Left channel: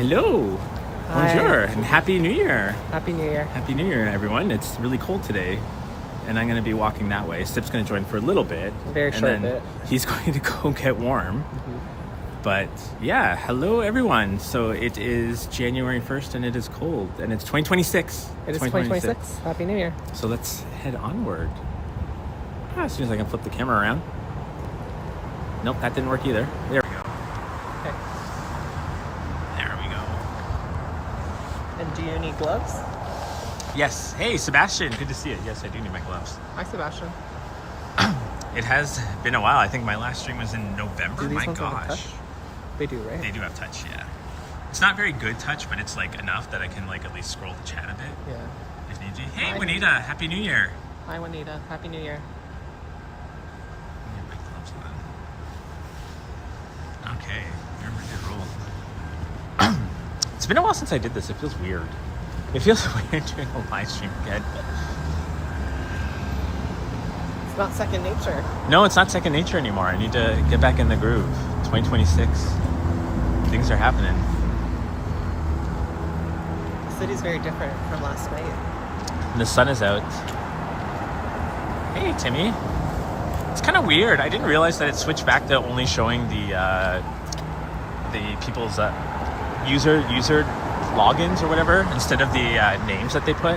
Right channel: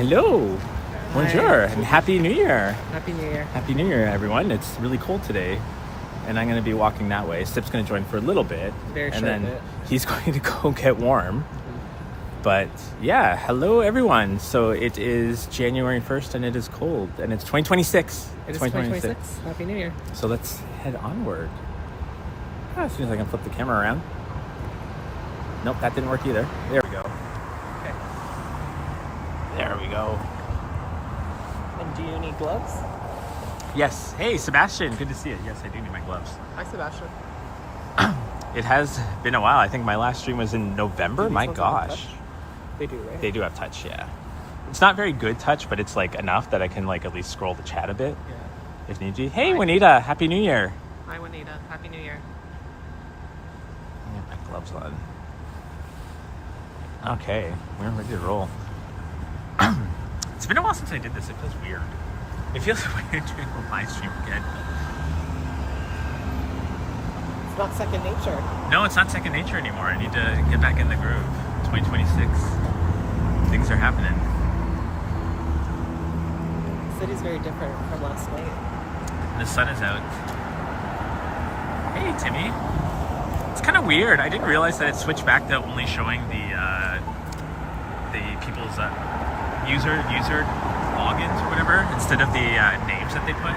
Hello. Hi. Bonjour and Happy New Year. Happy New Year. Happy New Year, everyone. It's really cold today, and I'm going to be walking that way. Sip's going to join for a little bit, and then he's going to go get warm. But yeah, hello, everyone. So it is January 1st, and it is cold, and it's 2026. It is 2026. Happy New Year. So let's head onward. As soon as I can flip the camera around. Nope, that didn't work either. There we go. There we go. And do you need gloves? Yes. Hey, Sebastian. Good to see you. Yes, I do need my gloves. Hi, Sebastian. It has been a while. I think my last stream was in November. My gosh. They do, right? They do have touch, yeah. It's not very good touch, but it's like enough that I can like at least scroll the chat a bit. Yeah. If need to. Hey, Juanita. Happy New Year. Hi, Juanita. Happy New Year. Let me get my gloves on. Okay. We're ready to roll. It's been a while since I did this. It feels weird. It feels weird doing a live stream again. It's not second nature. No, it's not second nature anymore. I need to get back in the groove. 2026. Things are happening. The city's very different from last night. And the sun is out. Hey, Timmy. It's kind of weird. I didn't realize that it switched back to only showing the people's user logins or whatever instead of the names that they put.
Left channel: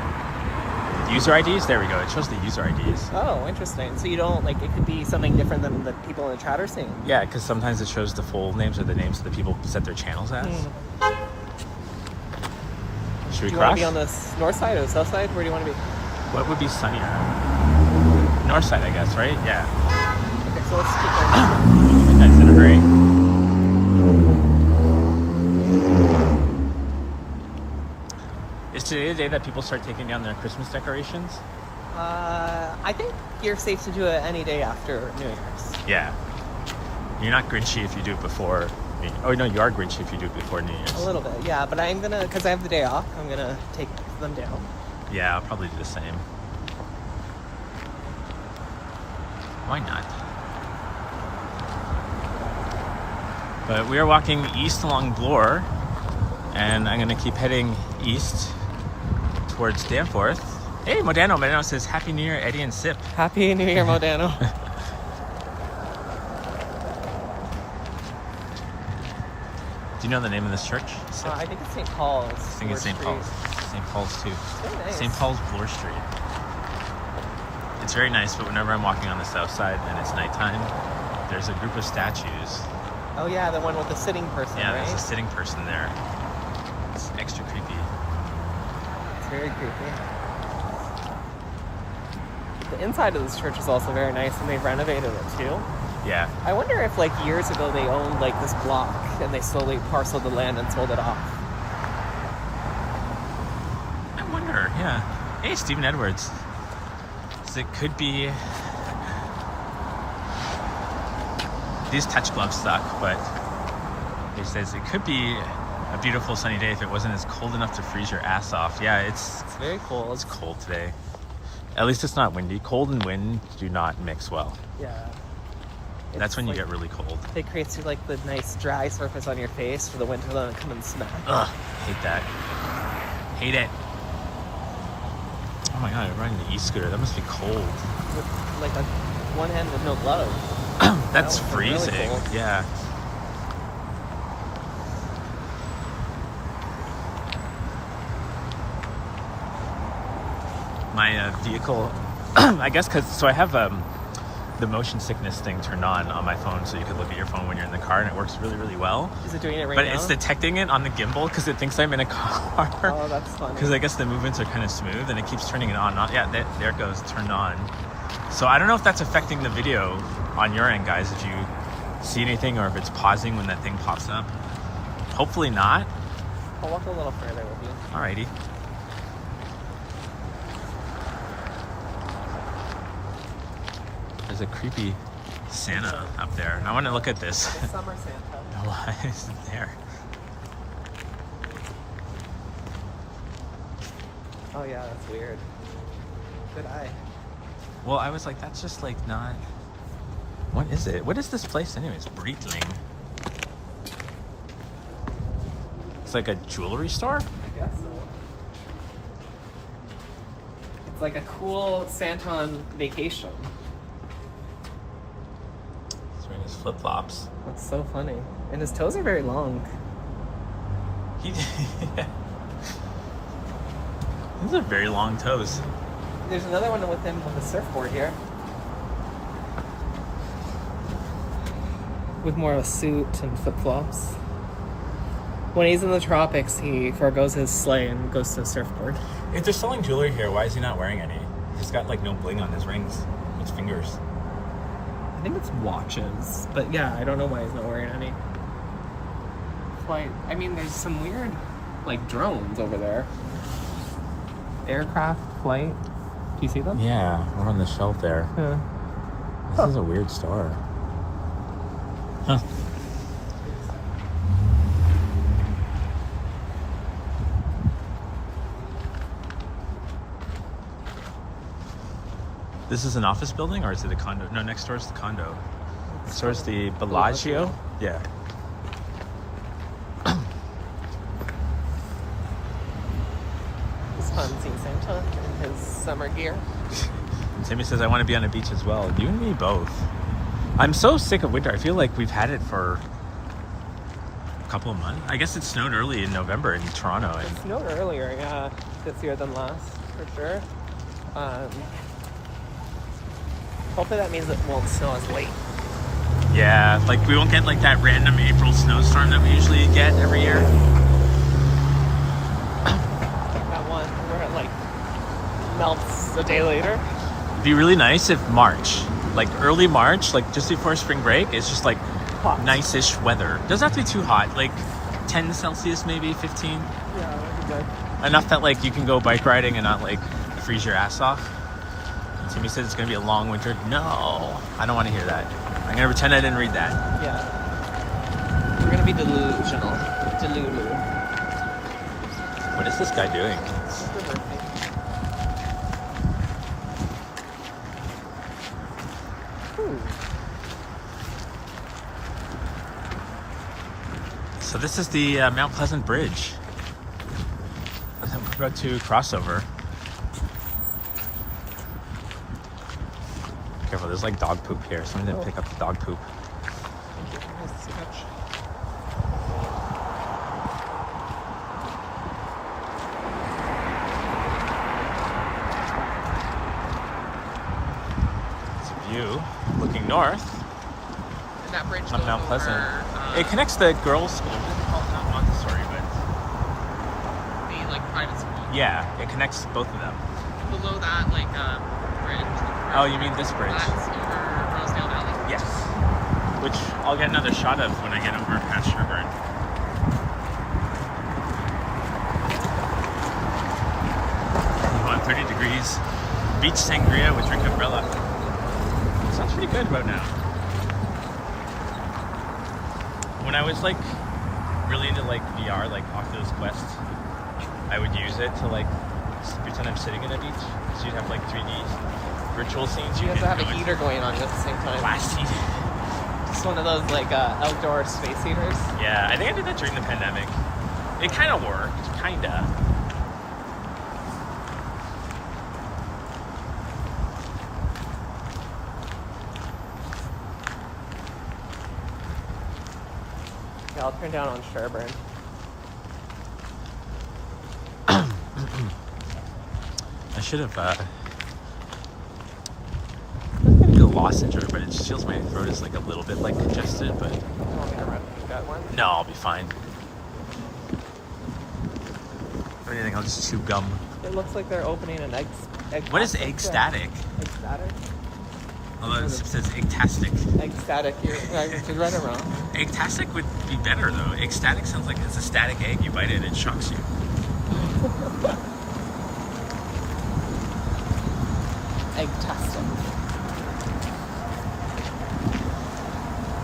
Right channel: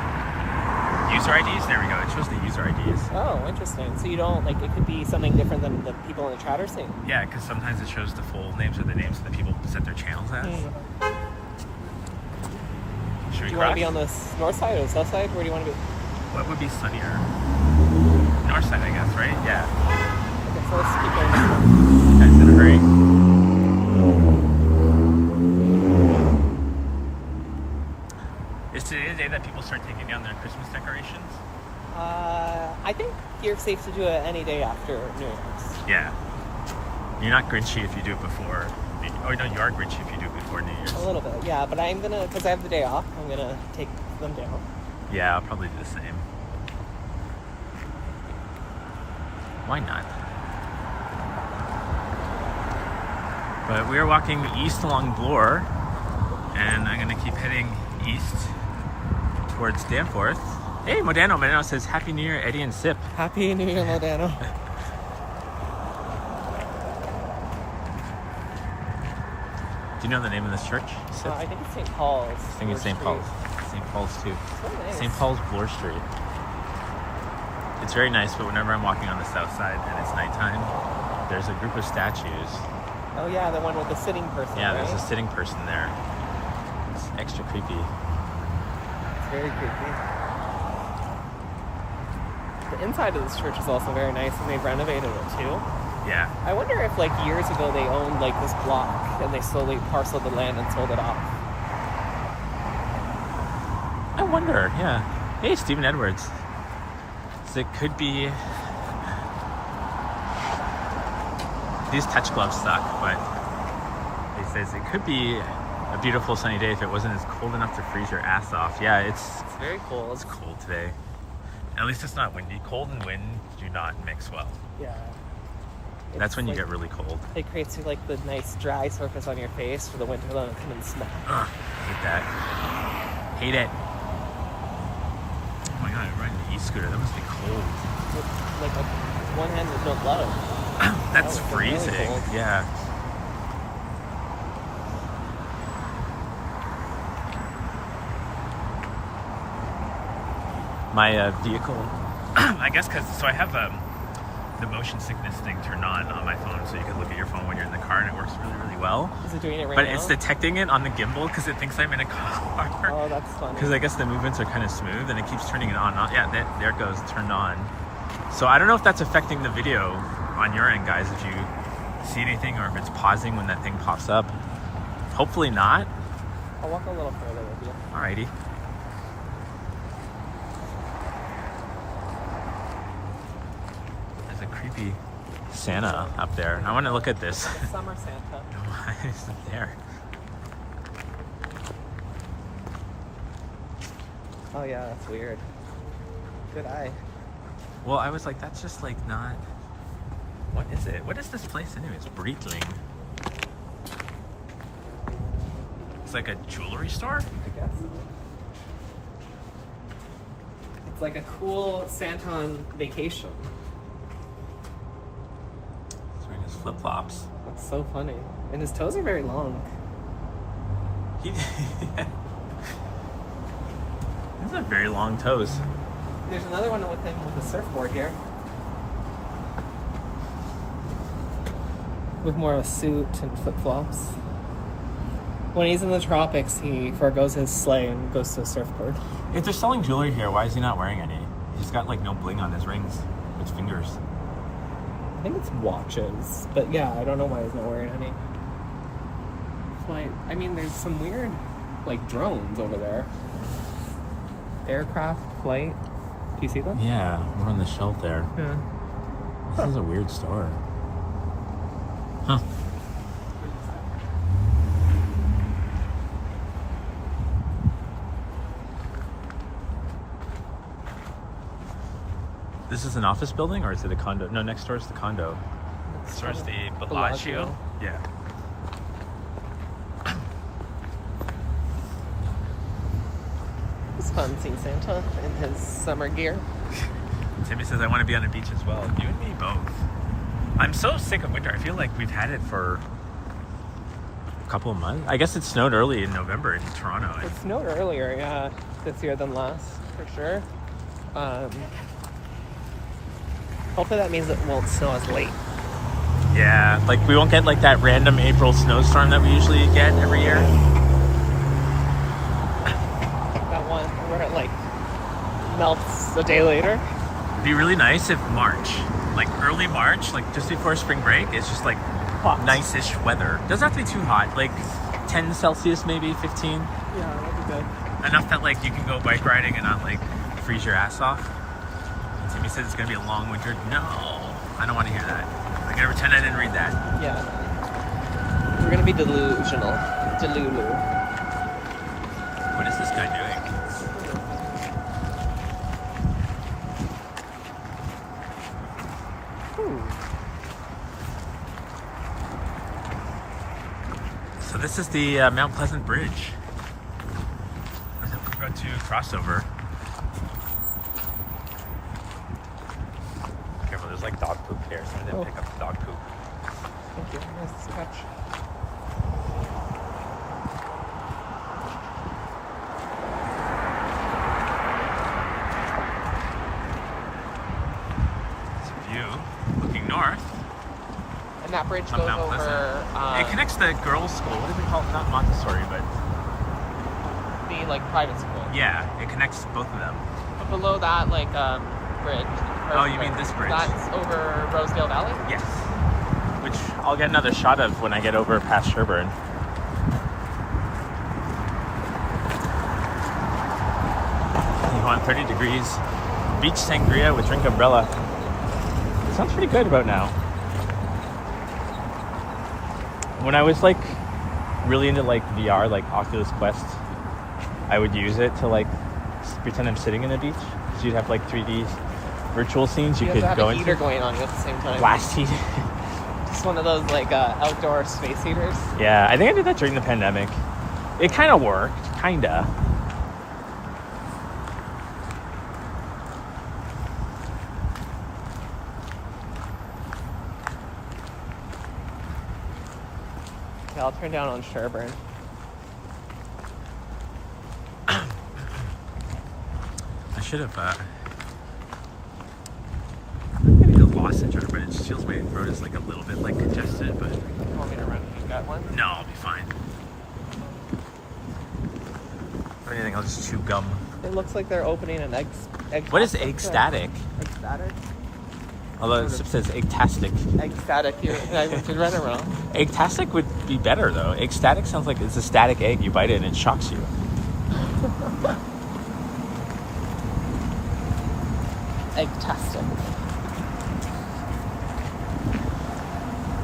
User IDs. There we go. It shows the user IDs. Oh, interesting. So you don't like it could be something different than the people in the chat are saying. Yeah, because sometimes it shows the full names or the names of the people who set their channels as. Should we do you want to be on the north side or the south side? Where do you want to be? What would be sunnier? North side, I guess, right? Yeah. Okay, so let's keep Guys in a hurry. Is today the day that people start taking down their Christmas decorations? I think you're safe to do it any day after New Year's. Yeah. You're not Grinchy if you do it before. Oh no, you are Grinchy if you do it before New Year's. A little bit, yeah. But I'm gonna, because I have the day off, I'm gonna take them down. Yeah, I'll probably do the same. Why not? But we are walking east along Bloor, and I'm gonna keep heading east towards Danforth. Hey, Modano. Modano says, Happy New Year, Eddie and Sip. Happy New Year, Modano. Do you know the name of this church, Sip? I think it's St. Paul's. I think it's St. Paul's. St. Paul's too. Nice. St. Paul's Bloor Street. It's very nice, but whenever I'm walking on the south side and it's nighttime, there's a group of statues. Oh yeah, the one with the sitting person. Yeah, right? there's a sitting person there. It's extra creepy. It's very creepy. The inside of this church is also very nice, and they've renovated it too. Yeah. I wonder if like years ago they owned like this block and they slowly parceled the land and sold it off. I wonder, yeah. Hey, Stephen Edwards. So it could be... These touch gloves suck, but he says it could be a beautiful sunny day if it wasn't as cold enough to freeze your ass off. Yeah, it's very cold. It's cold today. At least it's not windy. Cold and wind do not mix well. Yeah. That's when you get really cold. It creates like the nice dry surface on your face for the winter to come and smack. Ugh, hate that. Hate it. Oh my god, I'm riding the e-scooter. That must be cold. Like one hand with no glove. That's freezing. Really yeah. My vehicle, I guess, so I have the motion sickness thing turned on my phone, so you can look at your phone when you're in the car, and it works really, really well. Is it doing it right But now? it's detecting it on the gimbal because it thinks I'm in a car. Oh, that's funny. Because I guess the movements are kind of smooth, and it keeps turning it on. Yeah, there it goes, turned on. So I don't know if that's affecting the video on your end, guys, if you see anything, or if it's pausing when that thing pops up. Hopefully not. Alrighty. There's a creepy Santa up there. I want to look at this. Summer Santa. Why is it there? Oh yeah, that's weird. Good eye. Well, I was like, that's just like not... What is it? What is this place anyways? Breitling. It's like a jewelry store? I guess so. It's like a cool Santa on vacation. He's wearing his flip-flops. That's so funny. And his toes are very long. These are very long toes. There's another one with him on the surfboard here. With more of a suit and flip-flops. When he's in the tropics, he forgoes his sleigh and goes to the surfboard. If they're selling jewelry here, why is he not wearing any? He's got like no bling on his rings, his fingers. I think it's watches, but yeah, I don't know why he's not wearing any. Flight. I mean, there's some weird, like, drones over there. Aircraft, flight. Do you see them? Yeah, we're on the shelf there. Yeah. This is a weird store. Huh. This is an office building, or is it a condo? No, next door is the condo. Next door is the Bellagio. Yeah. It's fun seeing Santa in his summer gear. Timmy says, I want to be on a beach as well. You and me both. I'm so sick of winter. I feel like we've had it for a couple of months. I guess it snowed early in November in Toronto. It snowed earlier, yeah, this year than last, for sure. Hopefully that means it won't snow as late. Yeah, like we won't get like that random April snowstorm that we usually get every year. That one where it like melts a day later. It'd be really nice if March, like early March, like just before spring break, it's just like Hot. nice-ish weather. Doesn't have to be too hot, like 10 Celsius maybe, 15. Yeah, that'd be good. Enough that like you can go bike riding and not like freeze your ass off. And Timmy said it's gonna be a long winter. No, I don't want to hear that. I'm gonna pretend I didn't read that. Yeah. We're gonna be delusional. Delulu. What is this guy doing? So this is the Mount Pleasant Bridge. We're about to cross over. Careful, there's like dog poop here. Someone didn't pick up the dog poop. Looking north And that bridge on goes Mount over, Pleasant. It connects the girls' school. What do they call it? Not Montessori, but the like private school. yeah, it connects both of them. Below that, like bridge. Oh, you mean this bridge? That's over Rosedale Valley. Yes. Which I'll get another shot of when I get over past Sherburne. You want 30 degrees, beach sangria with drink umbrella. Sounds pretty good about now. When I was like really into like VR, like Oculus Quest, I would use it to like pretend I'm sitting in the beach. So you'd have like 3D virtual scenes you You could have go a into. heater going on at the same time. Blasting. Just one of those like outdoor space heaters. Yeah, I think I did that during the pandemic. It kind of worked, kinda. I'll turn down on Sherburne. I should have a lozenge, but it just feels my throat is like a little bit like congested, but no, I'll be fine. If anything, I'll just chew gum. It looks like they're opening an egg. What is egg static? Egg static? Although it says egg-tastic. Egg static. You read it wrong. Egg-tastic would be better though. Egg-static sounds like it's a static egg. You bite it and it shocks you. Egg-tastic.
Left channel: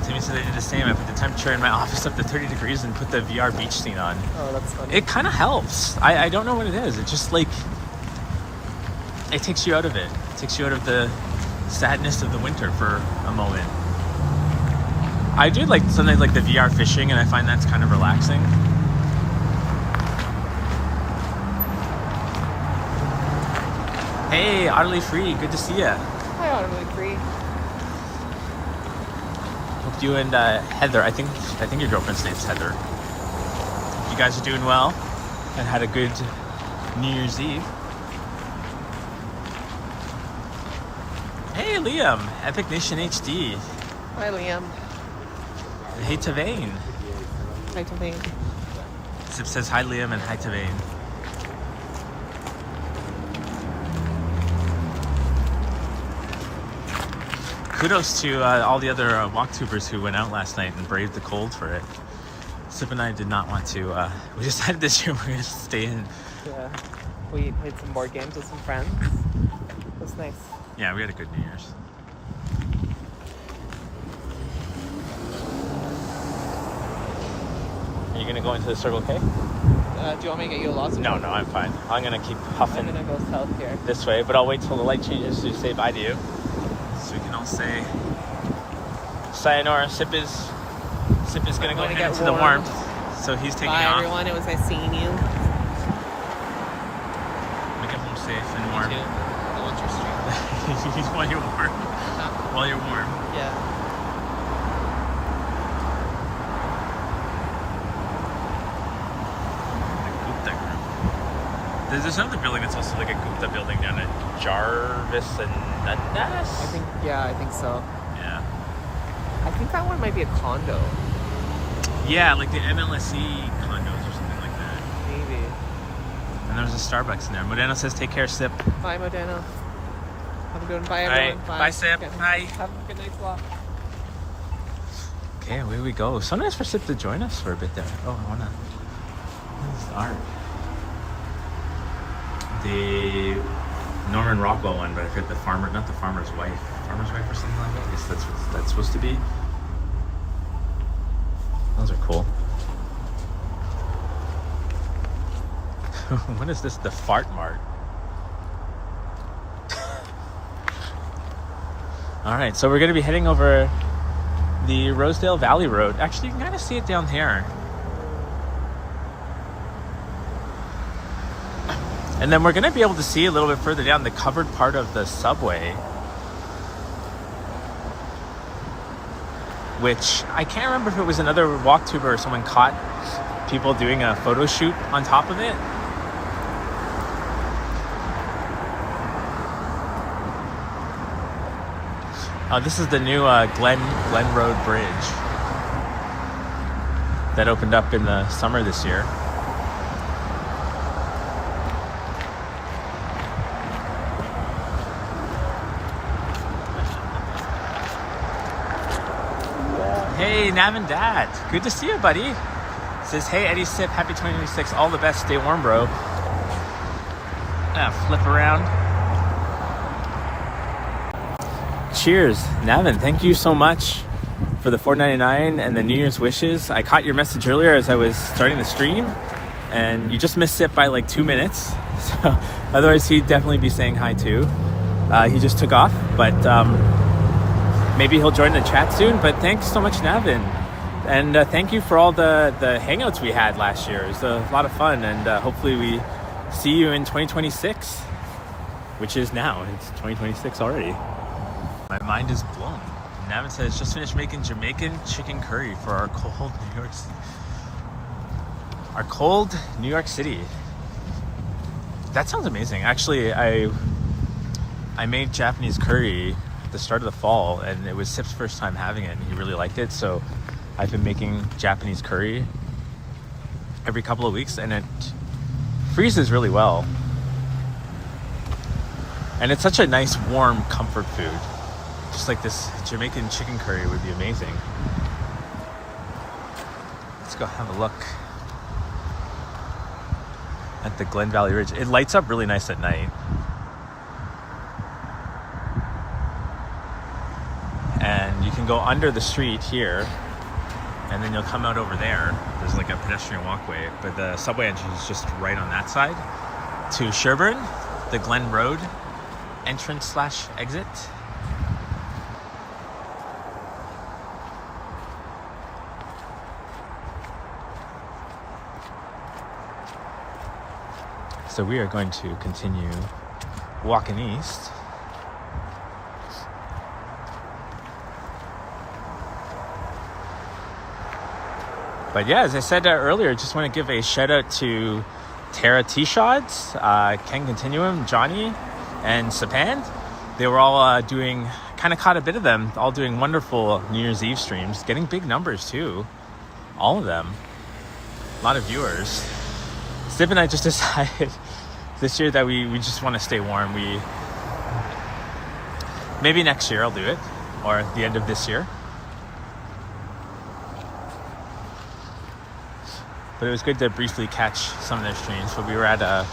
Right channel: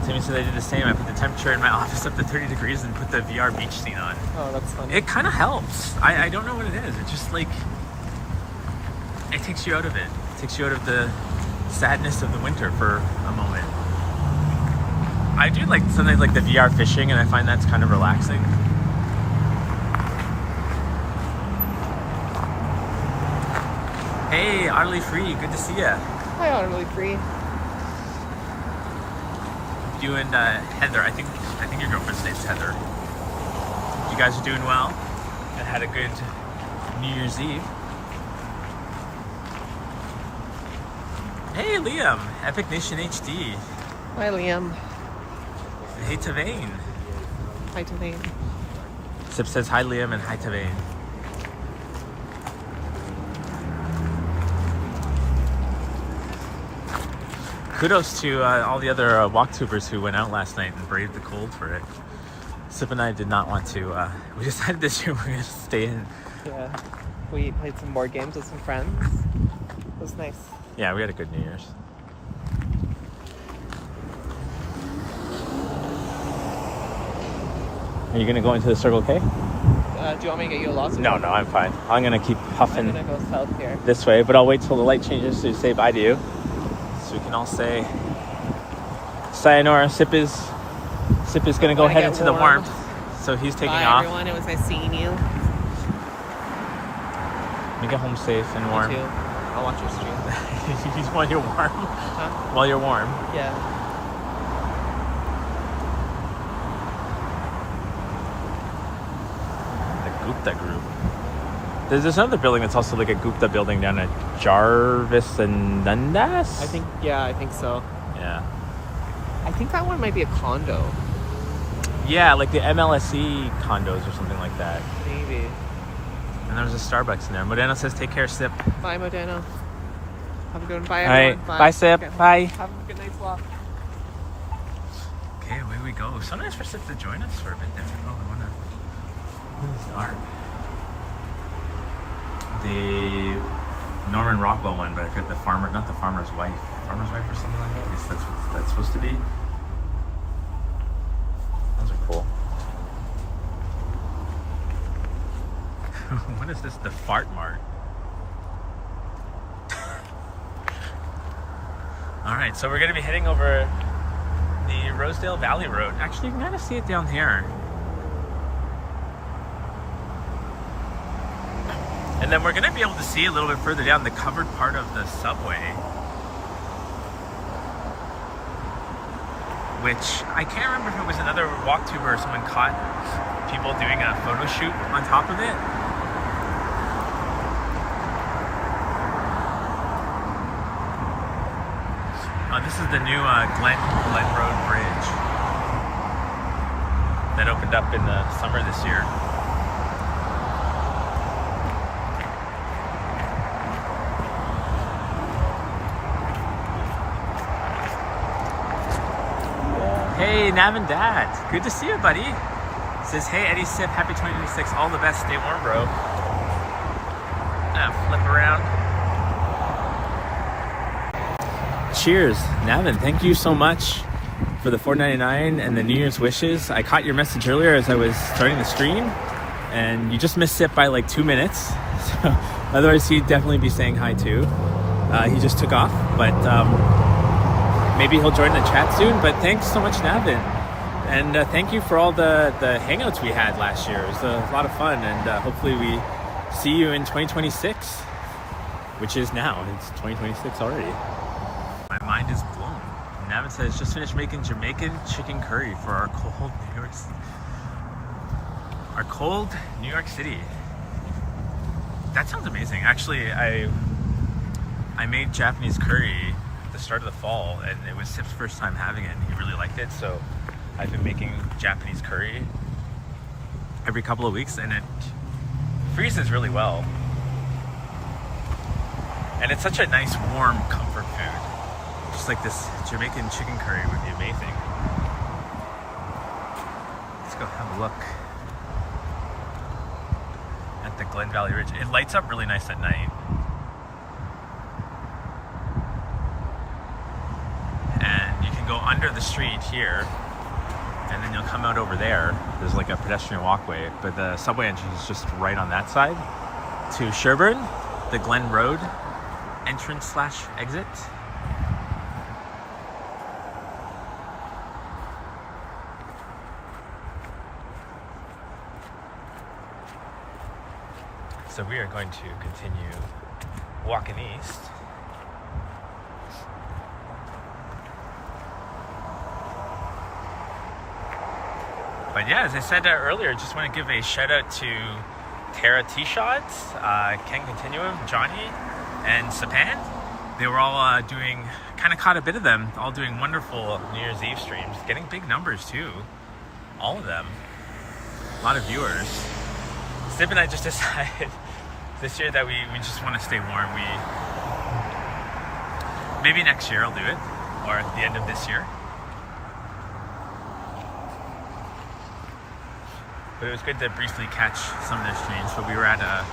Timmy said I did the same. I put the temperature in my office up to 30 degrees and put the VR beach scene on. Oh, that's funny. It kind of helps. I don't know what it is. It just like, it takes you out of it. It takes you out of the sadness of the winter for a moment. I do like something like the VR fishing, and I find that's kind of relaxing. Hey, Utterly Free, good to see you. Hi, Utterly Free. Hope you and Heather, I think your girlfriend's name's Heather. You guys are doing well and had a good New Year's Eve. Hey, Liam, Epic Nation HD. Hi, Liam. Hey, Tavain. Hi, Tavain. Sip says hi, Liam, and hi, Tavain. Kudos to all the other walktubers who went out last night and braved the cold for it. Sip and I did not want to. We decided this year we're going to stay in. Yeah. We played some board games with some friends. It was nice. Yeah, we had a good New Year's. Are you going to go into the Circle K? Do you want me to get you a lozenge? No, I'm fine. I'm going to keep huffing I'm gonna go south here. this way, but I'll wait till the light changes to say bye to you. So we can all say sayonara. Sip is going to go head into the warmth, so he's taking Bye, off. everyone. It was nice seeing you. You go home safe and warm. I'll watch this. While you're warm. While you're warm. Yeah. The Gupta Group. There's this other building that's also like a Gupta building down at Jarvis and Dundas. I think so. Yeah. I think that one might be a condo. Yeah, like the MLSE condos or something like that. Maybe. And there's a Starbucks in there. Modena says, take care, Sip. Bye, Modena. Have a good one. Bye, All everyone. right. Bye, Sip. Okay. Bye. Have a good night's walk. Okay, away we go. So nice for Sip to join us for a bit there. Oh, I want to... This is art. The Norman Rockwell one, but I forget the farmer, not the farmer's wife. Farmer's wife or something like that. I guess that's what that's supposed to be. Those are cool. What is this? The Fart Mart. Alright, so we're going to be heading over the Rosedale Valley Road. Actually, you can kind of see it down here. And then we're going to be able to see a little bit further down the covered part of the subway. Which, I can't remember if it was another walktuber or someone caught people doing a photo shoot on top of it. This is the new Glen Road Bridge that opened up in the summer this year. Hey, Navin Dad. Good to see you, buddy. Says, hey, Eddie Sip, happy 2026. All the best. Stay warm, bro. Flip around. Cheers. Navin, thank you so much for the $4.99 and the New Year's wishes. I caught your message earlier as I was starting the stream, and you just missed Sip by like 2 minutes. So, otherwise, he'd definitely be saying hi too. He just took off, but maybe he'll join the chat soon. But thanks so much, Navin. And thank you for all the hangouts we had last year. It was a lot of fun, and hopefully we see you in 2026, which is now. It's 2026 already. My mind is blown. Navin says, just finished making Jamaican chicken curry for our cold New York City. That sounds amazing. Actually, I made Japanese curry at the start of the fall, and it was Sip's first time having it, and he really liked it. So I've been making Japanese curry every couple of weeks, and it freezes really well. And it's such a nice, warm comfort food. Just like this Jamaican chicken curry would be amazing. Let's go have a look at the Glen Valley Ridge. It lights up really nice at night. And you can go under the street here, and then you'll come out over there. There's like a pedestrian walkway, but the subway entrance is just right on that side to Sherburne, the Glen Road entrance/exit. So we are going to continue walking east. But yeah, as I said earlier, just want to give a shout out to Tara T-Shots, Ken Continuum, Johnny, and Sapan. They were all kind of caught a bit of them, all doing wonderful New Year's Eve streams, getting big numbers too. All of them. A lot of viewers. Steve and I just decided this year that we just want to stay warm. Maybe next year I'll do it, or at the end of this year. But it was good to briefly catch some of their streams. So we were at a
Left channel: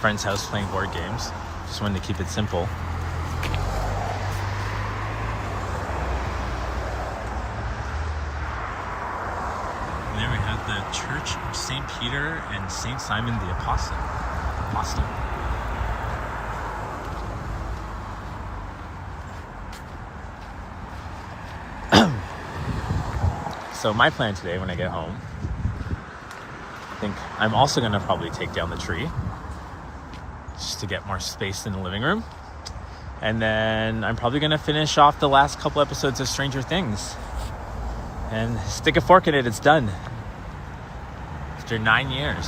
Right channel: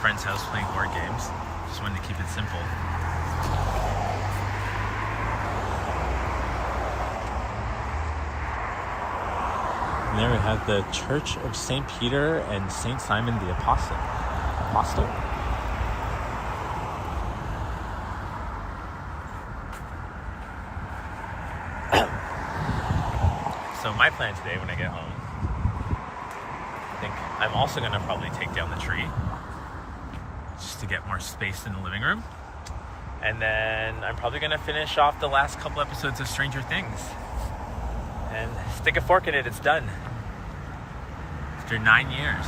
friend's house playing board games. Just wanted to keep it simple. And there we have the Church of St. Peter and St. Simon the Apostle. So my plan today when I get home, I think I'm also going to probably take down the tree just to get more space in the living room. And then I'm probably going to finish off the last couple episodes of Stranger Things and stick a fork in it. It's done after 9 years.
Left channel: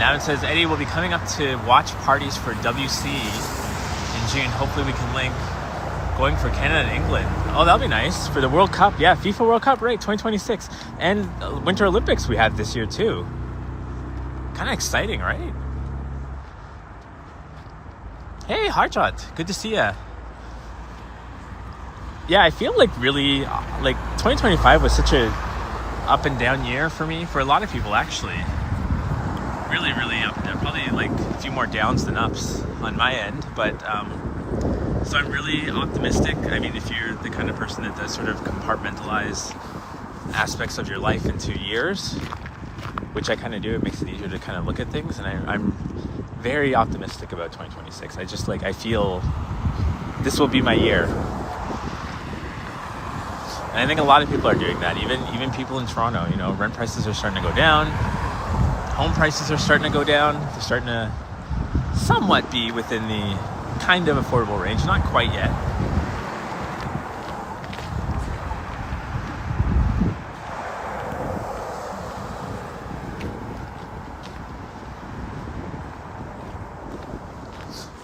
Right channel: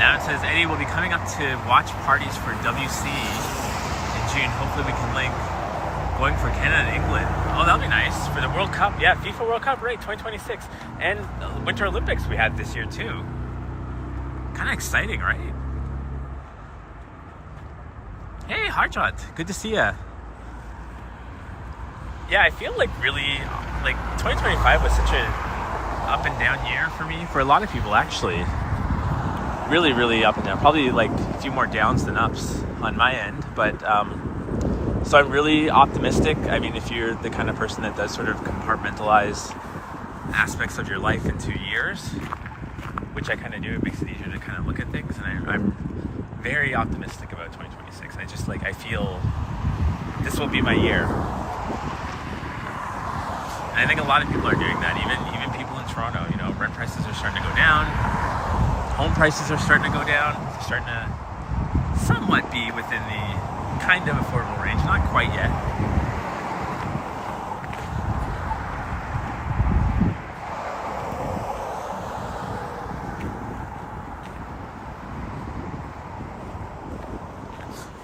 Now it says Eddie will be coming up to watch parties for WC in June. Hopefully we can link going for Canada and England. Oh, that'll be nice for the World Cup. Yeah, FIFA World Cup, right, 2026. And Winter Olympics we had this year too. Kind of exciting, right? Hey, Harjot, good to see ya. Yeah, I feel like really, 2025 was such a up and down year for me, for a lot of people actually. Really, really up and down. Probably like a few more downs than ups on my end, but so I'm really optimistic. I mean, if you're the kind of person that does sort of compartmentalize aspects of your life into years, which I kind of do, it makes it easier to kind of look at things. And I'm very optimistic about 2026. I feel this will be my year. And I think a lot of people are doing that. Even people in Toronto, you know, rent prices are starting to go down. Home prices are starting to go down. They're starting to somewhat be within the kind of affordable range, not quite yet.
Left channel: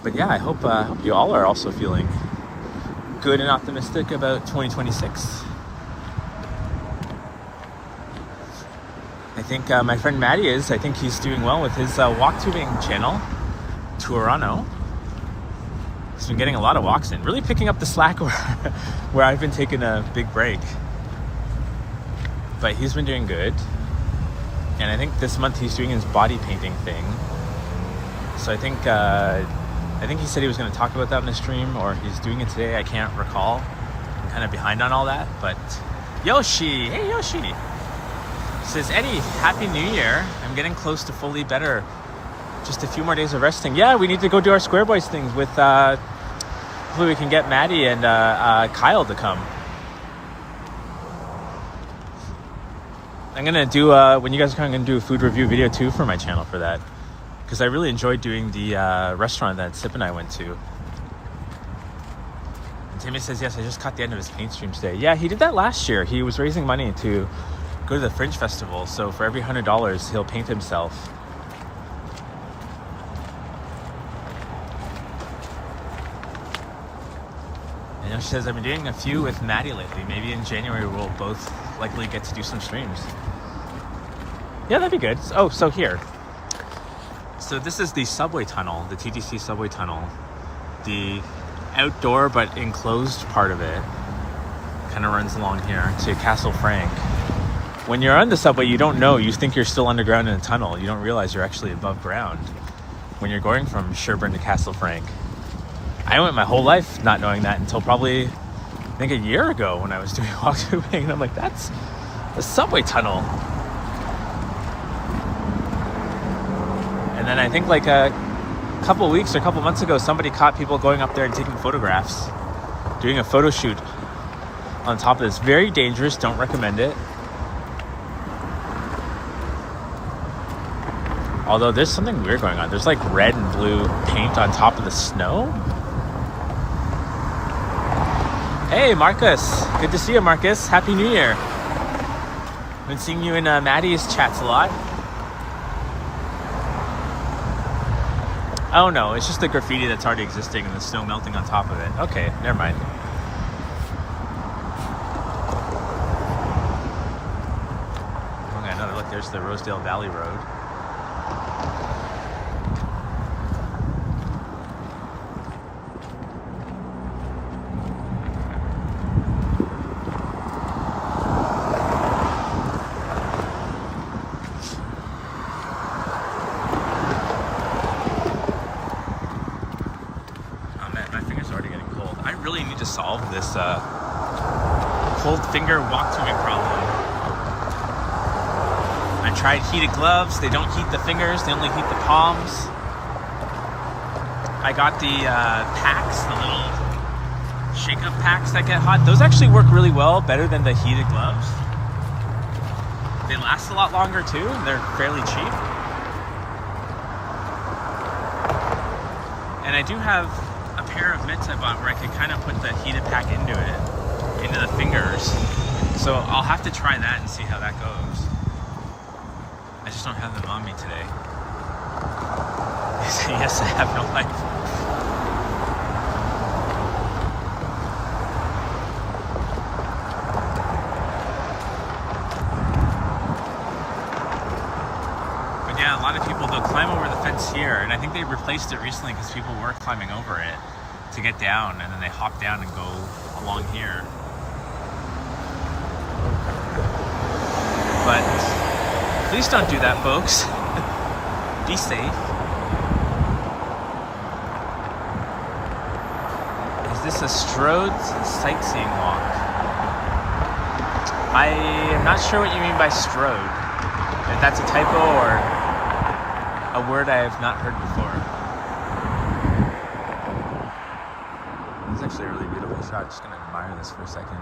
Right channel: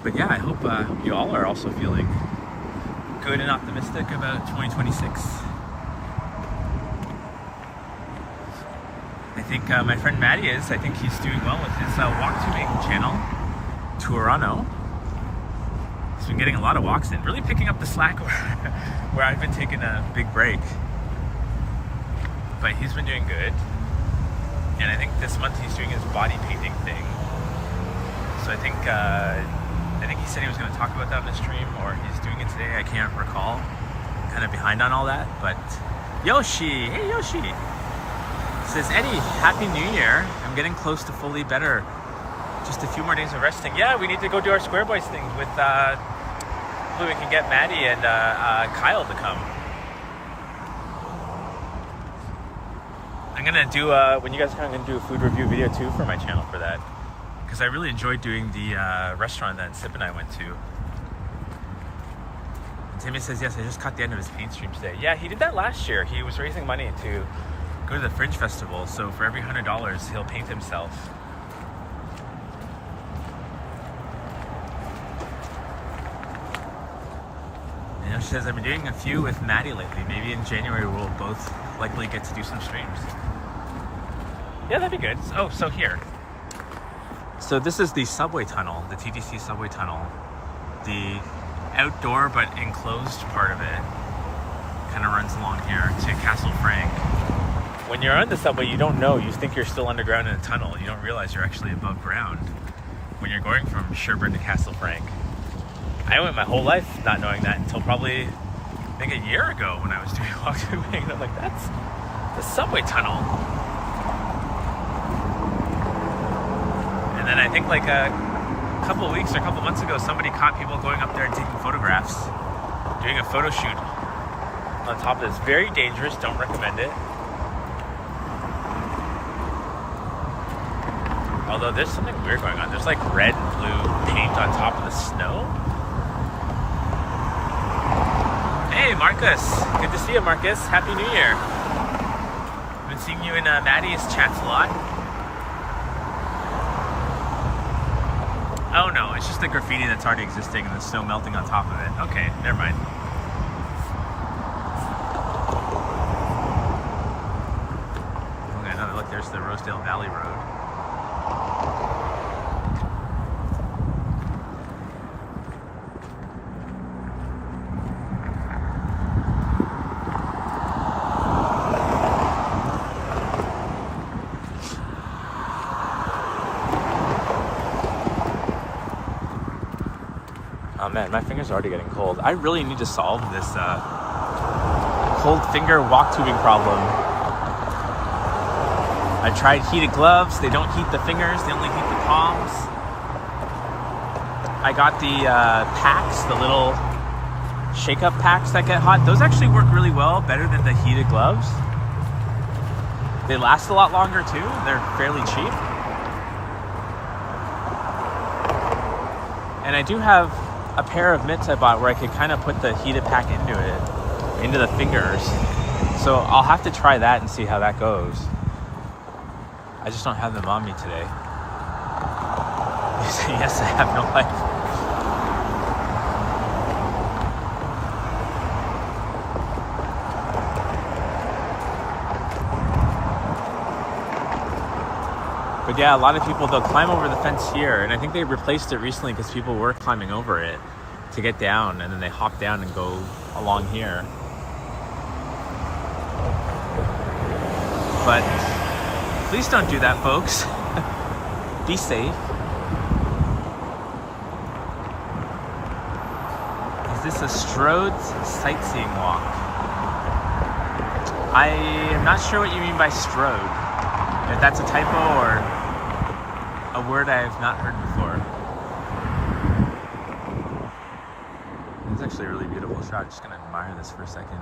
But yeah, I hope you all are also feeling good and optimistic about 2026. I think my friend Matty is. I think he's doing well with his walk-tubing channel, Toronto. He's been getting a lot of walks in, really picking up the slack where I've been taking a big break. But he's been doing good. And I think this month he's doing his body painting thing. So I think he said he was going to talk about that in the stream, or he's doing it today. I can't recall. I'm kind of behind on all that. But Yoshi, hey Yoshi, says Eddie, Happy New Year. I'm getting close to fully better. Just a few more days of resting. Yeah, we need to go do our Square Boys things with, hopefully we can get Maddie and Kyle to come. I'm gonna do, when you guys come, I'm gonna do a food review video too for my channel for that. Because I really enjoyed doing the restaurant that Sip and I went to. And Timmy says, yes, I just caught the end of his paint stream today. Yeah, he did that last year. He was raising money to go to the Fringe Festival. So for every $100, he'll paint himself. And she says, I've been doing a few with Maddie lately. Maybe in January we'll both likely get to do some streams. Yeah, that'd be good. Oh, so here. So this is the subway tunnel, the TTC subway tunnel. The outdoor but enclosed part of it kind of runs along here to Castle Frank. When you're on the subway, you don't know. You think you're still underground in a tunnel. You don't realize you're actually above ground when you're going from Sherburne to Castle Frank. I went my whole life not knowing that until probably, I think, a year ago when I was doing walk-through, and I'm like, that's the subway tunnel. And then I think like a couple weeks or a couple months ago, somebody caught people going up there and taking photographs, doing a photo shoot on top of this. Very dangerous, don't recommend it. Although there's something weird going on. There's like red and blue paint on top of the snow. Hey, Marcus. Good to see you, Marcus. Happy New Year. Been seeing you in Maddie's chats a lot. Oh no, it's just the graffiti that's already existing and the snow melting on top of it. Okay, never mind. Okay, another look. There's the Rosedale Valley Road. Oh man, my finger's already getting cold. I really need to solve this cold finger walk tubing problem. I tried heated gloves. They don't heat the fingers. They only heat the palms. I got the packs, the little shake-up packs that get hot. Those actually work really well, better than the heated gloves. They last a lot longer too, and they're fairly cheap. And I do have a pair of mitts I bought where I could kind of put the heated pack into the fingers. So I'll have to try that and see how that goes. I just don't have them on me today. Yes, I have no life. But yeah, a lot of people, they'll climb over the fence here, and I think they replaced it recently because people were climbing over it to get down, and then they hop down and go along here. But please don't do that, folks. Be safe. Is this a Strode sightseeing walk? I am not sure what you mean by Strode. If that's a typo or a word I have not heard before. It's actually a really beautiful shot. Just gonna admire this for a second.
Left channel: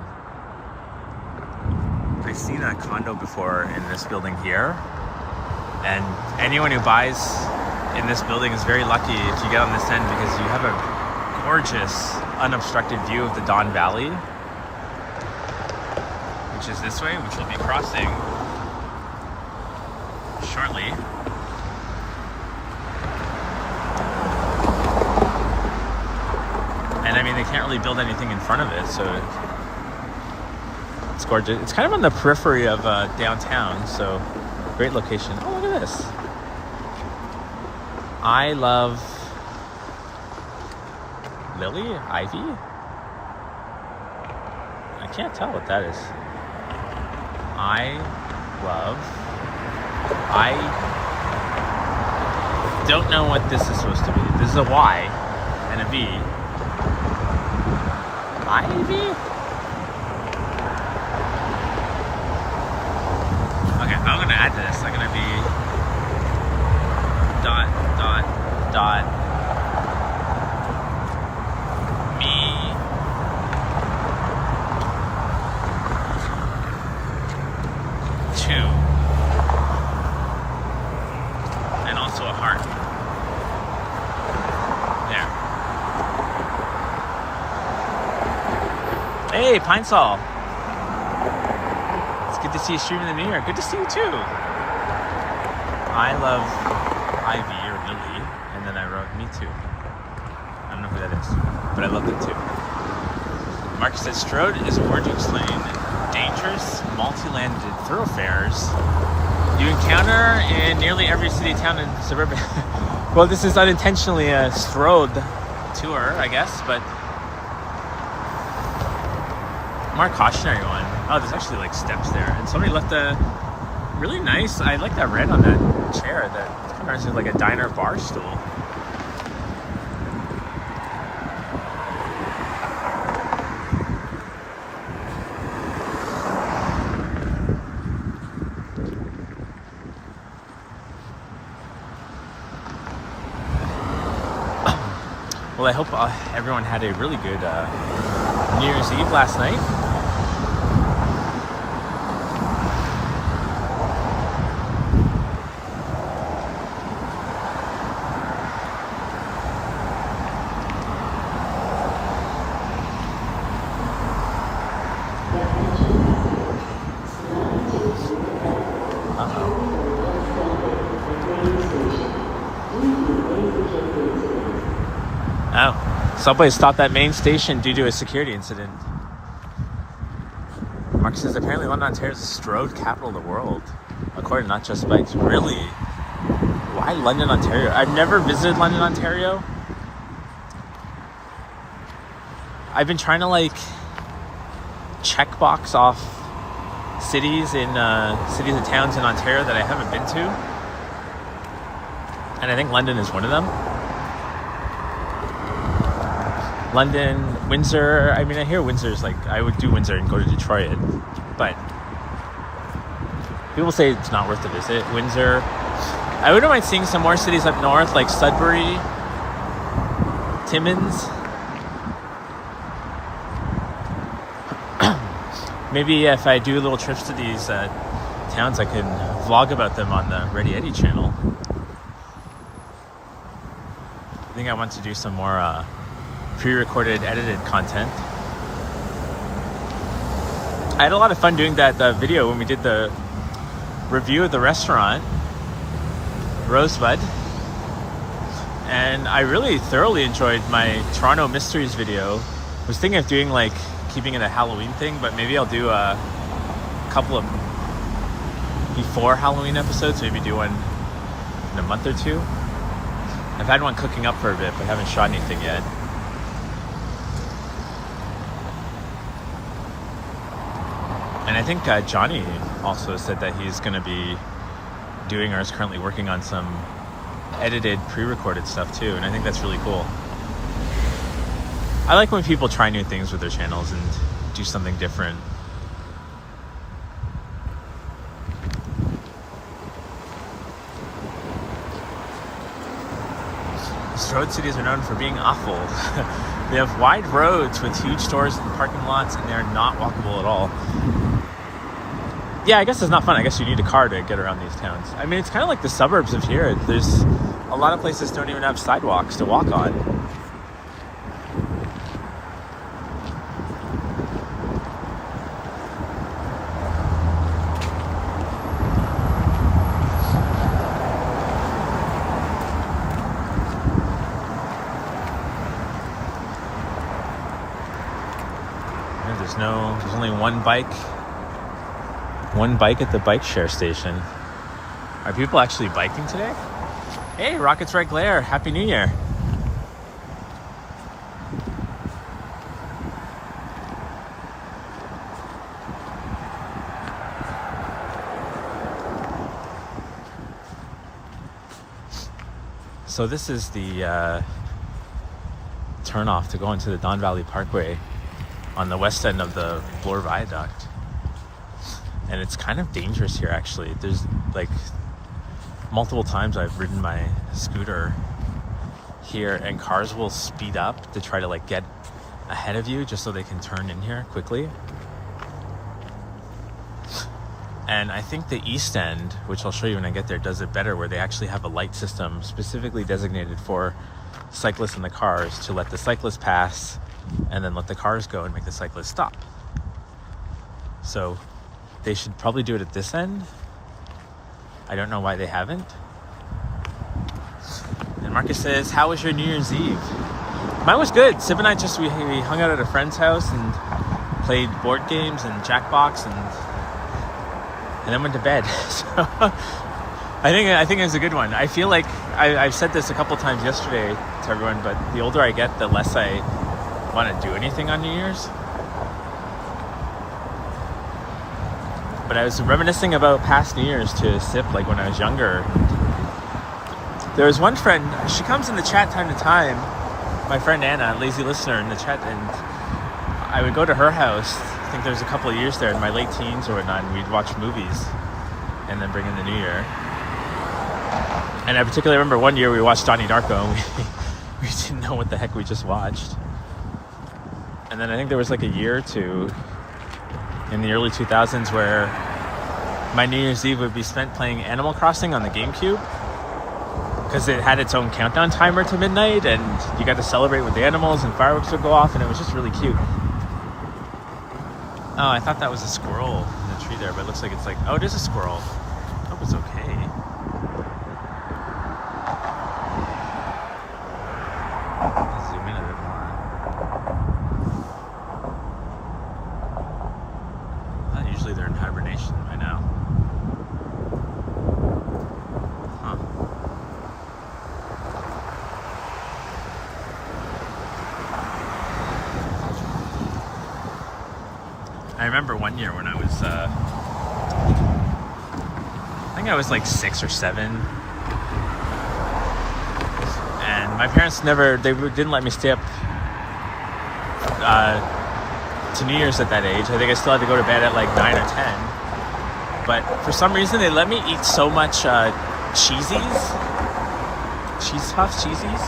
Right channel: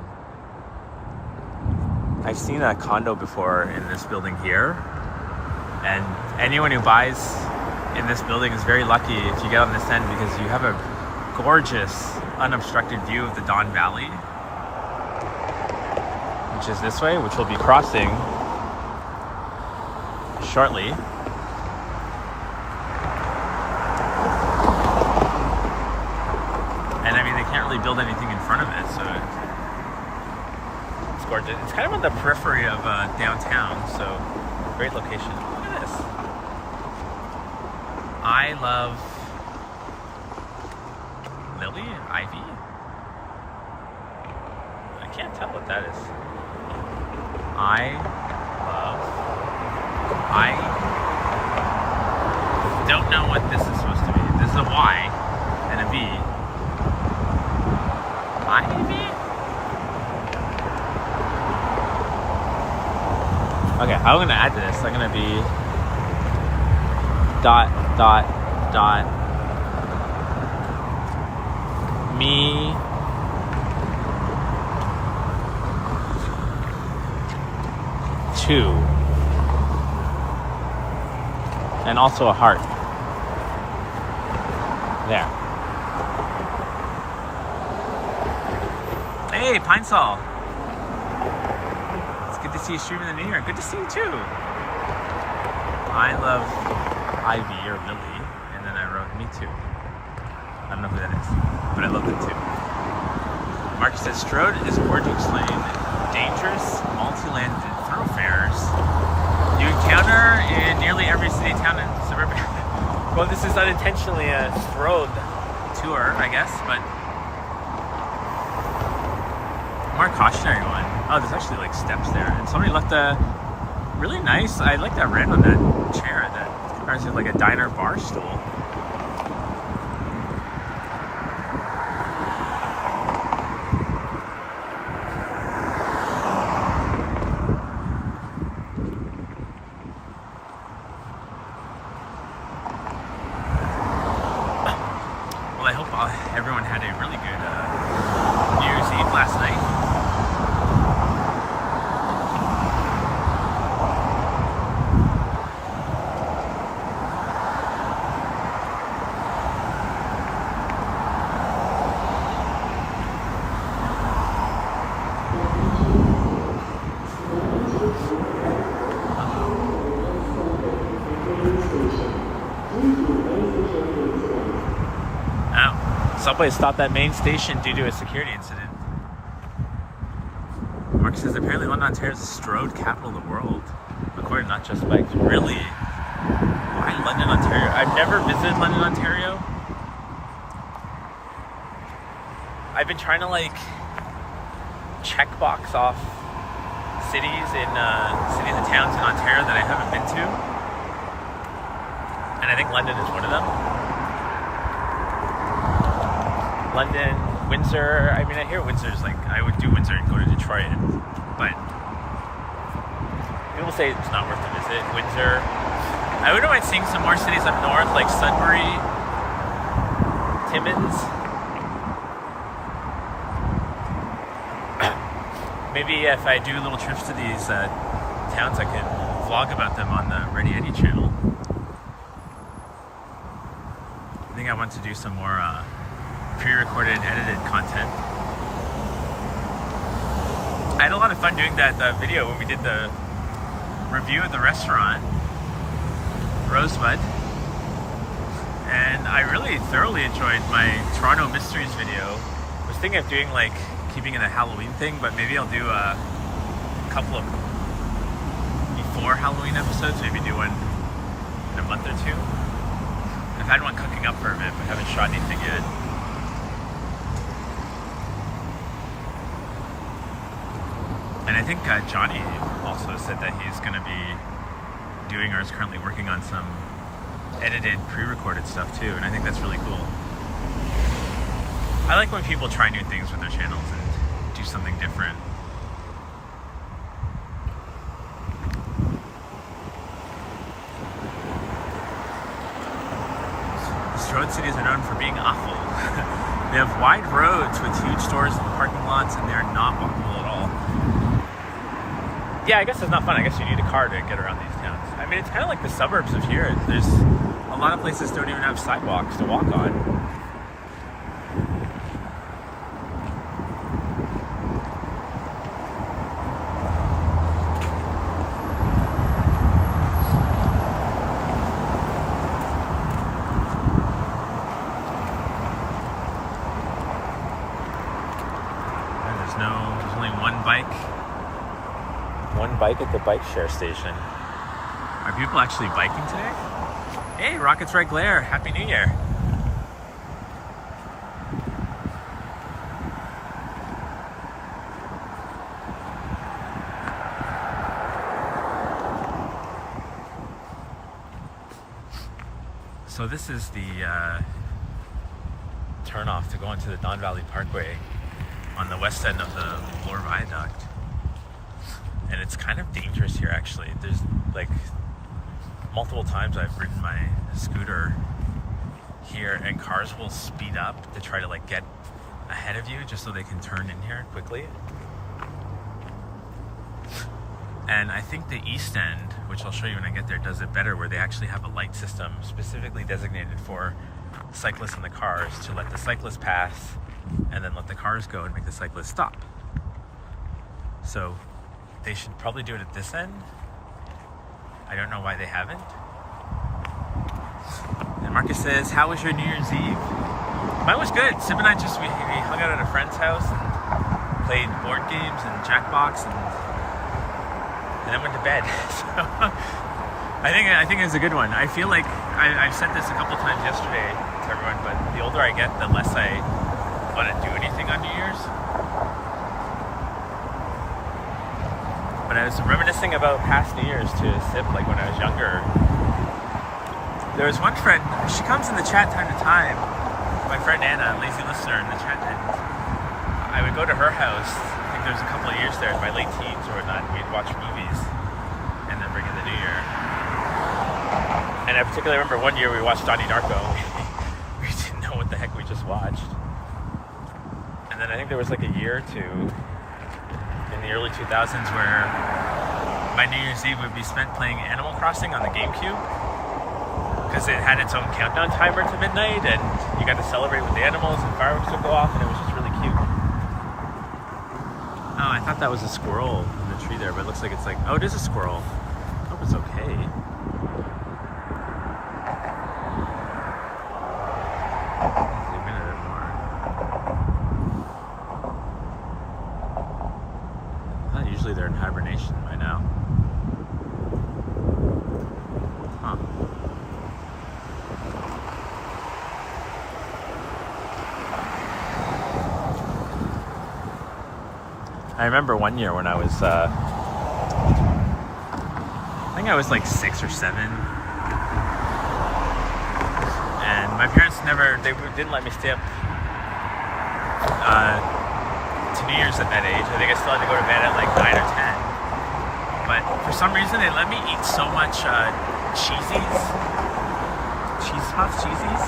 I've seen a condo before in this building here, and anyone who buys in this building is very lucky if you get on this end, because you have a gorgeous unobstructed view of the Don Valley, which is this way, which we'll be crossing shortly. And I mean, they can't really build anything in front of it, so it's gorgeous. It's kind of on the periphery of downtown, so great location. Oh, look at this. I love Lily? Ivy? I can't tell what that is. I don't know what this is supposed to be. This is a Y and a V. Ivy? Okay, I'm gonna add to this. I'm gonna be dot me too, and also a heart. Yeah. Hey, Pine Sol. It's good to see you streaming in the new year. Good to see you too. I love Ivy or Lily, and then I wrote me too. I don't know who that is, but I love them too. Mark said Strode is a word to explain dangerous, multi-landed thoroughfares you encounter in nearly every city, town, and suburban. Well, this is unintentionally a Strode tour, I guess, but more cautionary one. Oh, there's actually like steps there, and somebody left a really nice, I like that red on that chair, that kind of reminds me of like a diner bar stool. Well, I hope everyone had a really good New Year's Eve last night. Subway stopped at main station due to a security incident. Mark says apparently London, Ontario is the strode capital of the world, according to Not Just Bikes. Really? Why London, Ontario? I've never visited London, Ontario. I've been trying to like checkbox off cities and towns in Ontario that I haven't been to, and I think London is one of them. London, Windsor. I mean, I hear Windsor's like, I would do Windsor and go to Detroit, but people say it's not worth the visit. Windsor. I wouldn't mind seeing some more cities up north, like Sudbury, Timmins. Maybe if I do little trips to these towns, I can vlog about them on the Ready Eddie channel. I think I want to do some more pre-recorded, edited content. I had a lot of fun doing that video when we did the review of the restaurant, Rosebud. And I really thoroughly enjoyed my Toronto Mysteries video. I was thinking of doing like, keeping it a Halloween thing, but maybe I'll do a couple of before Halloween episodes, maybe do one in a month or two. I've had one cooking up for a bit, but haven't shot anything yet. And I think Johnny also said that he's going to be doing, or is currently working on some edited, pre-recorded stuff too, and I think that's really cool. I like when people try new things with their channels and do something different. These road cities are known for being awful. They have wide roads with huge stores and parking lots, and they are not walkable at all. Yeah, I guess it's not fun. I guess you need a car to get around these towns. I mean, it's kind of like the suburbs of here. There's a lot of places don't even have sidewalks to walk on. There's only one bike at the bike share station. Are people actually biking today? Hey, Rockets Red Glare, Happy New Year. So this is the turnoff to go into the Don Valley Parkway on the west end of the Bloor Viaduct. And it's kind of dangerous here, actually. There's like multiple times I've ridden my scooter here and cars will speed up to try to like get ahead of you just so they can turn in here quickly. And I think the East End, which I'll show you when I get there, does it better, where they actually have a light system specifically designated for cyclists and the cars to let the cyclists pass and then let the cars go and make the cyclists stop. So they should probably do it at this end. I don't know why they haven't. And Marcus says, how was your New Year's Eve? Mine was good. Sib and I we hung out at a friend's house and played board games and Jackbox and then went to bed. So I think it was a good one. I feel like I've said this a couple times yesterday to everyone, but the older I get, the less I want to do anything on New Year's. But I was reminiscing about past New Year's to Sip, like when I was younger. There was one friend, she comes in the chat time to time, my friend Anna, lazy listener in the chat, and I would go to her house. I think there was a couple of years there in my late teens or whatnot, and we'd watch movies and then bring in the New Year. And I particularly remember one year we watched Donnie Darko, and we didn't know what the heck we just watched. And then I think there was like a year or two in the early 2000s where my New Year's Eve would be spent playing Animal Crossing on the GameCube, because it had its own countdown timer to midnight and you got to celebrate with the animals and fireworks would go off, and it was just really cute. Oh, I thought that was a squirrel in the tree there, but it looks like it's like, oh, it is a squirrel. I hope it's okay. Zoom in a bit more. Usually they're in hibernation by now. Huh. I remember one year when I was, I think I was like 6 or 7. And my parents didn't let me stay up to New Year's at that age. I think I still had to go to bed at like 9 or 10. But for some reason, they let me eat so much cheese puffs, cheesies.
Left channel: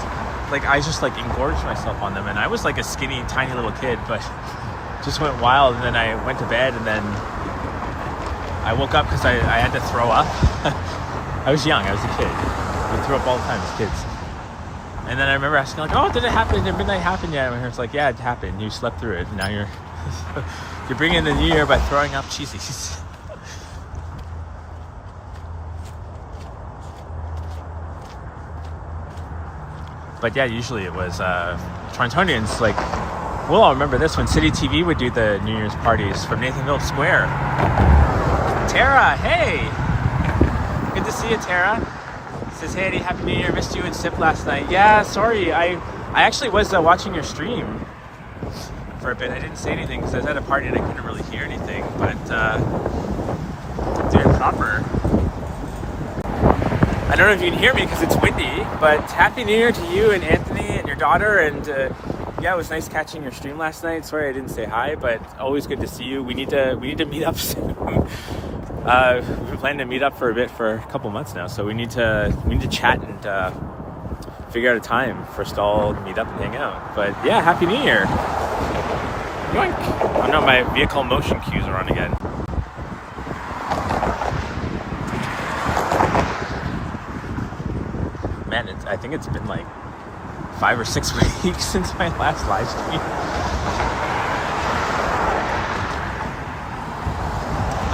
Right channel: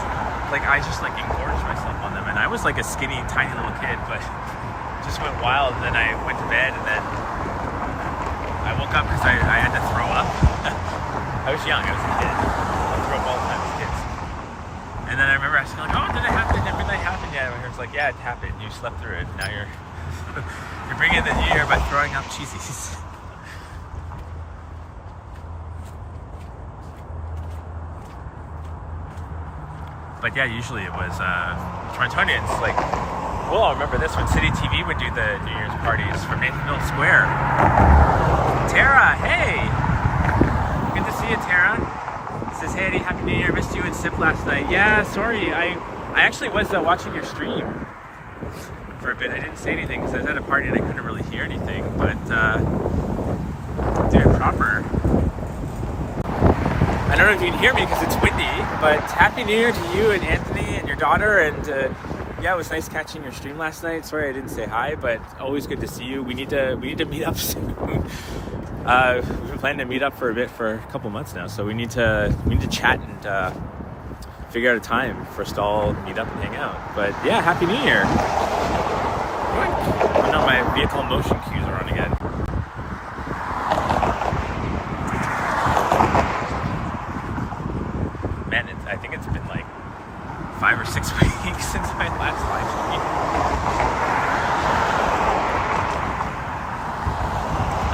Like I just like engorged myself on them. And I was like a skinny, tiny little kid, but just went wild. And then I went to bed, and then I woke up because I had to throw up. I was young, I was a kid. I threw up all the time as kids. And then I remember asking, like, oh, did it happen? Did midnight happen yet? And my parents were like, yeah, it happened. You slept through it. Now you're bringing in the new year by throwing up cheesies. But yeah, usually it was Torontonians, like, we'll all remember this when City TV would do the New Year's parties from Nathanville Square. Tara, hey! Good to see you, Tara. Says, hey Eddie, Happy New Year. Missed you and Sip last night. Yeah, sorry. I actually was watching your stream for a bit. I didn't say anything because I was at a party and I couldn't really hear anything, but doing proper. I don't know if you can hear me because it's windy, but Happy New Year to you and Anthony and your daughter. And yeah, it was nice catching your stream last night. Sorry I didn't say hi, but always good to see you. We need to meet up soon. We've been planning to meet up for a bit for a couple months now, so we need to chat and figure out a time for us to all meet up and hang out. But yeah, Happy New Year! Oh no, my vehicle motion cues are on again. Man, I think it's been like 5 or 6 weeks since my last live stream.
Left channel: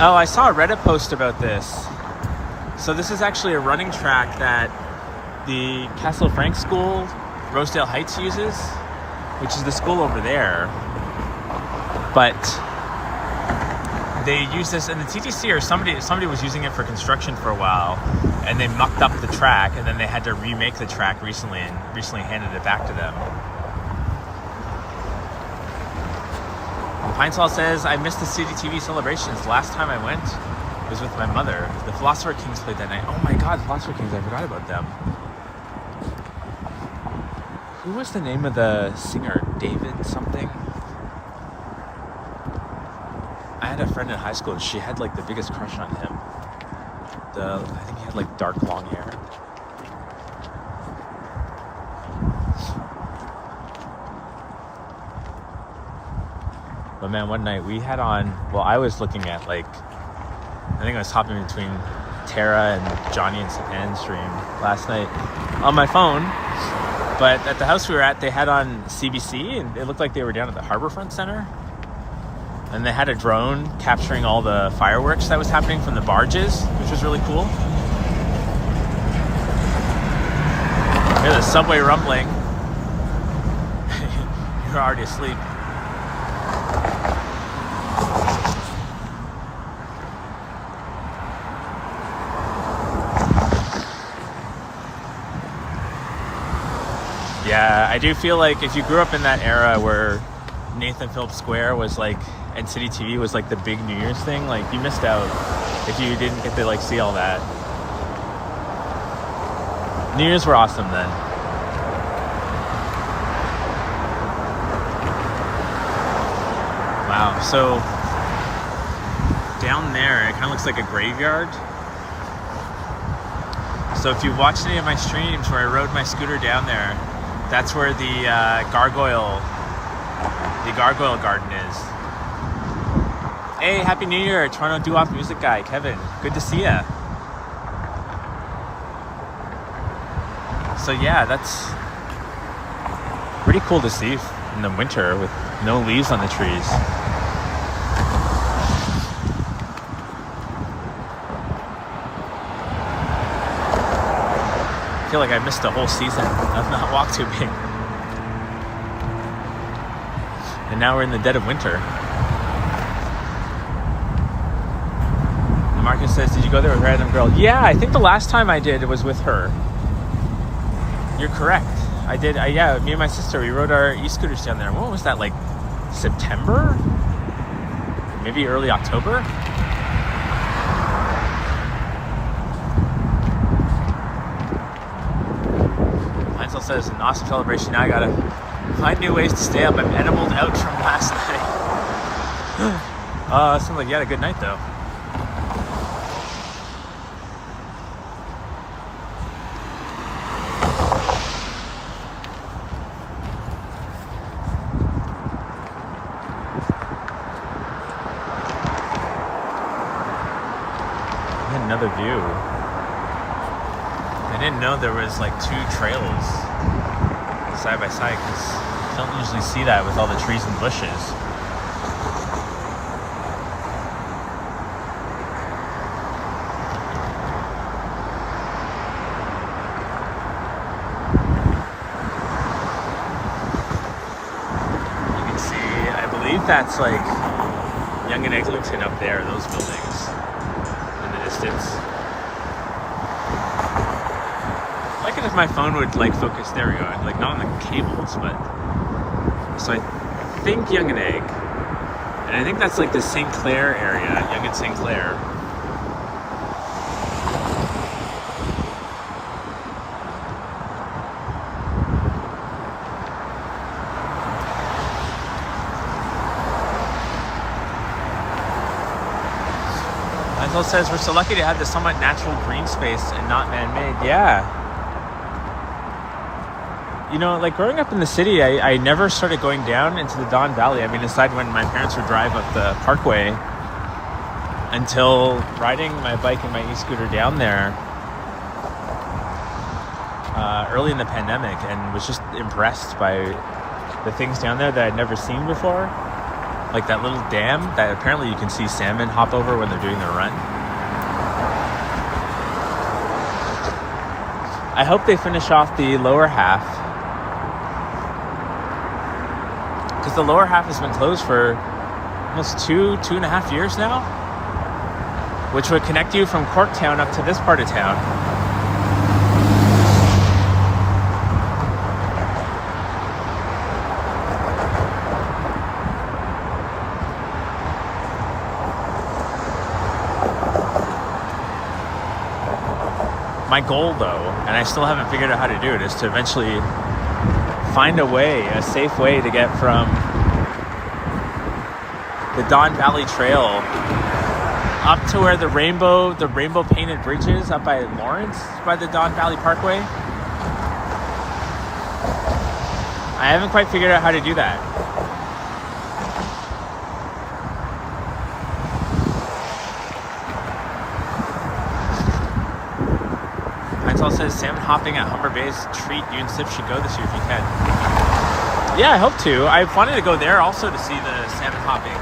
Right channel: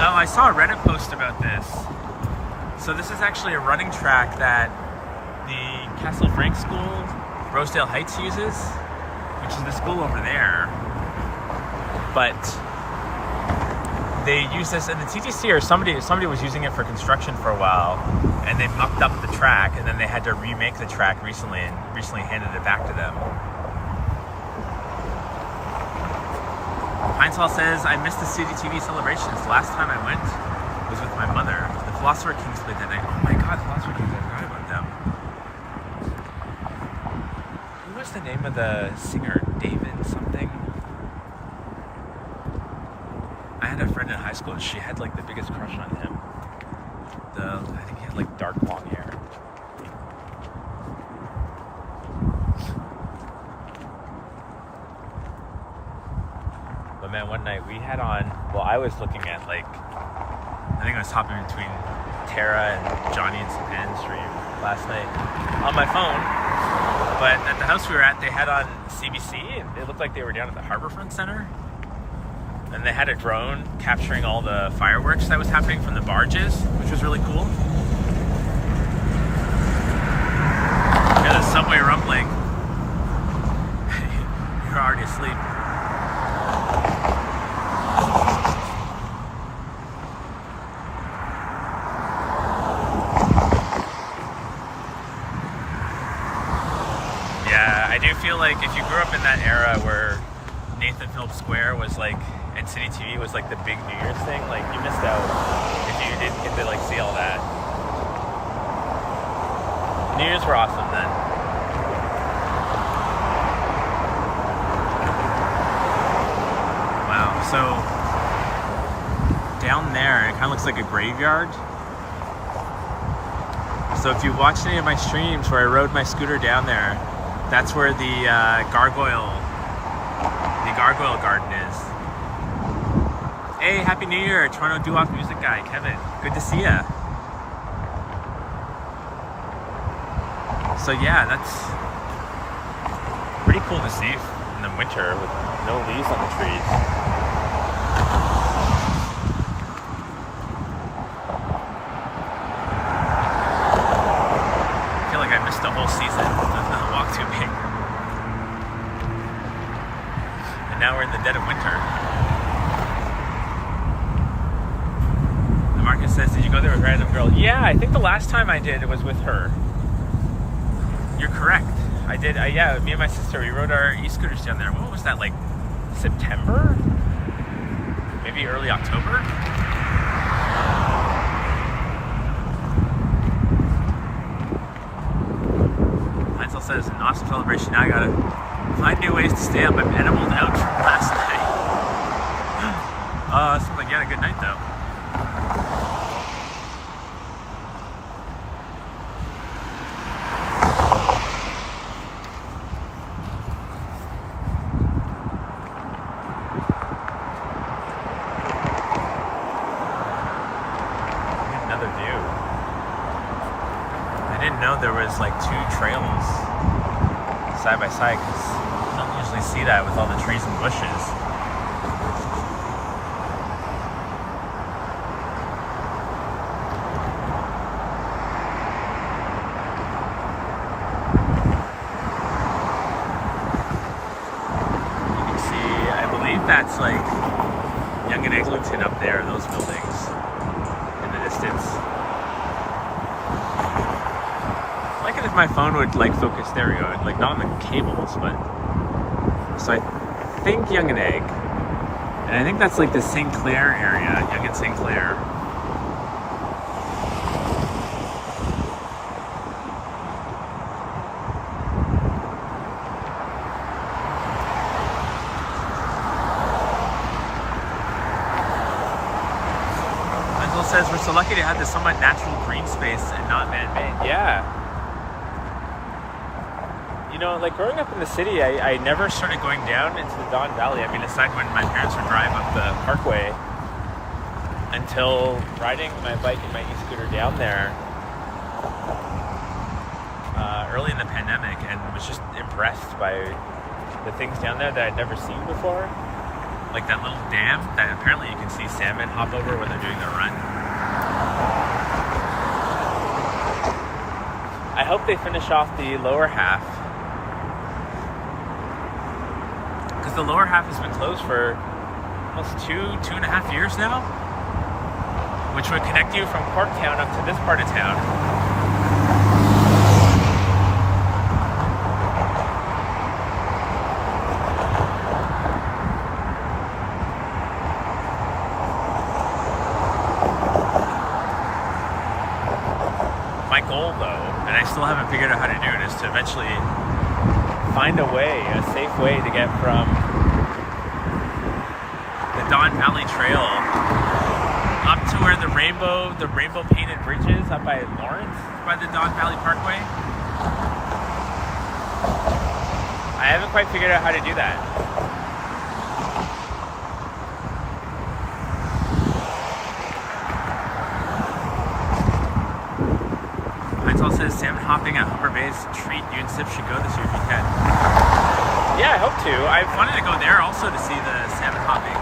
Oh, I saw a Reddit post about this. So this is actually a running track that the Castle Frank School, Rosedale Heights uses, which is the school over there. But they use this, and the TTC or somebody was using it for construction for a while, and they mucked up the track, and then they had to remake the track recently handed it back to them. Pinesall says, I missed the City TV celebrations. The last time I went was with my mother. The Philosopher Kings played that night. Oh my god, Philosopher Kings, I forgot about them. Who was the name of the singer? David something? I had a friend in high school and she had like the biggest crush on him. I think he had like dark long hair. But man, one night we had on, well, I was looking at like, I think I was hopping between Tara and Johnny and Sapan's stream last night on my phone. But at the house we were at, they had on CBC and it looked like they were down at the Harborfront Center. And they had a drone capturing all the fireworks that was happening from the barges, which was really cool. There's a subway rumbling. You're already asleep. Yeah, I do feel like if you grew up in that era where Nathanville Square was like, and City TV was like the big New Year's thing, like you missed out if you didn't get to like see all that. New Year's were awesome then. Wow, so down there it kind of looks like a graveyard. So if you've watched any of my streams where I rode my scooter down there, that's where the gargoyle garden is. Hey, Happy New Year, Toronto doo-wop music guy, Kevin. Good to see ya. So yeah, that's pretty cool to see in the winter with no leaves on the trees. I feel like I missed a whole season. I've not walked too big. And now we're in the dead of winter. Marcus says, did you go there with a random girl? Yeah, I think the last time I did, it was with her. You're correct. I did, yeah, me and my sister, we rode our e-scooters down there. What was that, like September? Maybe early October? Heinzel says, an awesome celebration. Now I gotta find new ways to stay up. I'm edibled out from last night. Sounds like you had a good night though. Another view. I didn't know there was like two trails side by side because you don't usually see that with all the trees and bushes. You can see, I believe that's like Yonge and Eglinton up there, those buildings. Distance. I like it if my phone would like focus. There we go. Like not on the cables, but so I think Yonge and Egg, and I think that's like the St. Clair area, Yonge and St. Clair. Michael says, we're so lucky to have this somewhat natural green space and not man-made. Yeah. You know, like growing up in the city, I never started going down into the Don Valley. I mean, aside when my parents would drive up the parkway, until riding my bike and my e-scooter down there early in the pandemic, and was just impressed by the things down there that I'd never seen before. Like that little dam that apparently you can see salmon hop over when they're doing their run. I hope they finish off the lower half, because the lower half has been closed for almost 2.5 years now, which would connect you from Corktown up to this part of town. My goal, though, and I still haven't figured out how to do it, is to eventually find a way, a safe way to get from the Don Valley Trail up to where the rainbow painted bridge is up by Lawrence, by the Don Valley Parkway. I haven't quite figured out how to do that. Heinzel says, salmon hopping at Humber Bay's treat. You and Sip should go this year if you can. Yeah, I hope to. I wanted to go there also to see the salmon hopping.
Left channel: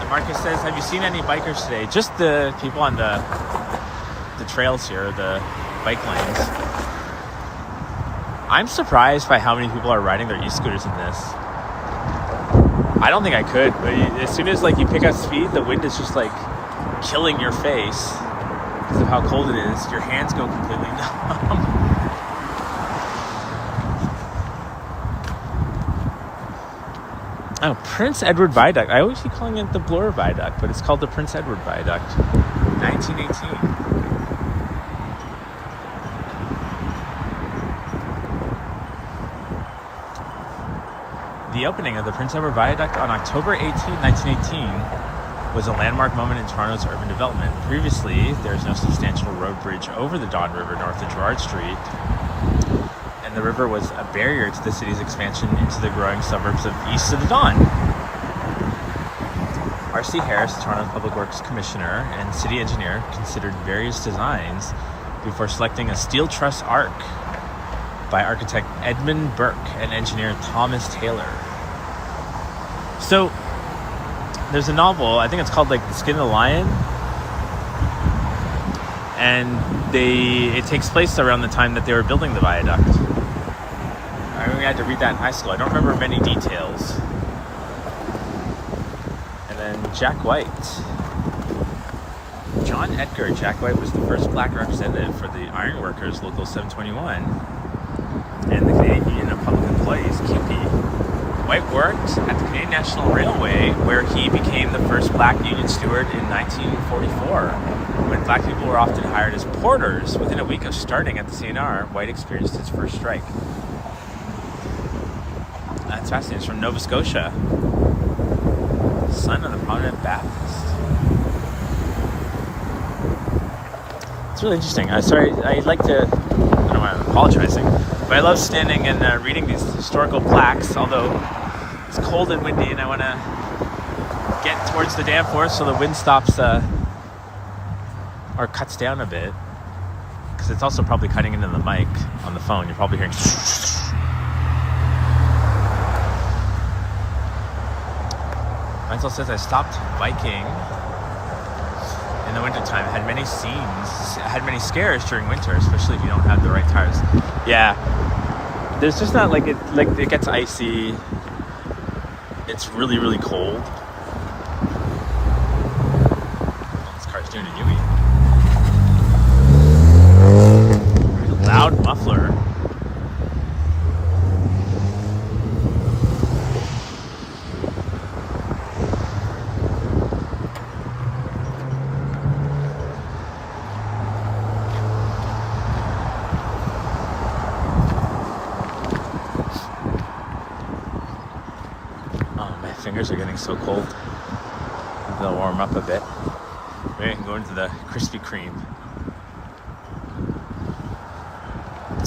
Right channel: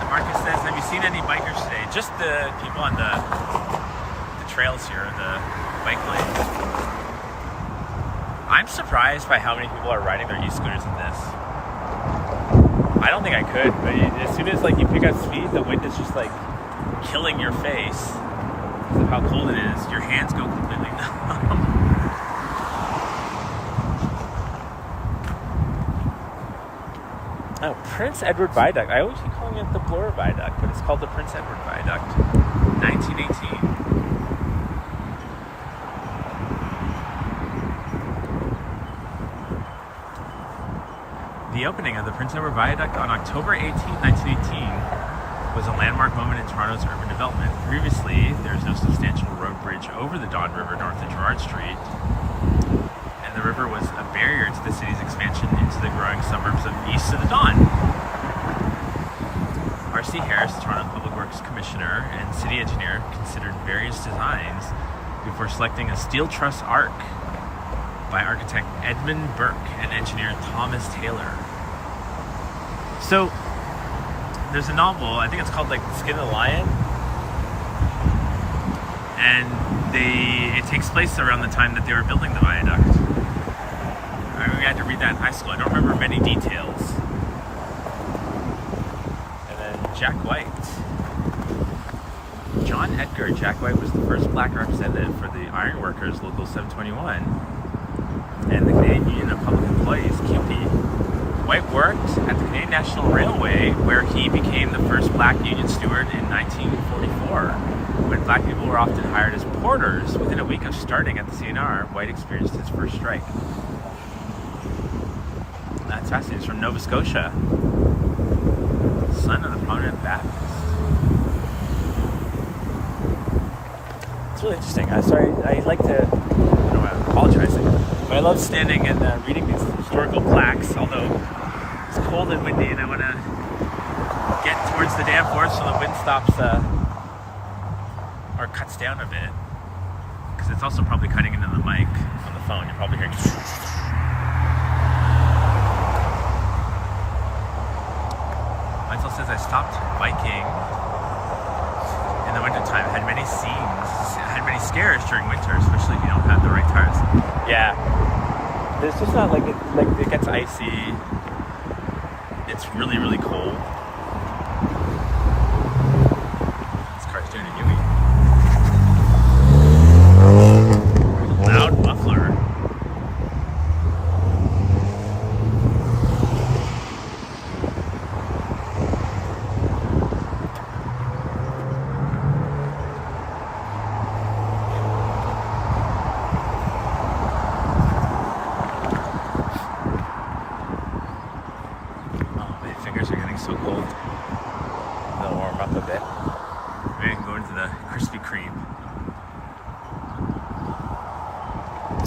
And Marcus says, have you seen any bikers today? Just the people on the trails here, the bike lanes. I'm surprised by how many people are riding their e-scooters in this. I don't think I could, but as soon as like you pick up speed, the wind is just like killing your face. Because of how cold it is, your hands go completely numb. Oh, Prince Edward Viaduct. I always keep calling it the Bloor Viaduct, but it's called the Prince Edward Viaduct. 1918. The opening of the Prince Edward Viaduct on October 18, 1918 was a landmark moment in Toronto's urban development. Previously, there's no substantial road bridge over the Don River north of Gerrard Street, and the river was a barrier to the city's expansion into the growing suburbs of east of the Don. R.C. Harris, Toronto Public Works Commissioner and city engineer, considered various designs before selecting a steel truss arc by architect Edmund Burke and engineer Thomas Taylor. So, there's a novel, I think it's called like The Skin of the Lion, and it takes place around the time that they were building the viaduct. I had to read that in high school. I don't remember many details. And then Jack White. John Edgar Jackwhite was the first black representative for the Iron Workers Local 721 and the Canadian Union of Public Employees, CUPE. White worked at the Canadian National Railway, where he became the first black union steward in 1944. When black people were often hired as porters, within a week of starting at the CNR, White experienced his first strike. That's fascinating. It's from Nova Scotia. Son of the prominent Baptist. It's really interesting. I like to, I'm apologizing, but I love standing and reading these historical plaques, although it's cold and windy and I want to get towards the Danforth so the wind stops or cuts down a bit, because it's also probably cutting into the mic on the phone. You're probably hearing Michael says, I stopped biking in the wintertime. Had many scares during winter, especially if you don't have the right tires. Yeah. There's just not it gets icy. It's really, really cold. This car's doing a Yui. Very loud muffler. Are getting so cold. They'll warm up a bit. Maybe I can go into the Krispy Kreme.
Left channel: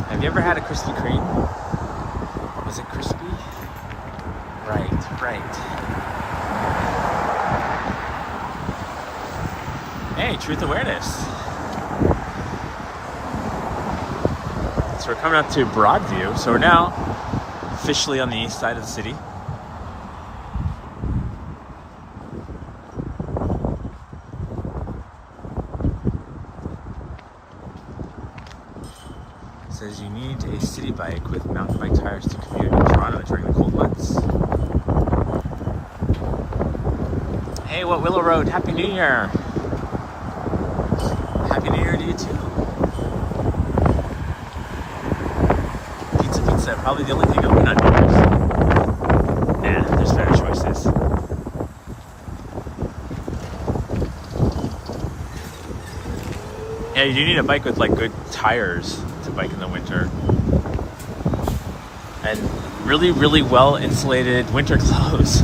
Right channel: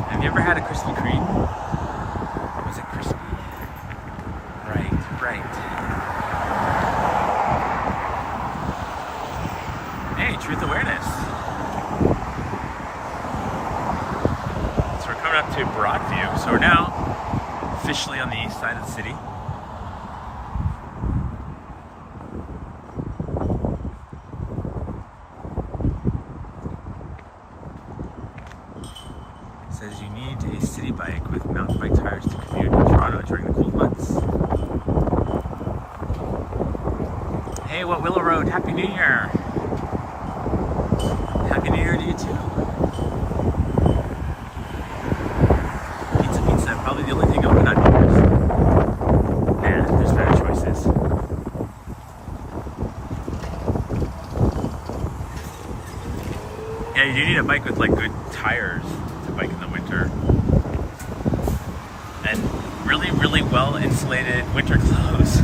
Have you ever had a Krispy Kreme? Was it crispy? Right. Hey, truth awareness. So we're coming up to Broadview. So we're now officially on the east side of the city. Says you need a city bike with mountain bike tires to commute in Toronto during the cold months. Hey, what Willow Road? Happy New Year! Happy New Year to you too. Pizza. Probably the only thing open on Mondays. Nah, there's better choices. Yeah, you do need a bike with good tires to bike in the winter. And really, really well insulated winter clothes.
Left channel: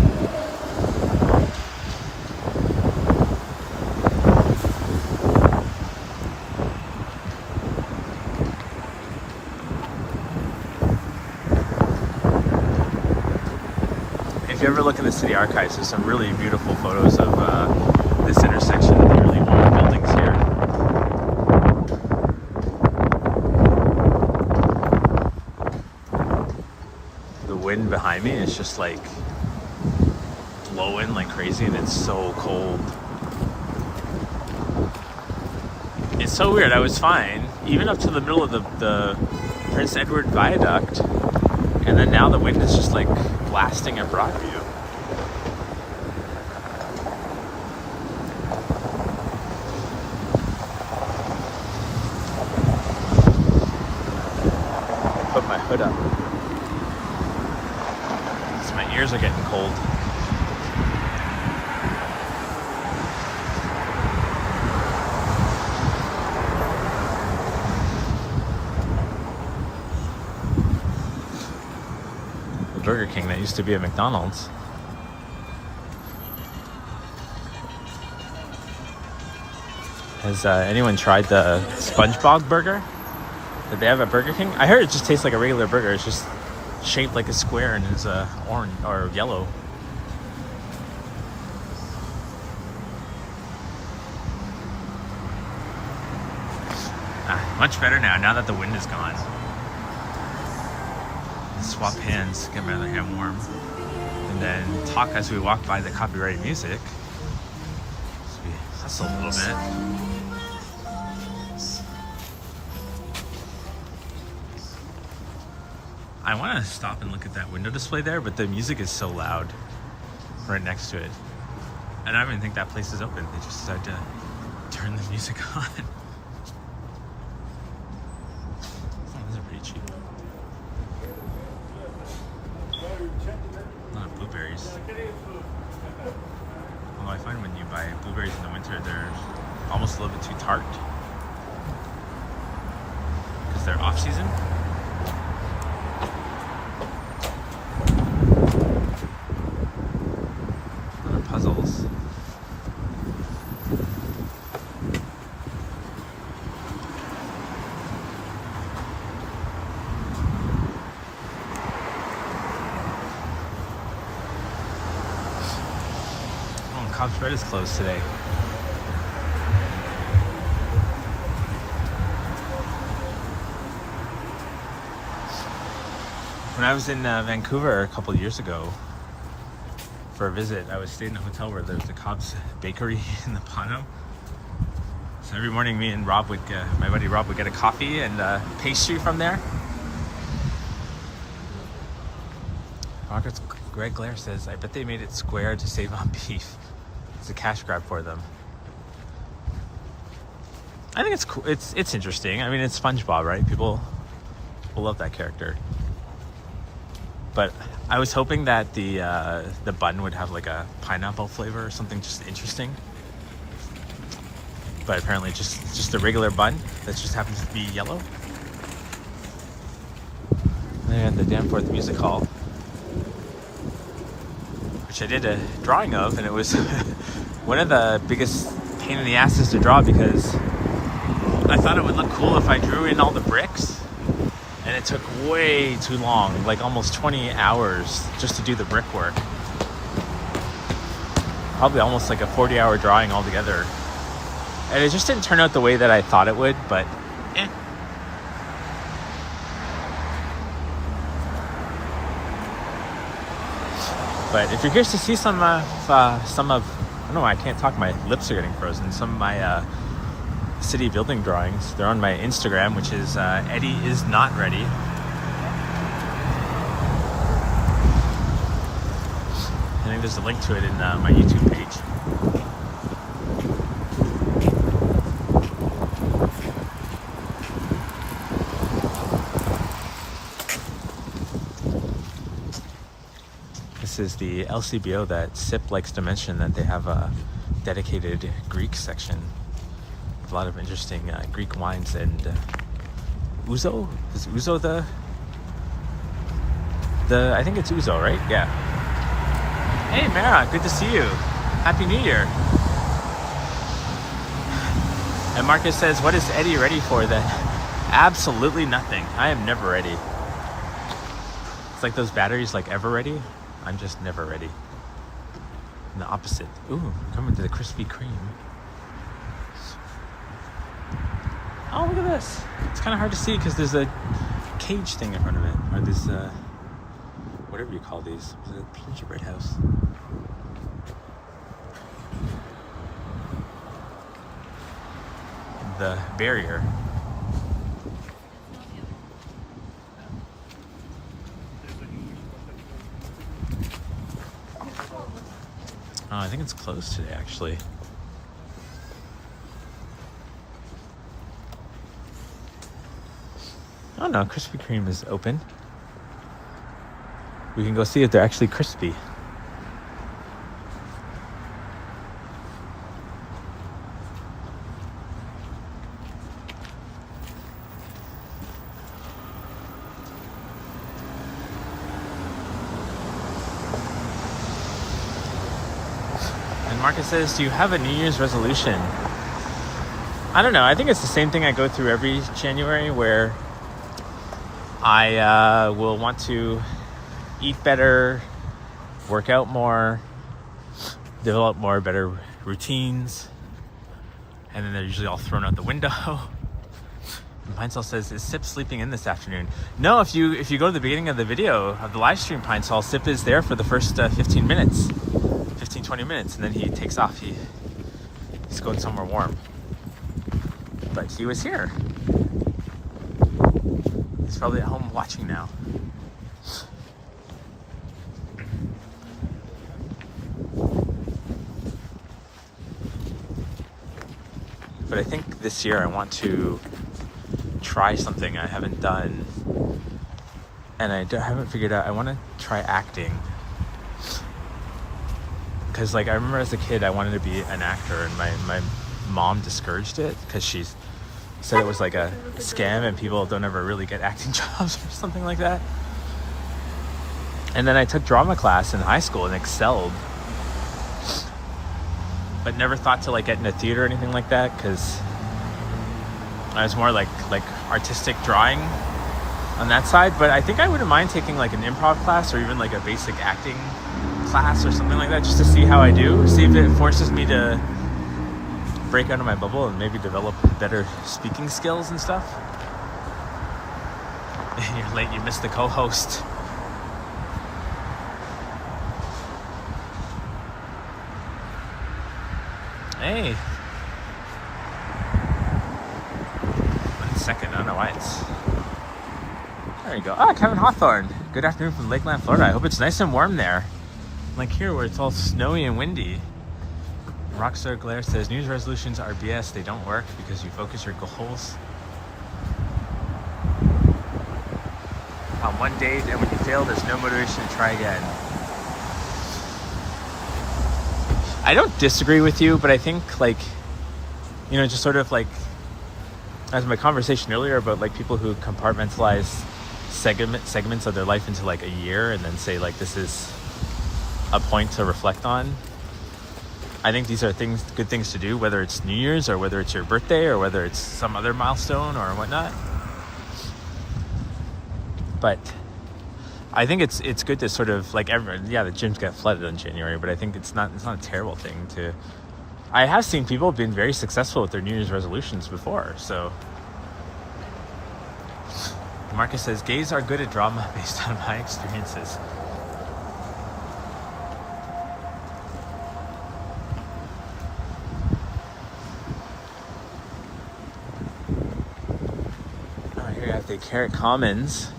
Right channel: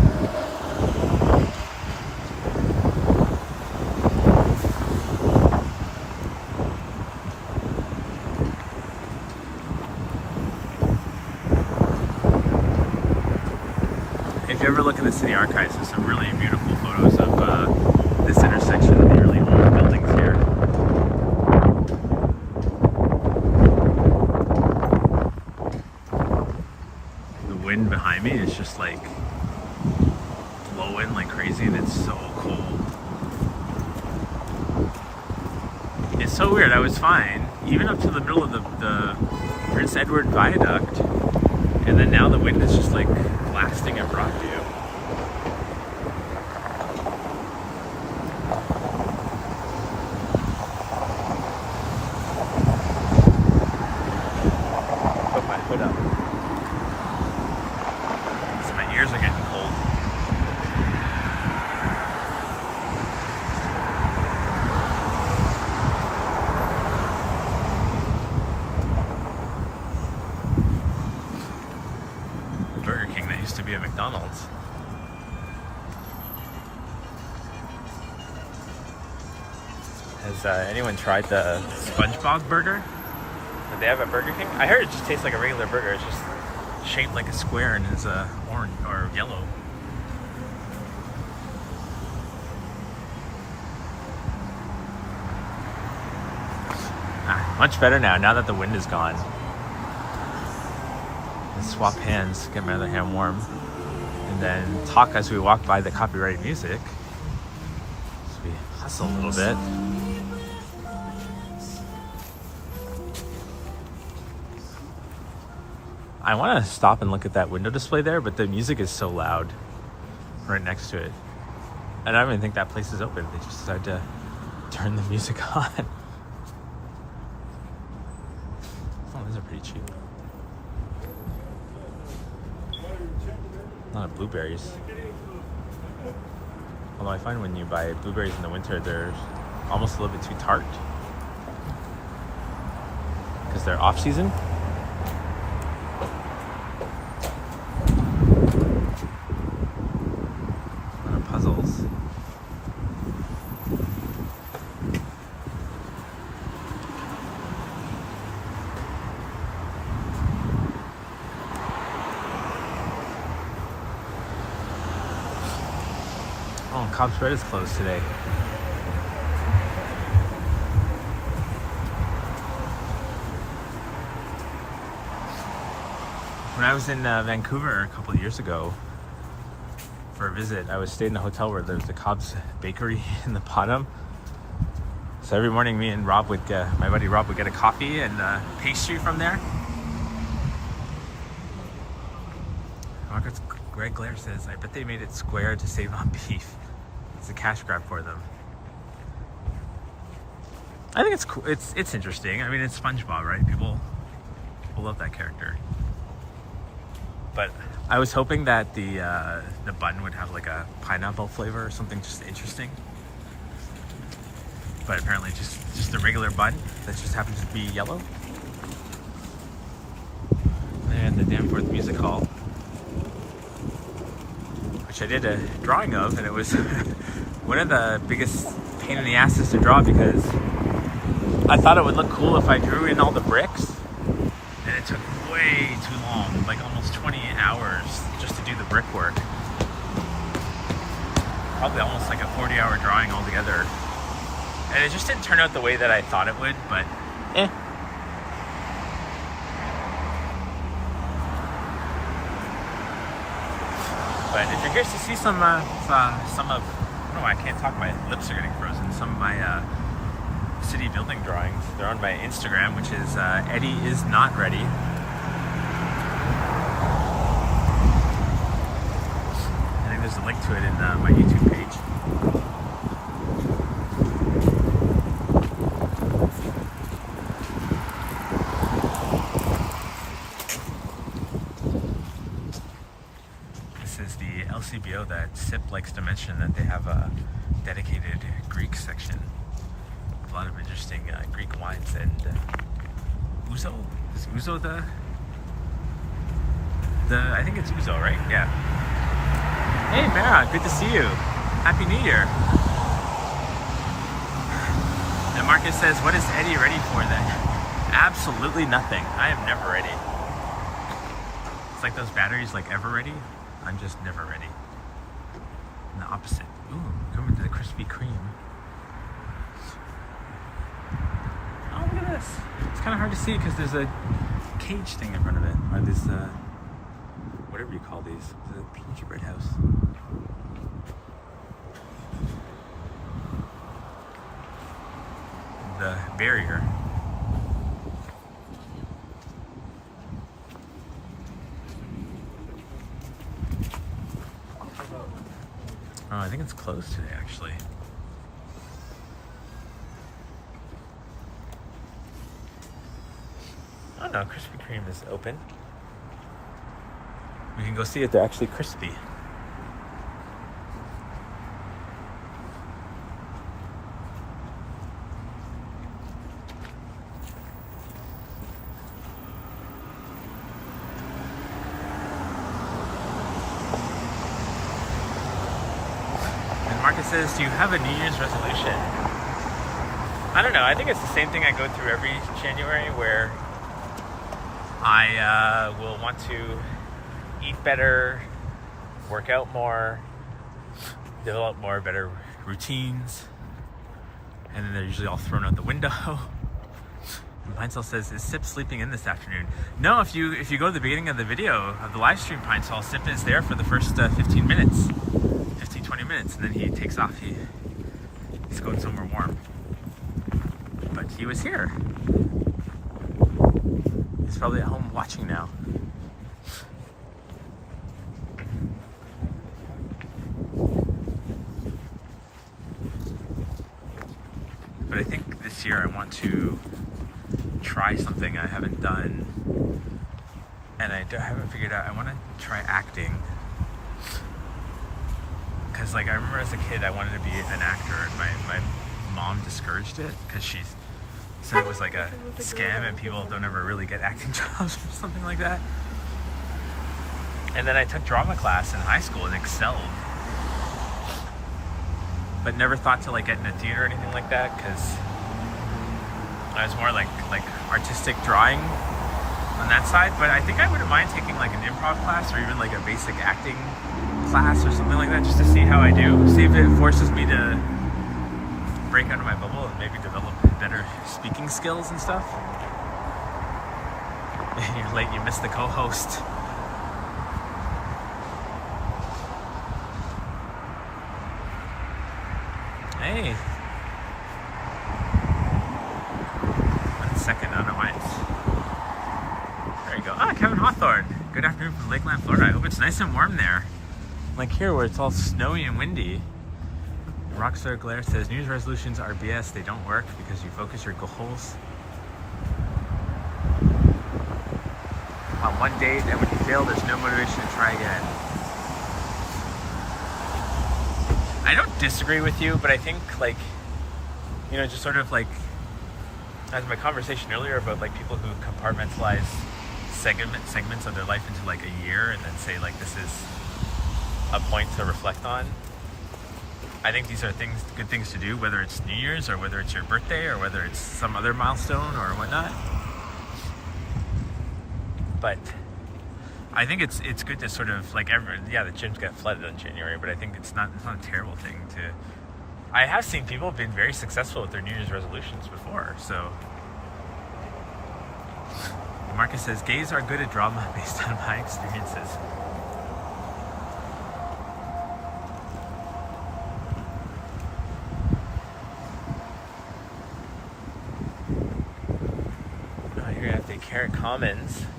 If you ever look in the city archives, there's some really beautiful photos of this intersection of the early buildings here. Wind behind me is just blowing like crazy, and it's so cold. It's so weird. I was fine even up to the middle of the Prince Edward viaduct, and then now the wind is just blasting at Broadview. Ears are getting cold. Burger King that used to be a McDonald's. Has anyone tried the SpongeBob burger that they have at Burger King? I heard it just tastes like a regular burger. It's just shaped like a square and is orange or yellow. Much better now that the wind is gone. Let's swap hands, get my other hand warm, and then talk as we walk by the copyrighted music. So we hustle a little bit. I want to stop and look at that window display there, but the music is so loud right next to it. And I don't even think that place is open. They just decided to turn the music on. Oh, those are pretty cheap. A lot of blueberries. Although I find when you buy blueberries in the winter, they're almost a little bit too tart because they're off season. A lot of puzzles. Oh, Cobb's Bread is closed today. When I was in Vancouver a couple of years ago for a visit, I was staying in a hotel where there was a Cobb's bakery in the bottom. So every morning, me and Rob would, my buddy Rob would get a coffee and pastry from there. Greg Blair says, I bet they made it square to save on beef. It's a cash grab for them. I think it's cool. It's interesting. I mean, it's SpongeBob, right? People will love that character. But I was hoping that the bun would have like a pineapple flavor or something just interesting. But apparently just a regular bun that just happens to be yellow. And the Danforth Music Hall, which I did a drawing of, and it was one of the biggest pain in the asses to draw because I thought it would look cool if I drew in all the bricks, and it took way too long, like almost 20 hours just to do the brickwork. Probably almost like a 40-hour drawing altogether. And it just didn't turn out the way that I thought it would, but eh. But if you're curious to see some of, I don't know, I can't talk, my lips are getting frozen, some of my city building drawings, they're on my Instagram, which is Eddie is not ready. I think there's a link to it in my YouTube page. This is the LCBO that SIP likes to mention, that they have a dedicated Greek section. A lot of interesting Greek wines and ouzo. Is ouzo the I think it's ouzo, right? Yeah. Hey Mara, good to see you. Happy New Year. And Marcus says, what is Eddie ready for then? Absolutely nothing. I am never ready. It's like those batteries, like ever ready. I'm just never ready. And the opposite. Ooh, coming to the Krispy Kreme. Oh, look at this. It's kind of hard to see because there's a cage thing in front of it. Or this, whatever you call these. Is it a gingerbread house? The barrier. Oh, I think it's closed today, actually. Oh no, Krispy Kreme is open. We can go see if they're actually crispy. And Marcus says, do you have a New Year's resolution? I don't know. I think it's the same thing I go through every January, where I will want to eat better, work out more, develop more better routines, and then they're usually all thrown out the window. And Pinecell says, is Sip sleeping in this afternoon? No, if you go to the beginning of the video of the live stream, Pinecell, Sip is there for the first 15 minutes, 20 minutes, and then he takes off. He's going somewhere warm. But he was here. He's probably at home watching now. But I think this year I want to try something I haven't done, and I haven't figured out. I want to try acting, because like I remember as a kid I wanted to be an actor, and my mom discouraged it because she said it was like a scam and people don't ever really get acting jobs or something like that. And then I took drama class in high school and excelled, but never thought to like get into theater or anything like that, because I was more like artistic drawing on that side. But I think I wouldn't mind taking like an improv class or even like a basic acting class or something like that, just to see how I do, see if it forces me to break out of my bubble and maybe develop better speaking skills and stuff. You're late, you missed the co-host. Hey. 1 second, I don't know why it's... There you go. Ah, Kevin Hawthorne. Good afternoon from Lakeland, Florida. I hope it's nice and warm there. Like here where it's all snowy and windy. Rockstar Glare says, New Year's resolutions are BS. They don't work because you focus your goals on one date, and when you fail, there's no motivation to try again. I don't disagree with you, but I think like, you know, just sort of like, as my conversation earlier about like people who compartmentalize segments of their life into like a year and then say like this is a point to reflect on. I think these are good things to do, whether it's New Year's or whether it's your birthday or whether it's some other milestone or whatnot. But I think it's good to sort of like everyone. Yeah, the gyms get flooded in January, but I think it's not a terrible thing to. I have seen people have been very successful with their New Year's resolutions before. So Marcus says gays are good at drama based on my experiences. Carrot Commons.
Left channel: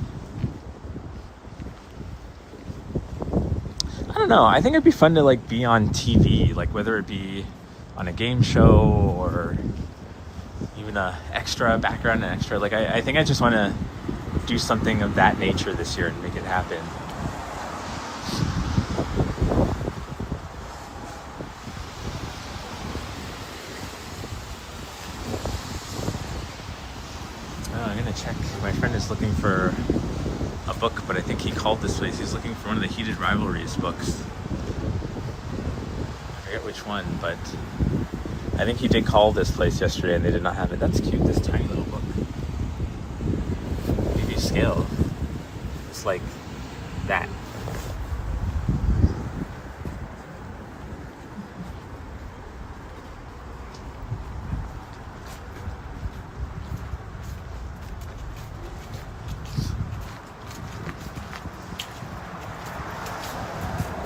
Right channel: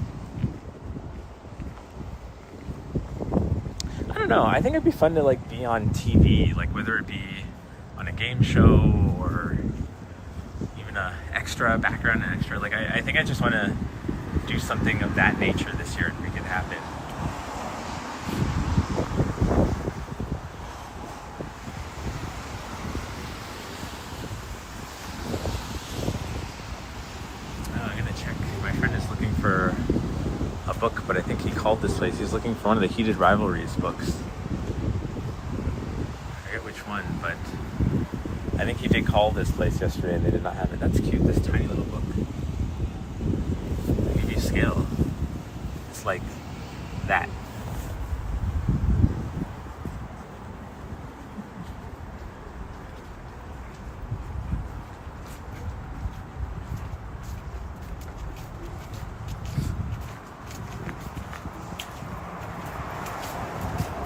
I don't know. I think it'd be fun to like be on TV, like whether it be on a game show or even a extra background and extra. Like I think I just want to do something of that nature this year and make it happen. Looking for a book, but I think he called this place. He's looking for one of the Heated Rivalries books. I forget which one, but I think he did call this place yesterday and they did not have it. That's cute, this tiny little book. Maybe scale. It's like that.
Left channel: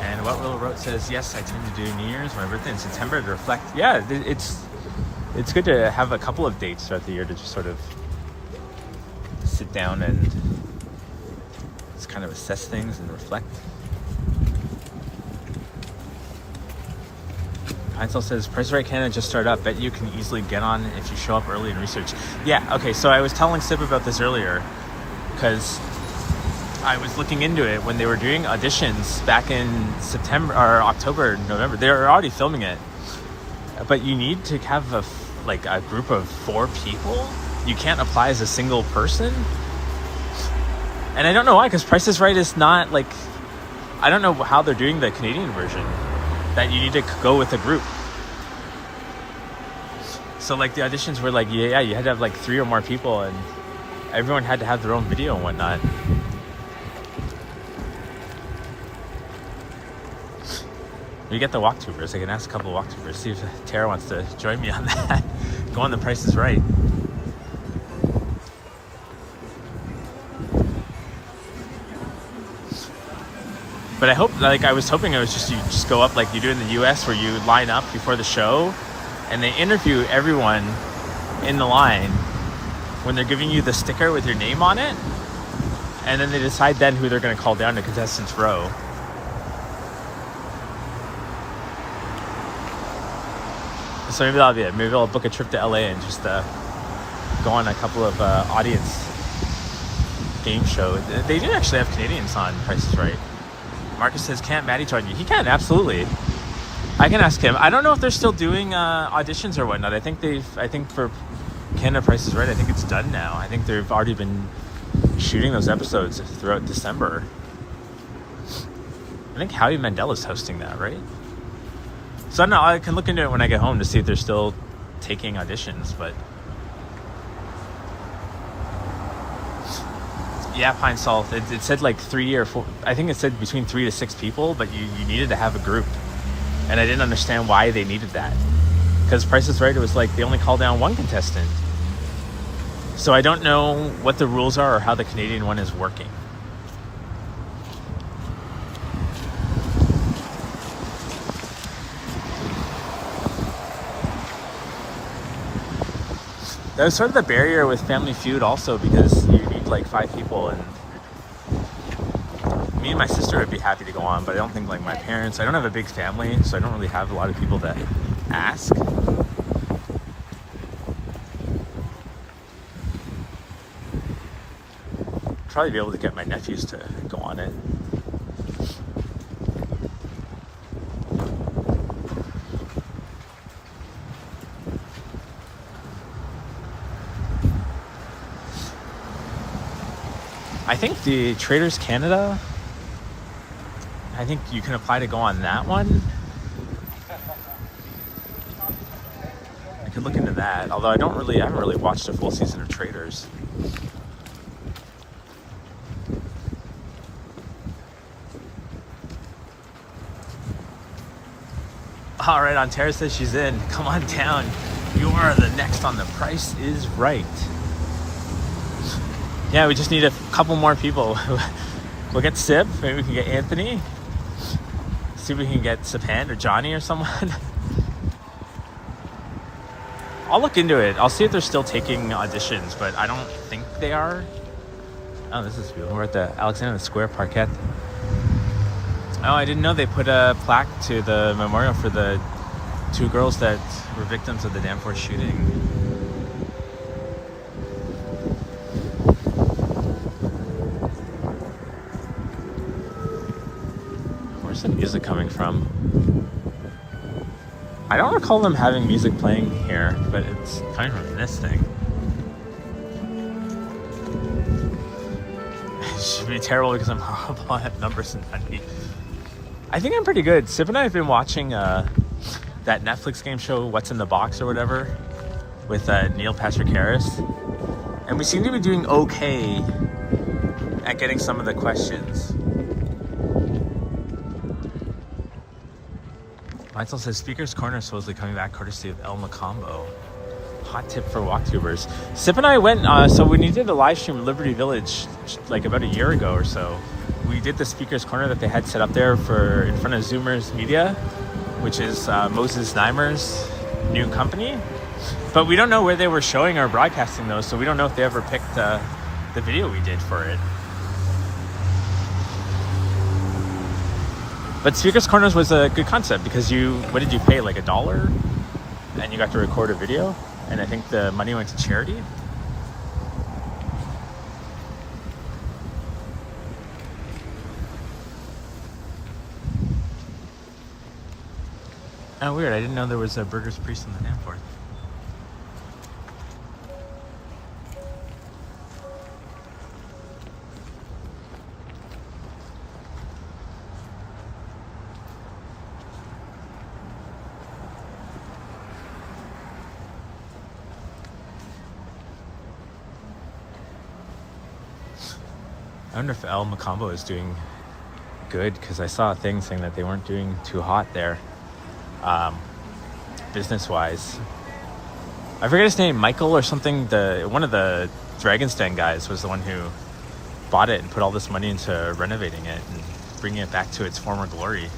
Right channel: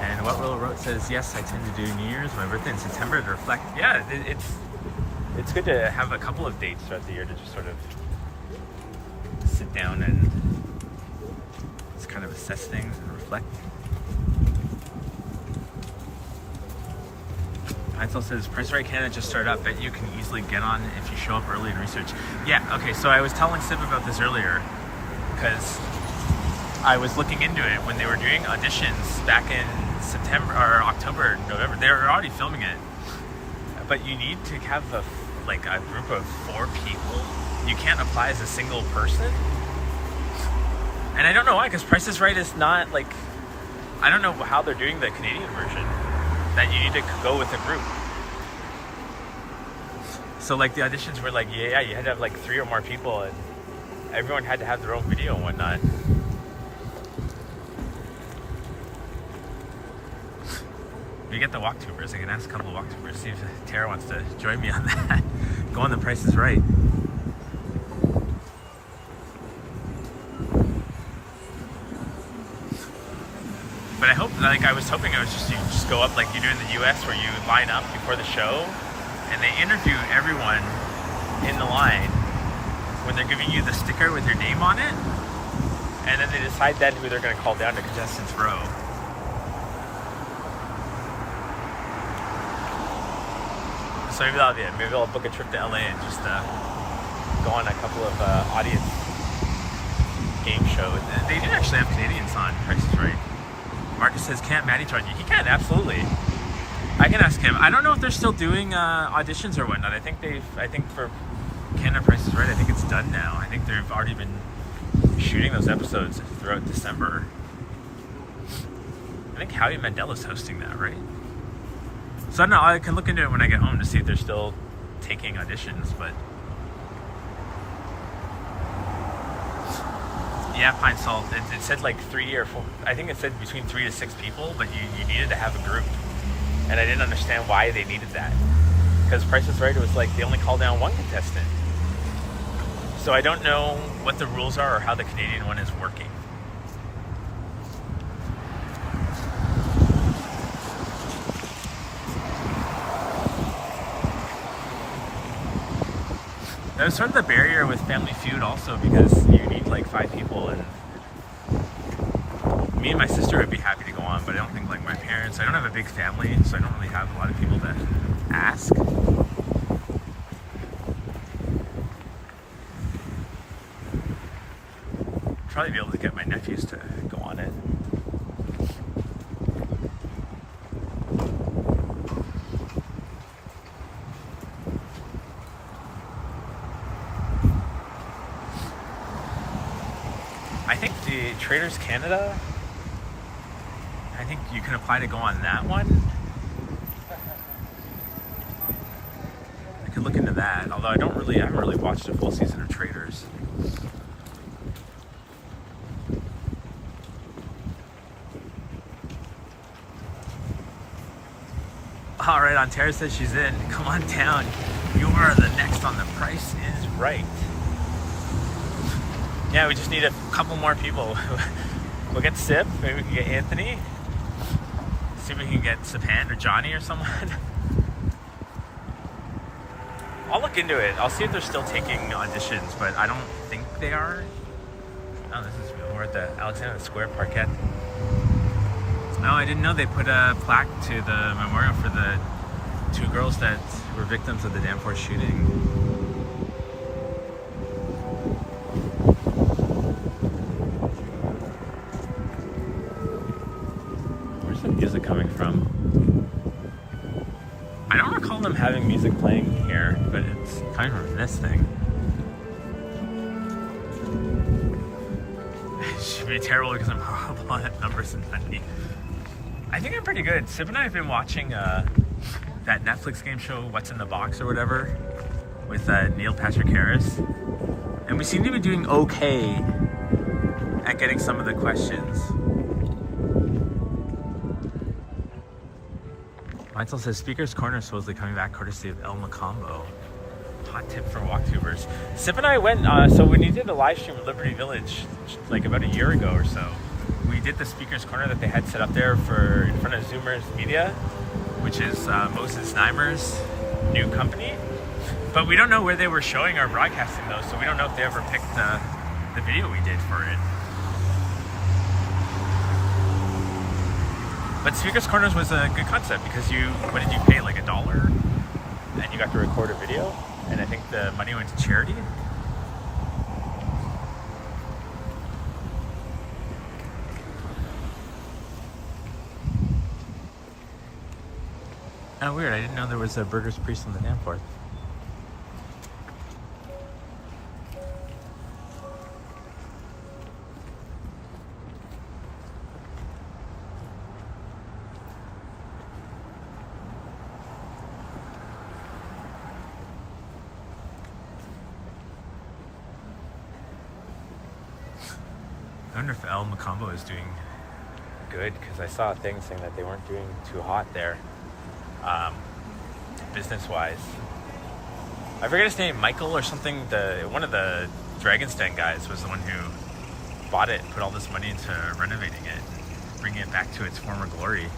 And What Willow wrote says, yes, I tend to do New Year's, my birthday in September to reflect. Yeah, it's good to have a couple of dates throughout the year to just sort of sit down and just kind of assess things and reflect. Heinzel says, Price is Right Canada just started up. Bet you can easily get on if you show up early and research. Yeah, okay, so I was telling Sip about this earlier because I was looking into it when they were doing auditions back in September or October, November. They were already filming it, but you need to have a group of 4 people. You can't apply as a single person, and I don't know why. Because Price is Right is not like, I don't know how they're doing the Canadian version. That you need to go with a group. So like the auditions were like, yeah, you had to have like 3 or more people, and everyone had to have their own video and whatnot. We get the walktubers. I can ask a couple of walktubers, see if Tara wants to join me on that. Go on The Price is Right. But I hope, like, I was hoping you just go up like you do in the US, where you line up before the show and they interview everyone in the line when they're giving you the sticker with your name on it, and then they decide then who they're going to call down to contestants row. So maybe that'll be it. Maybe I'll book a trip to LA and just go on a couple of audience game shows. They do actually have Canadians on Price is Right. Marcus says, can't Maddie join you? He can, absolutely. I can ask him. I don't know if they're still doing auditions or whatnot. I think for Canada Price is Right, I think it's done now. I think they've already been shooting those episodes throughout December. I think Howie Mandela's hosting that, right? So I don't know, I can look into it when I get home to see if they're still taking auditions, but yeah, Pine Salt, it said like 3 or 4, I think it said between 3 to 6 people, but you needed to have a group, and I didn't understand why they needed that, because Price is Right, it was like they only called down one contestant. So I don't know what the rules are or how the Canadian one is working. That was sort of the barrier with Family Feud also, because you need like 5 people, and me and my sister would be happy to go on, but I don't think like my parents, I don't have a big family, so I don't really have a lot of people to ask. Probably be able to get my nephews to go on it. I think the Traders Canada, I think you can apply to go on that one. I could look into that, although I haven't really watched a full season of Traders. All right, Ontario says she's in. Come on down. You are the next on The Price is Right. Yeah, we just need a couple more people. We'll get Sib, maybe we can get Anthony. See if we can get Sapan or Johnny or someone. I'll look into it. I'll see if they're still taking auditions, but I don't think they are. Oh, this is good. We're at the Alexander Square Parkette. Oh, I didn't know they put a plaque to the memorial for the 2 girls that were victims of the Danforth shooting. Where's the music coming from? I don't recall them having music playing here, but it's coming from this thing. It should be terrible because I'm horrible at numbers and money. I think I'm pretty good. Sip and I have been watching that Netflix game show, What's in the Box or whatever, with Neil Patrick Harris. And we seem to be doing okay at getting some of the questions. Michael says, Speaker's Corner is supposedly coming back courtesy of El Macombo. Hot tip for walktubers. Sip and I went, so when you did the live stream at Liberty Village, like about a year ago or so, we did the Speaker's Corner that they had set up there for in front of Zoomers Media, which is Moses Neimer's new company. But we don't know where they were showing or broadcasting those, so we don't know if they ever picked the video we did for it. But Speaker's Corners was a good concept because what did you pay, like $1? And you got to record a video, and I think the money went to charity. Oh, weird. I didn't know there was a Burgers Priest on the Danforth. I wonder if El Macombo is doing good, because I saw a thing saying that they weren't doing too hot there. Business-wise, I forget his name, Michael or something. One of the Dragon's Den guys was the one who bought it and put all this money into renovating it and bringing it back to its former glory.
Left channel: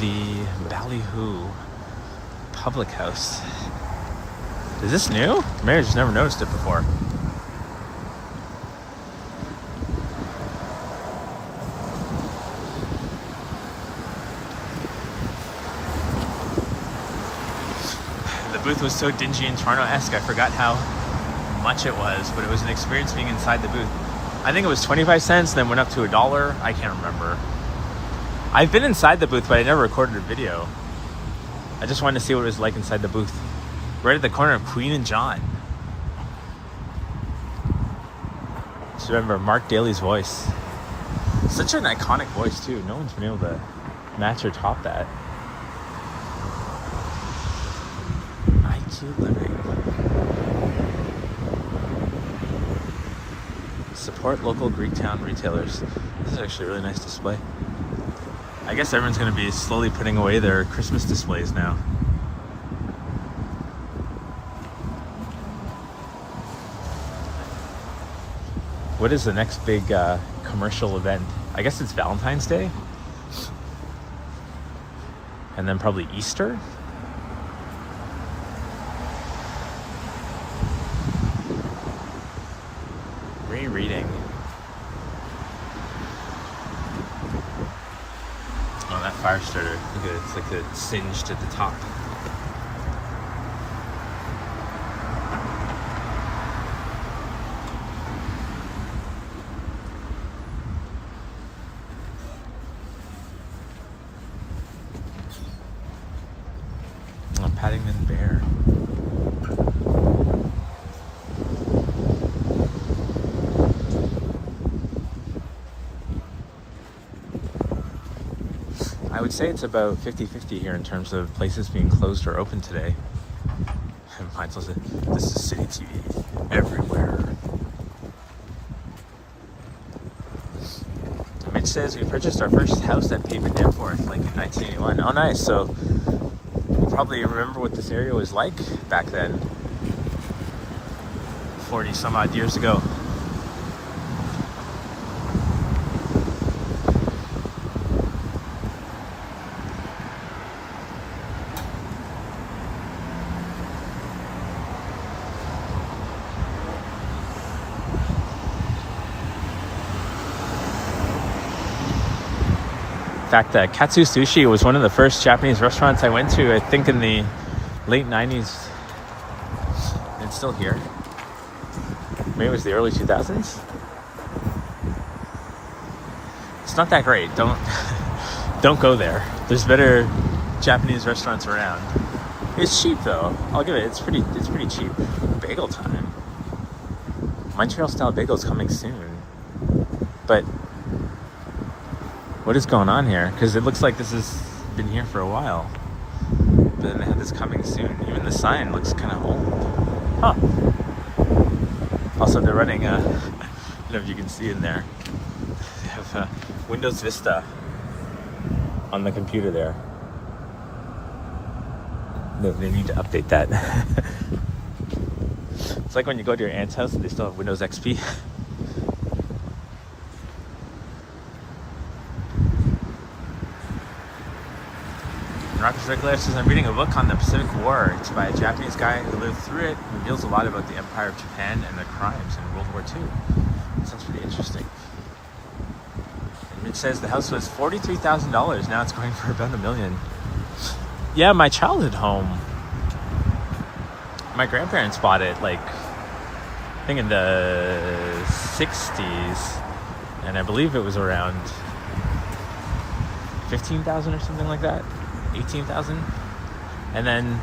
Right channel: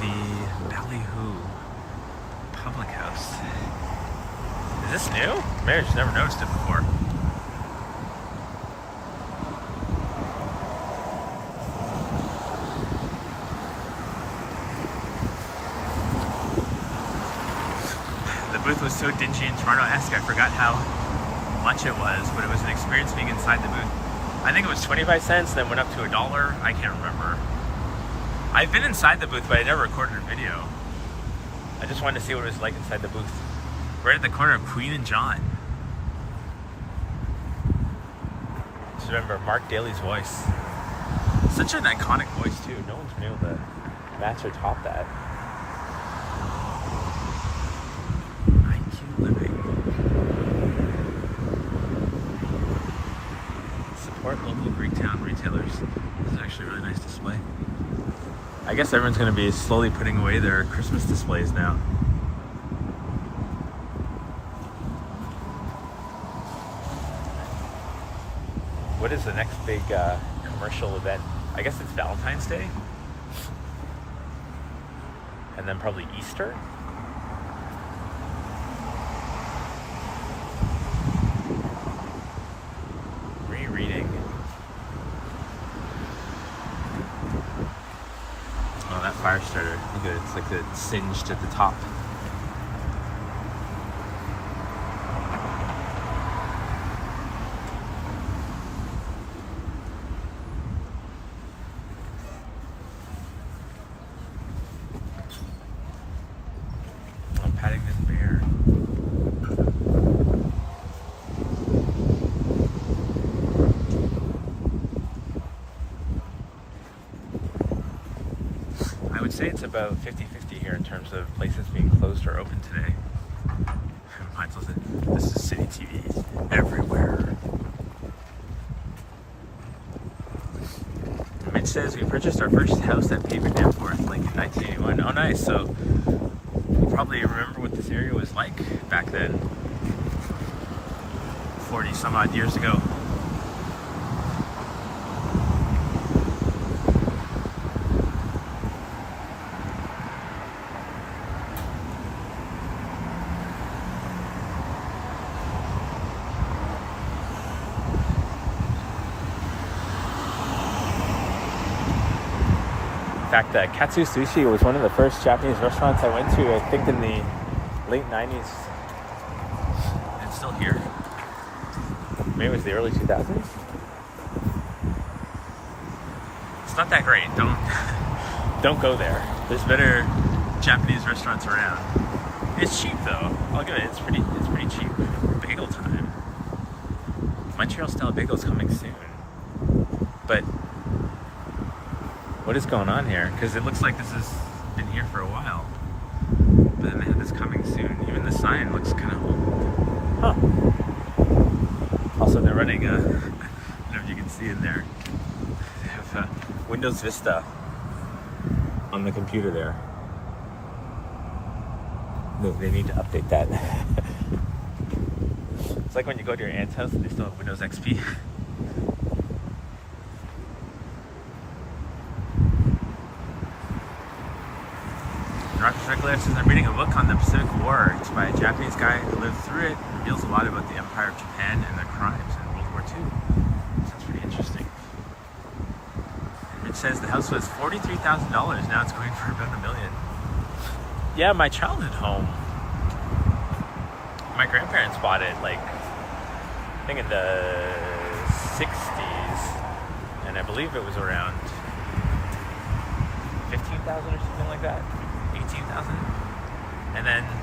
The Ballyhoo Public House. Is this new? Maybe I just never noticed it before. booth was so dingy and Toronto-esque, I forgot how much it was, but it was an experience being inside the booth. I think it was 25 cents, then went up to $1. I can't remember. I've been inside the booth, but I never recorded a video. I just wanted to see what it was like inside the booth. Right at the corner of Queen and John. Just remember Mark Daly's voice. Such an iconic voice too. No one's been able to match or top that. IQ Living. Support local Greektown retailers. This is actually a really nice display. I guess everyone's going to be slowly putting away their Christmas displays now. What is the next big commercial event? I guess it's Valentine's Day. And then probably Easter. Rereading. Oh, that fire starter. Look at it. It's like it's singed at the top. I would say it's about 50-50 here in terms of places being closed or open today. Mine says this is City TV everywhere. Mitch says we purchased our first house at Pavement Danforth like in 1981. Oh nice, so you probably remember what this area was like back then. 40 some odd years ago. In fact, Katsu Sushi was one of the first Japanese restaurants I went to, I think in the late 90s. It's still here. Maybe it was the early 2000s. It's not that great. Don't go there. There's better Japanese restaurants around. It's cheap though. I'll give it. It's pretty cheap. Bagel time. Montreal style bagels coming soon. But what is going on here? Because it looks like this has been here for a while. But then they have this coming soon. Even the sign looks kind of old. Huh. Also, they're running, I don't know if you can see in there. They have Windows Vista on the computer there. No, they need to update that. It's like when you go to your aunt's house and they still have Windows XP. Rockets Regular says, I'm reading a book on the Pacific War. It's by a Japanese guy who lived through it. It reveals a lot about the Empire of Japan and the crimes in World War II. Sounds pretty interesting. It says the house was $43,000. Now it's going for about $1 million. Yeah, my childhood home. My grandparents bought it, like, I think in the 60s. And I believe it was around 15,000 or something like that. 18,000. And then,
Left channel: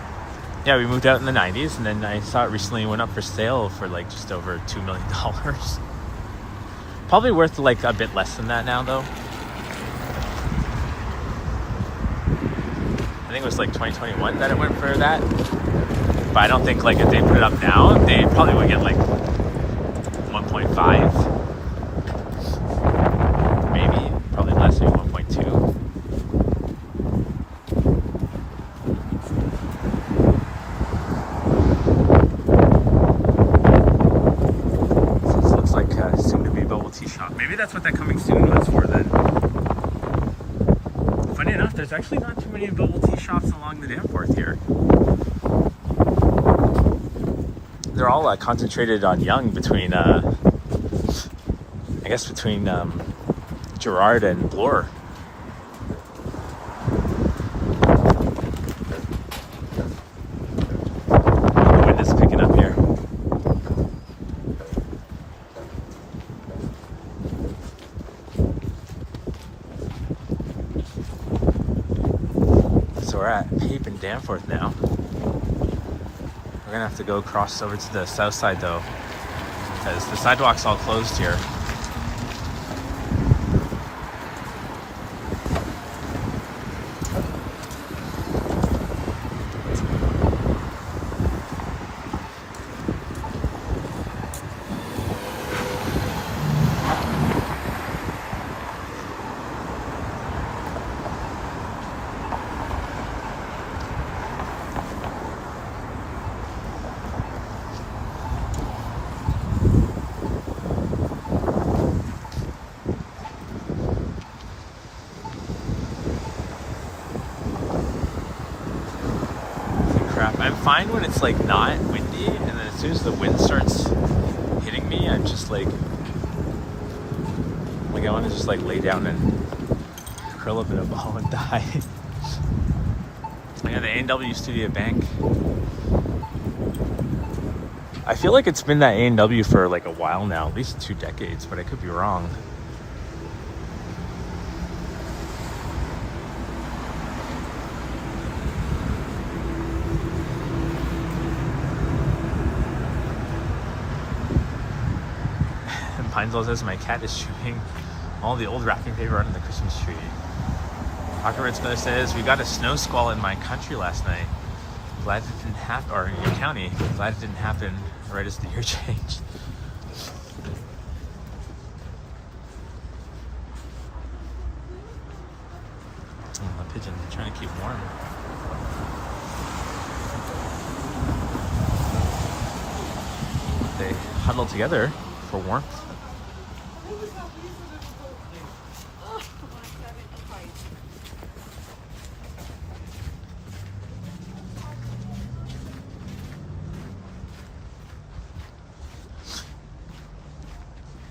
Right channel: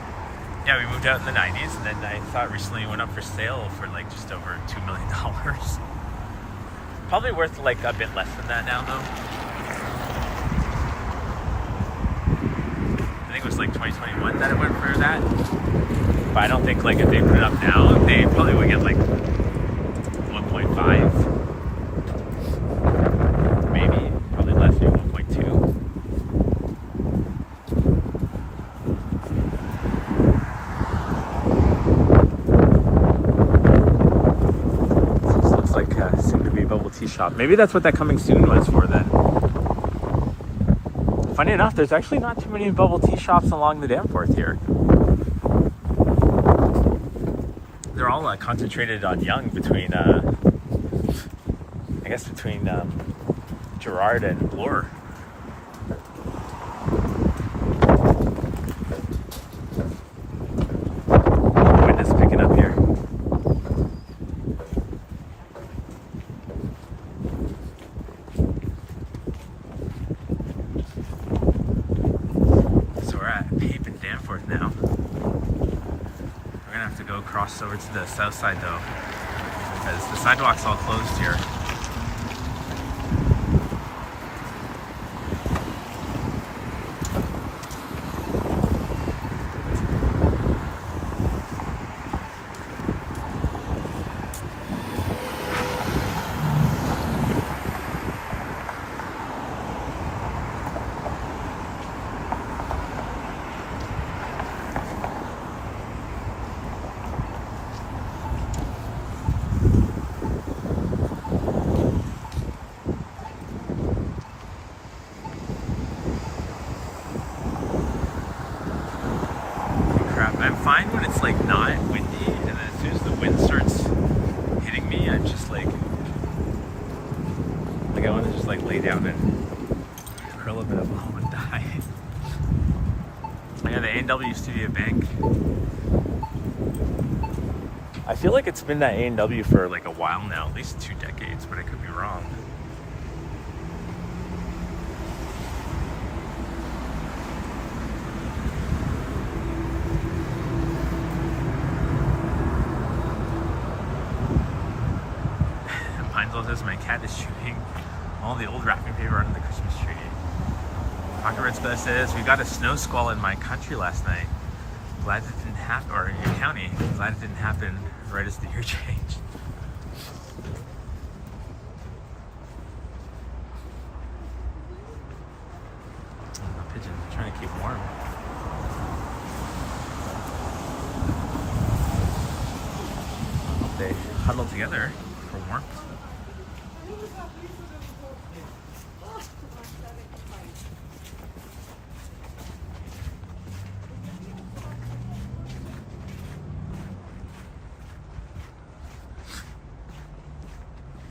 yeah, we moved out in the 90s, and then I saw it recently went up for sale for like just over $2 million. Probably worth like a bit less than that now, though. I think it was like 2021 that it went for that. But I don't think like if they put it up now, they probably would get like 1.5. Maybe, probably less, maybe 1.2. Tea shop. Maybe that's what that coming soon was for then. Funny enough, there's actually not too many bubble tea shops along the Danforth here. They're all concentrated on Yonge between, I guess between Gerrard and Bloor. we're at Pape and Danforth now. We're gonna have to go cross over to the south side though, because the sidewalk's all closed here. I'm fine when it's like not windy, and then as soon as the wind starts hitting me, I'm just like I want to just like lay down and curl up in a ball and die. I got the A&W Studio Bank. I feel like it's been that A&W for like a while now, at least 2 decades, but I could be wrong. Pinesville says my cat is chewing all the old wrapping paper under the Christmas tree. Pocket Red Spell says we got a snow squall in my country last night. Glad it didn't happen, or in your county. Glad it didn't happen right as the year changed. Oh, my pigeon trying to keep warm. They huddle together for warmth.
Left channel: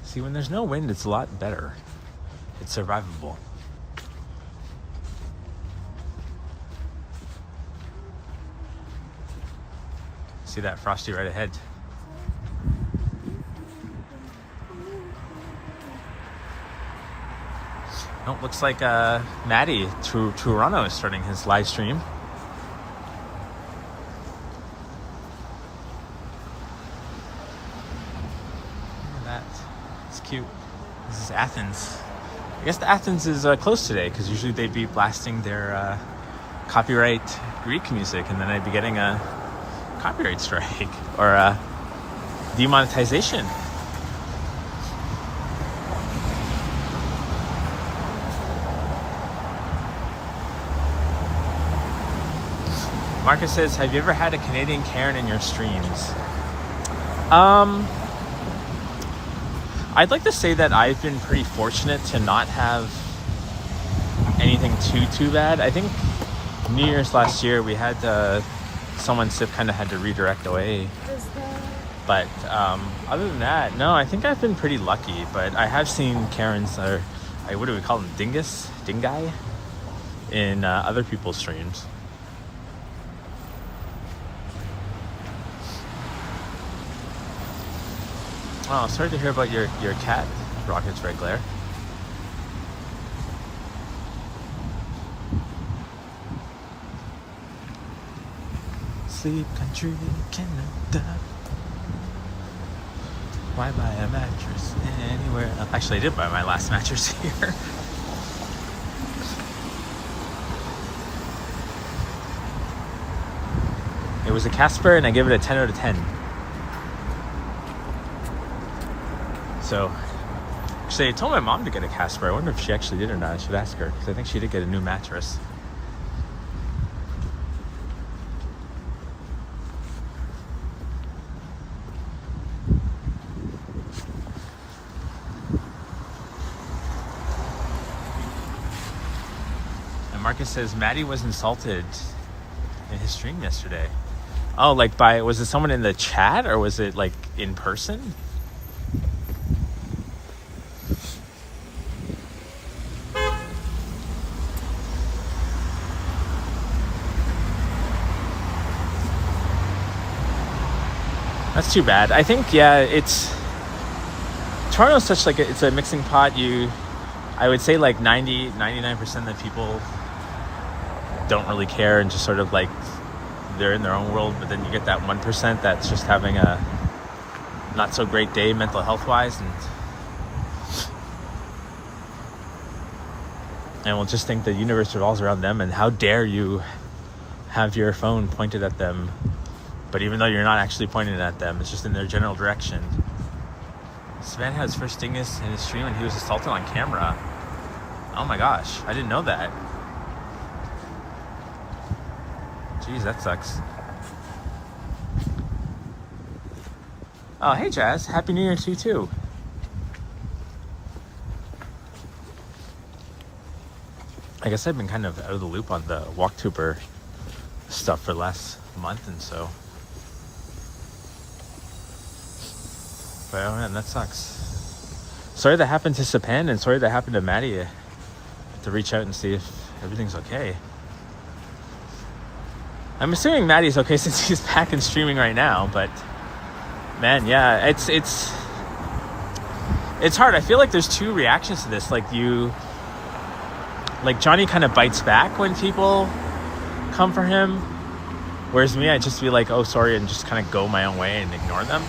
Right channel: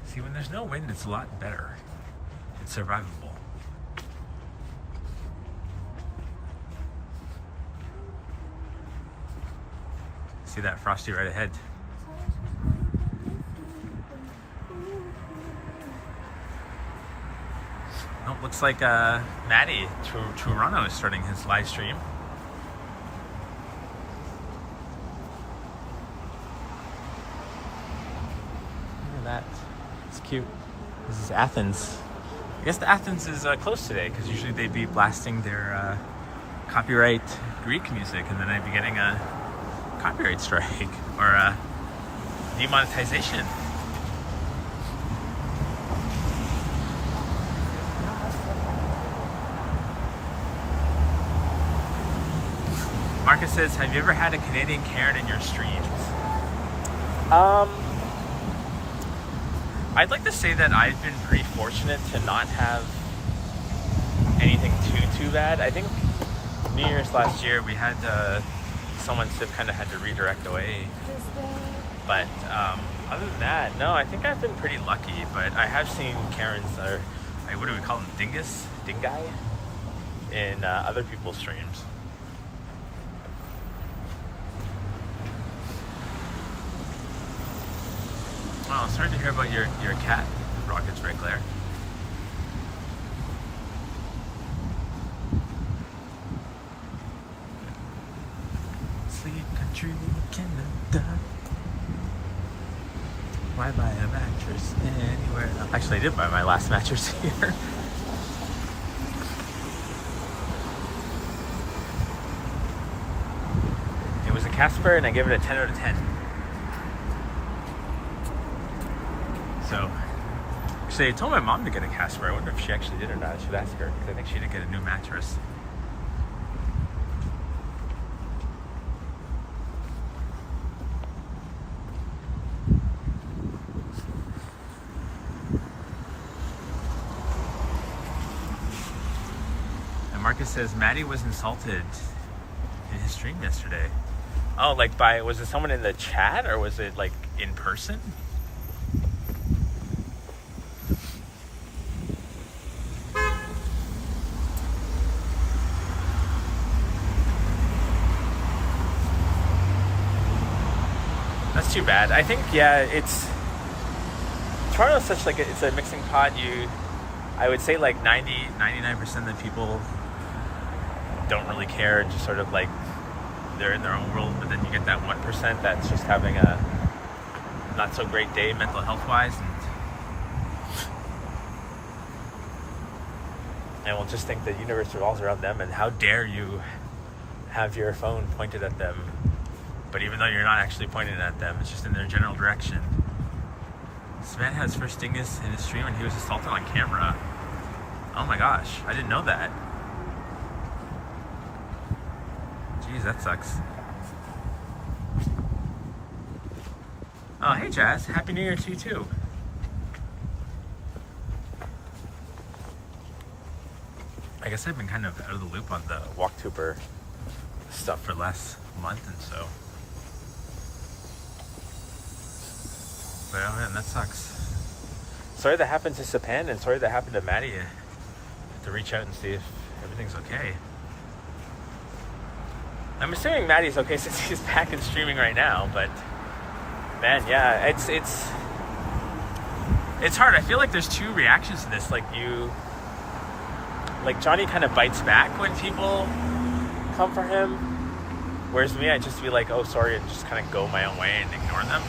See, when there's no wind, it's a lot better. It's survivable. See that frosty right ahead. Oh, looks like Maddie Toronto is starting his live stream. Look at that. It's cute. This is Athens. I guess the Athens is closed today because usually they'd be blasting their copyright Greek music, and then I'd be getting a copyright strike or demonetization. Marcus says, have you ever had a Canadian Karen in your streams? I'd like to say that I've been pretty fortunate to not have anything too bad. I think New Year's last year we had someone SIP kind of had to redirect away. But other than that, no, I think I've been pretty lucky. But I have seen Karens, or what do we call them, dingai, in other people's streams. Oh, sorry to hear about your cat, Rocket's Red Glare. Sleep country Canada. Why buy a mattress anywhere else? Actually, I did buy my last mattress here. It was a Casper, and I give it a 10 out of 10. So, actually, I told my mom to get a Casper. I wonder if she actually did or not. I should ask her, because I think she did get a new mattress. And Marcus says, Maddie was insulted in his stream yesterday. Oh, like was it someone in the chat, or was it like in person? That's too bad. I think, yeah, Toronto's such like it's a mixing pot. I would say like 99% of the people don't really care and just sort of like they're in their own world, but then you get that 1% that's just having a not so great day mental health wise, and will just think the universe revolves around them, and how dare you have your phone pointed at them, but even though you're not actually pointing at them, it's just in their general direction. This man had his first stingus in his stream when he was assaulted on camera. Oh my gosh, I didn't know that. Jeez, that sucks. Oh, hey Jazz, Happy New Year to you too. I guess I've been kind of out of the loop on the Walktuber stuff for the last month and so. But oh man, that sucks. Sorry that happened to Sapan, and sorry that happened to Maddie. I have to reach out and see if everything's okay. I'm assuming Maddie's okay since she's back and streaming right now, but man, yeah, it's hard. I feel like there's two reactions to this. Like Johnny kind of bites back when people come for him, whereas me, I just be like, oh sorry, and just kind of go my own way and ignore them.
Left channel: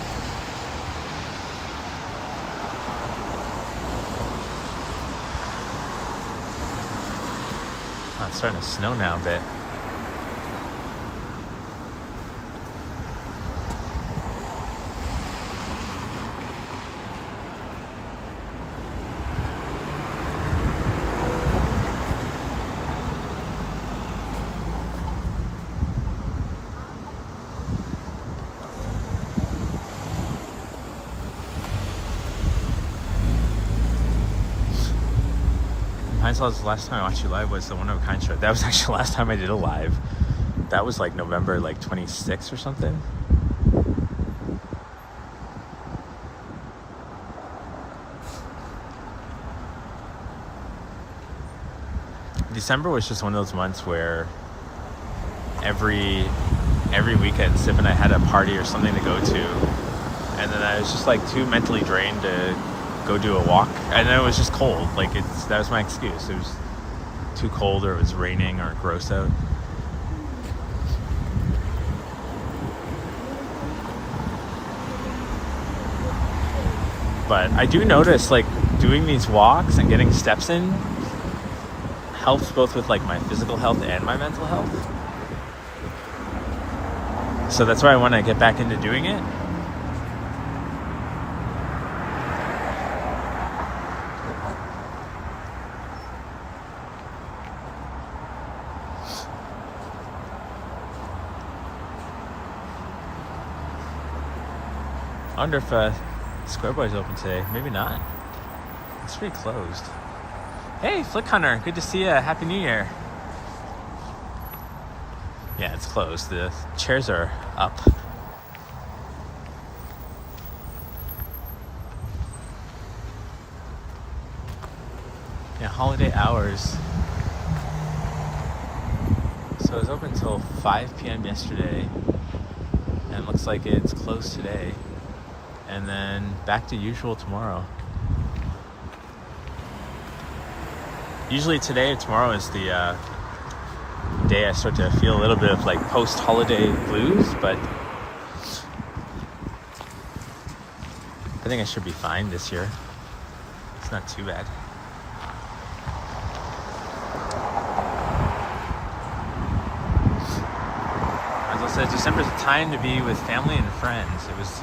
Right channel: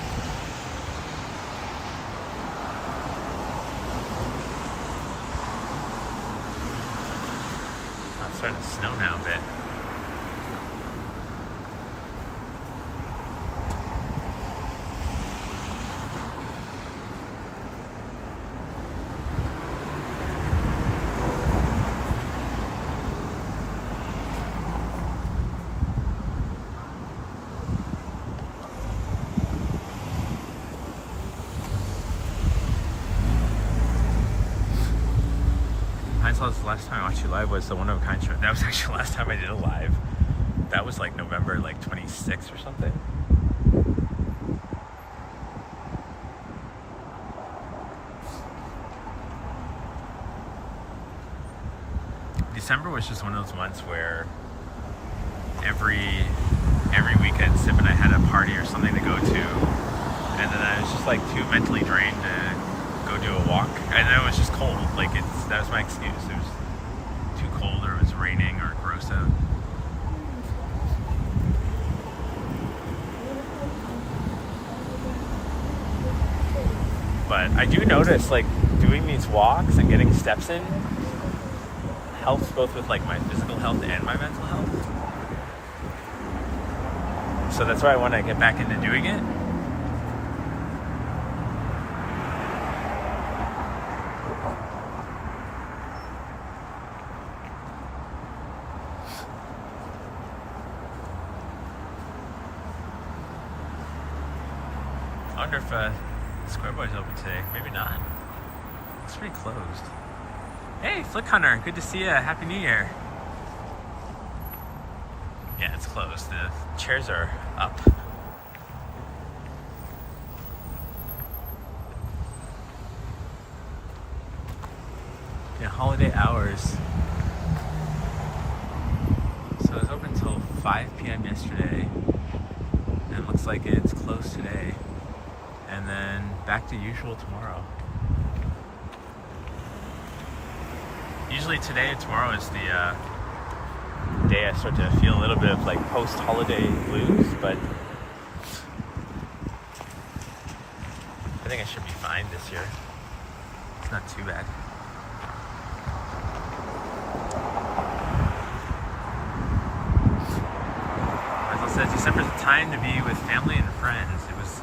Oh, it's starting to snow now a bit. The last time I watched you live was the One of a Kind show. That was actually the last time I did a live. That was like November 26th or something. December was just one of those months where every weekend Sip and I had a party or something to go to, and then I was just like too mentally drained to go do a walk. I know it was just cold. That was my excuse. It was too cold, or it was raining, or gross out. But I do notice doing these walks and getting steps in helps both with my physical health and my mental health. So that's why I want to get back into doing it. I wonder if Square Boy's open today. Maybe not. It's pretty closed. Hey, Flick Hunter, good to see you. Happy New Year. Yeah, it's closed. The chairs are up. Yeah, holiday hours. So it was open until 5 p.m. yesterday, and it looks like it's closed today. And then back to usual tomorrow. Usually today and tomorrow is the day I start to feel a little bit of post-holiday blues, but I think I should be fine this year. It's not too bad. As I said, December's the time to be with family and friends. It was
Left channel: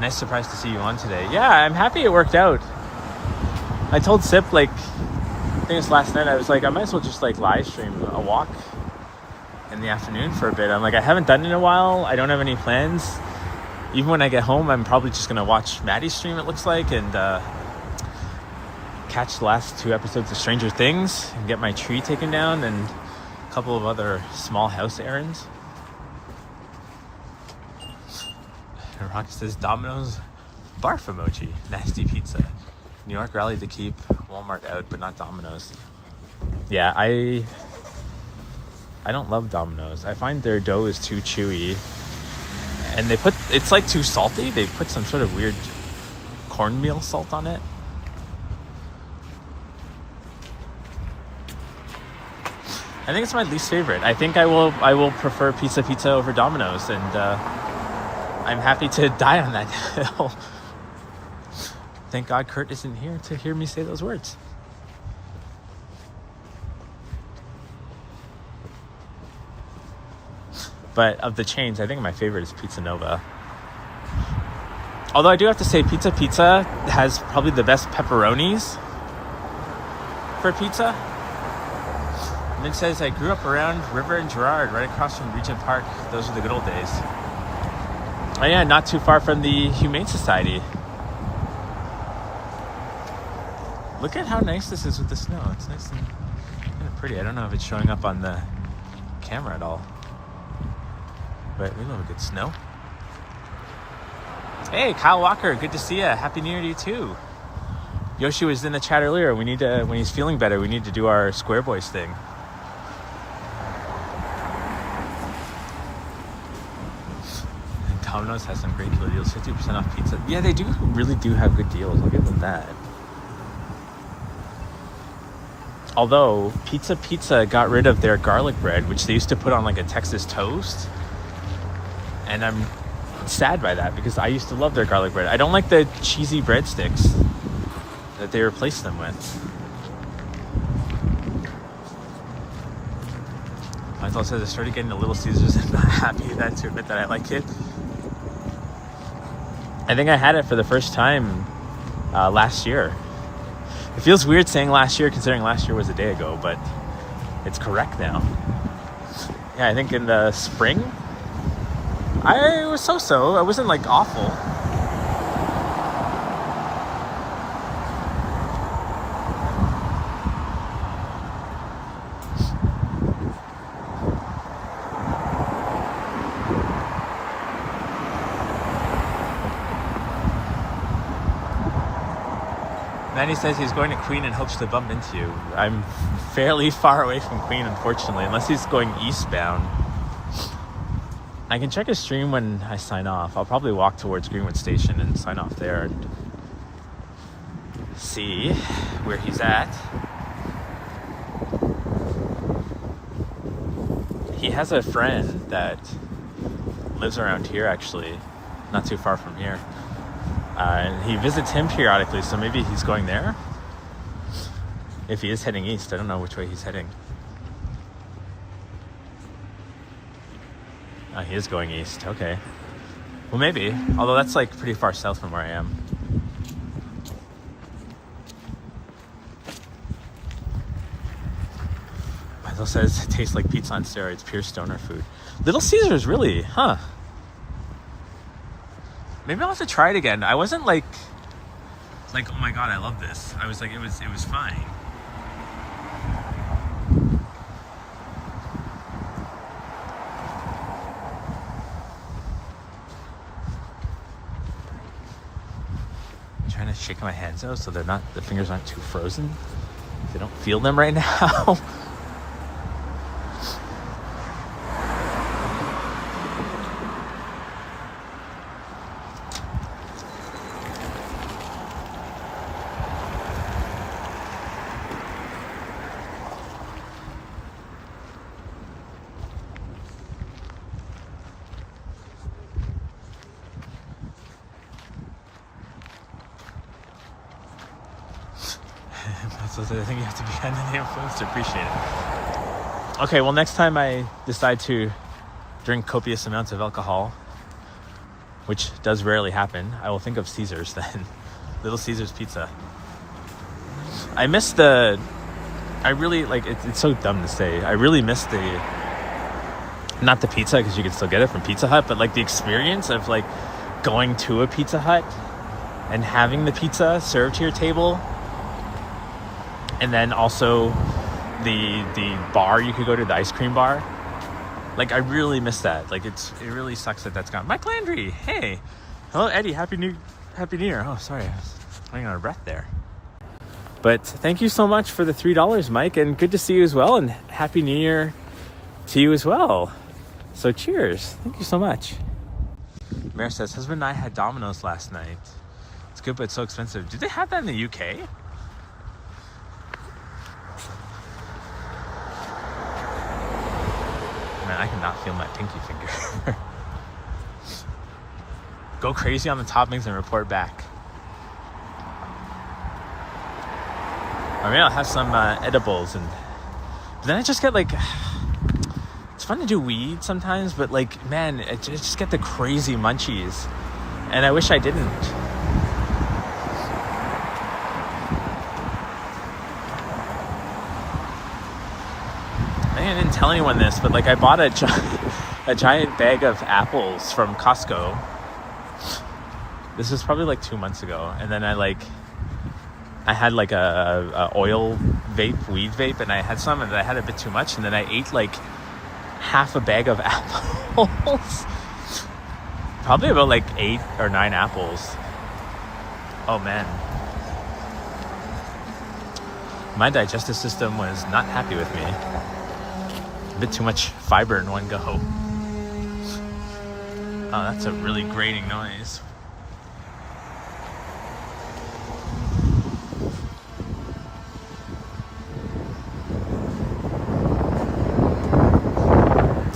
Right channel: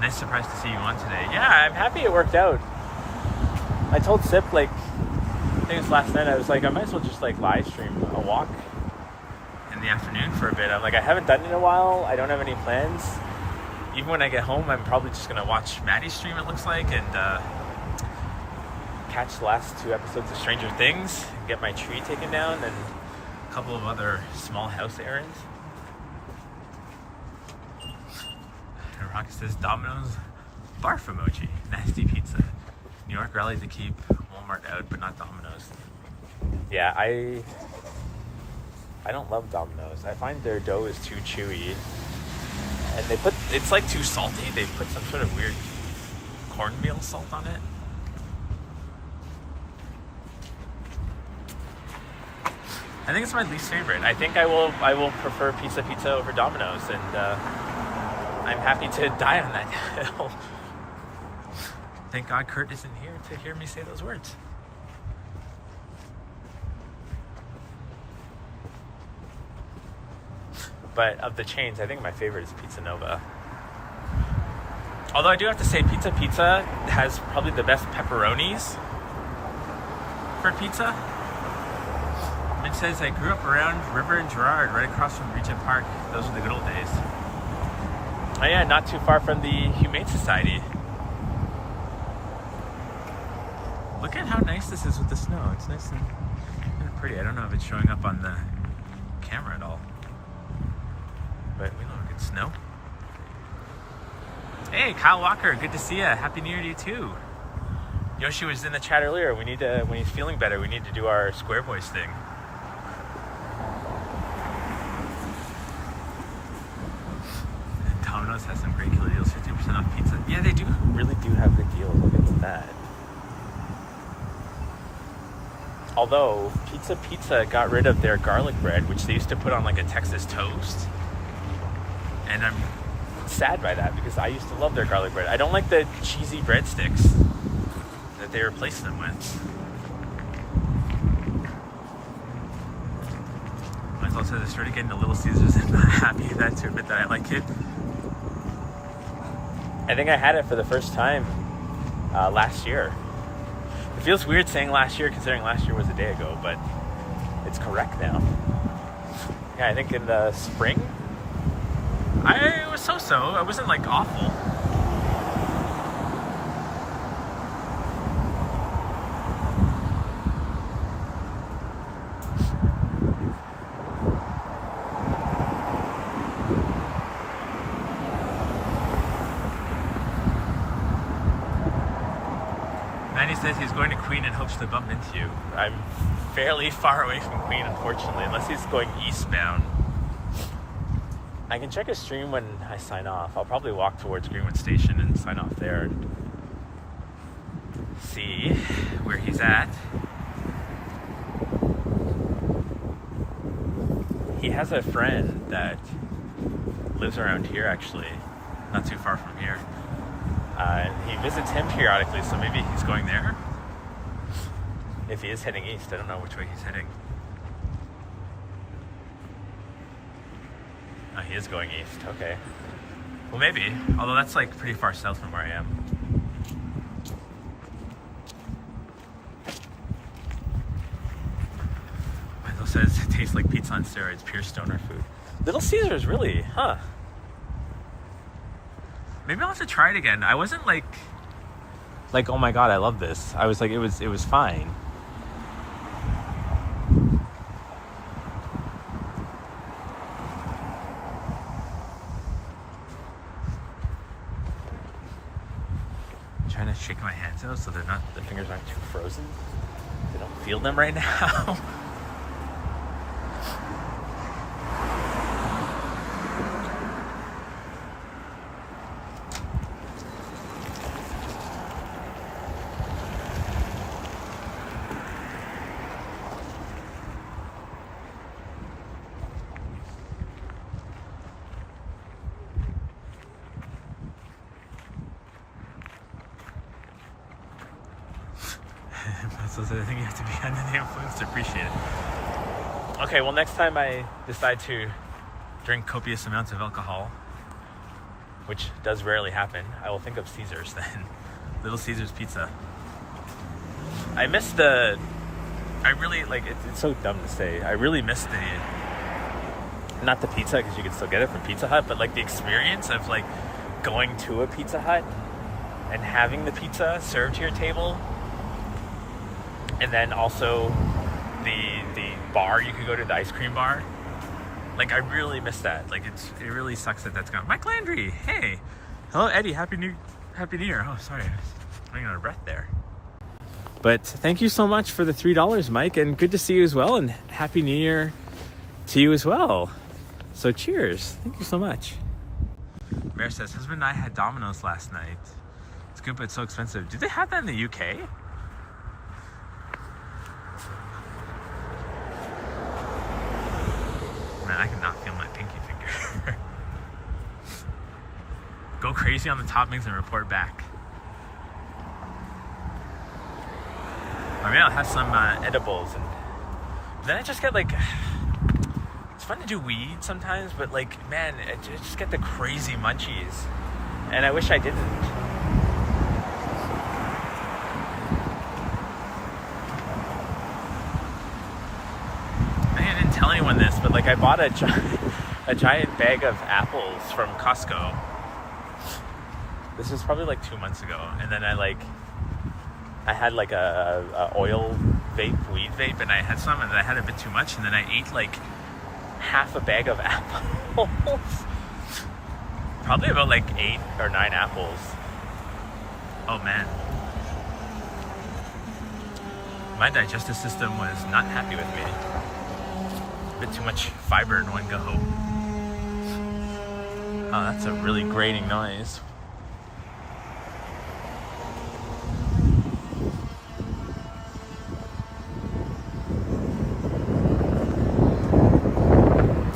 nice surprise to see you on today. Yeah, I'm happy it worked out. I told Sip, I think it's last night, I was like, I might as well just live stream a walk in the afternoon for a bit. I'm like, I haven't done it in a while. I don't have any plans. Even when I get home, I'm probably just gonna watch Maddie's stream, it looks like, and catch the last 2 episodes of Stranger Things and get my tree taken down and a couple of other small house errands. Rock says Domino's barf emoji. Nasty pizza. New York rallied to keep Walmart out, but not Domino's. Yeah, I don't love Domino's. I find their dough is too chewy, and it's too salty. They put some sort of weird cornmeal salt on it. I think it's my least favorite. I think I will prefer Pizza over Domino's, and I'm happy to die on that hill. Thank God Kurt isn't here to hear me say those words. But of the chains, I think my favorite is Pizza Nova. Although I do have to say, Pizza has probably the best pepperonis for pizza. Min says, I grew up around River and Gerard, right across from Regent Park. Those were the good old days. Oh yeah, not too far from the Humane Society. Look at how nice this is with the snow. It's nice and kind of pretty. I don't know if it's showing up on the camera at all. But we love a good snow. Hey, Kyle Walker, good to see you. Happy New Year to you too. Yoshi was in the chat earlier. We need to, when he's feeling better, we need to do our Square Boys thing. Domino's has some great killer deals. 50% off pizza. Yeah, they really do have good deals. We'll get to that. Although Pizza got rid of their garlic bread, which they used to put on like a Texas toast, and I'm sad by that because I used to love their garlic bread. I don't like the cheesy breadsticks that they replaced them with. Michael says I started getting the Little Caesars and not happy that to admit that I like it. I think I had it for the first time last year. It feels weird saying last year considering last year was a day ago, but it's correct now. Yeah, I think in the spring, I was so-so. I wasn't like awful. Manny says he's going to Queen and hopes to bump into you. I'm fairly far away from Queen, unfortunately, unless he's going eastbound. I can check his stream when I sign off. I'll probably walk towards Greenwood Station and sign off there and see where he's at. He has a friend that lives around here, actually, not too far from here. And he visits him periodically, so maybe he's going there. If he is heading east, I don't know which way he's heading. He is going east, okay. Well, maybe, although that's like pretty far south from where I am. Michael says, it tastes like pizza on steroids, pure stoner food. Little Caesars, really, huh? Maybe I'll have to try it again. I wasn't like, oh my God, I love this. I was like, it was fine. I'm trying to shake my hands out so the fingers aren't too frozen. I don't feel them right now. So I think you have to be under the influence to appreciate it. Okay, well, next time I decide to drink copious amounts of alcohol, which does rarely happen, I will think of Caesars then. Little Caesars pizza. I miss I really, like, it's so dumb to say. I really miss not the pizza, because you can still get it from Pizza Hut, but like the experience of like going to a Pizza Hut and having the pizza served to your table. And then also the bar you could go to, the ice cream bar. Like, I really miss that. Like, it really sucks that that's gone. Mike Landry, hey. Hello, Eddie. Happy New Year. Oh, sorry. I was running out of breath there. But thank you so much for the $3, Mike. And good to see you as well. And Happy New Year to you as well. So cheers. Thank you so much. Mare says, husband and I had Domino's last night. It's good, but it's so expensive. Do they have that in the UK? man, I cannot feel my pinky finger. Go crazy on the toppings and report back. Or maybe I'll have some edibles, and then I just get like, it's fun to do weed sometimes, but like, man, I just get the crazy munchies, and I wish I didn't. I think I didn't tell anyone this, but like I bought a giant bag of apples from Costco. This was probably like 2 months ago, and then I had like a oil vape, weed vape, and I had some, and I had a bit too much, and then I ate like half a bag of apples. Probably about like 8 or 9 apples. Oh man. My digestive system was not happy with me. A bit too much fiber in one go. Oh, that's a really grating noise.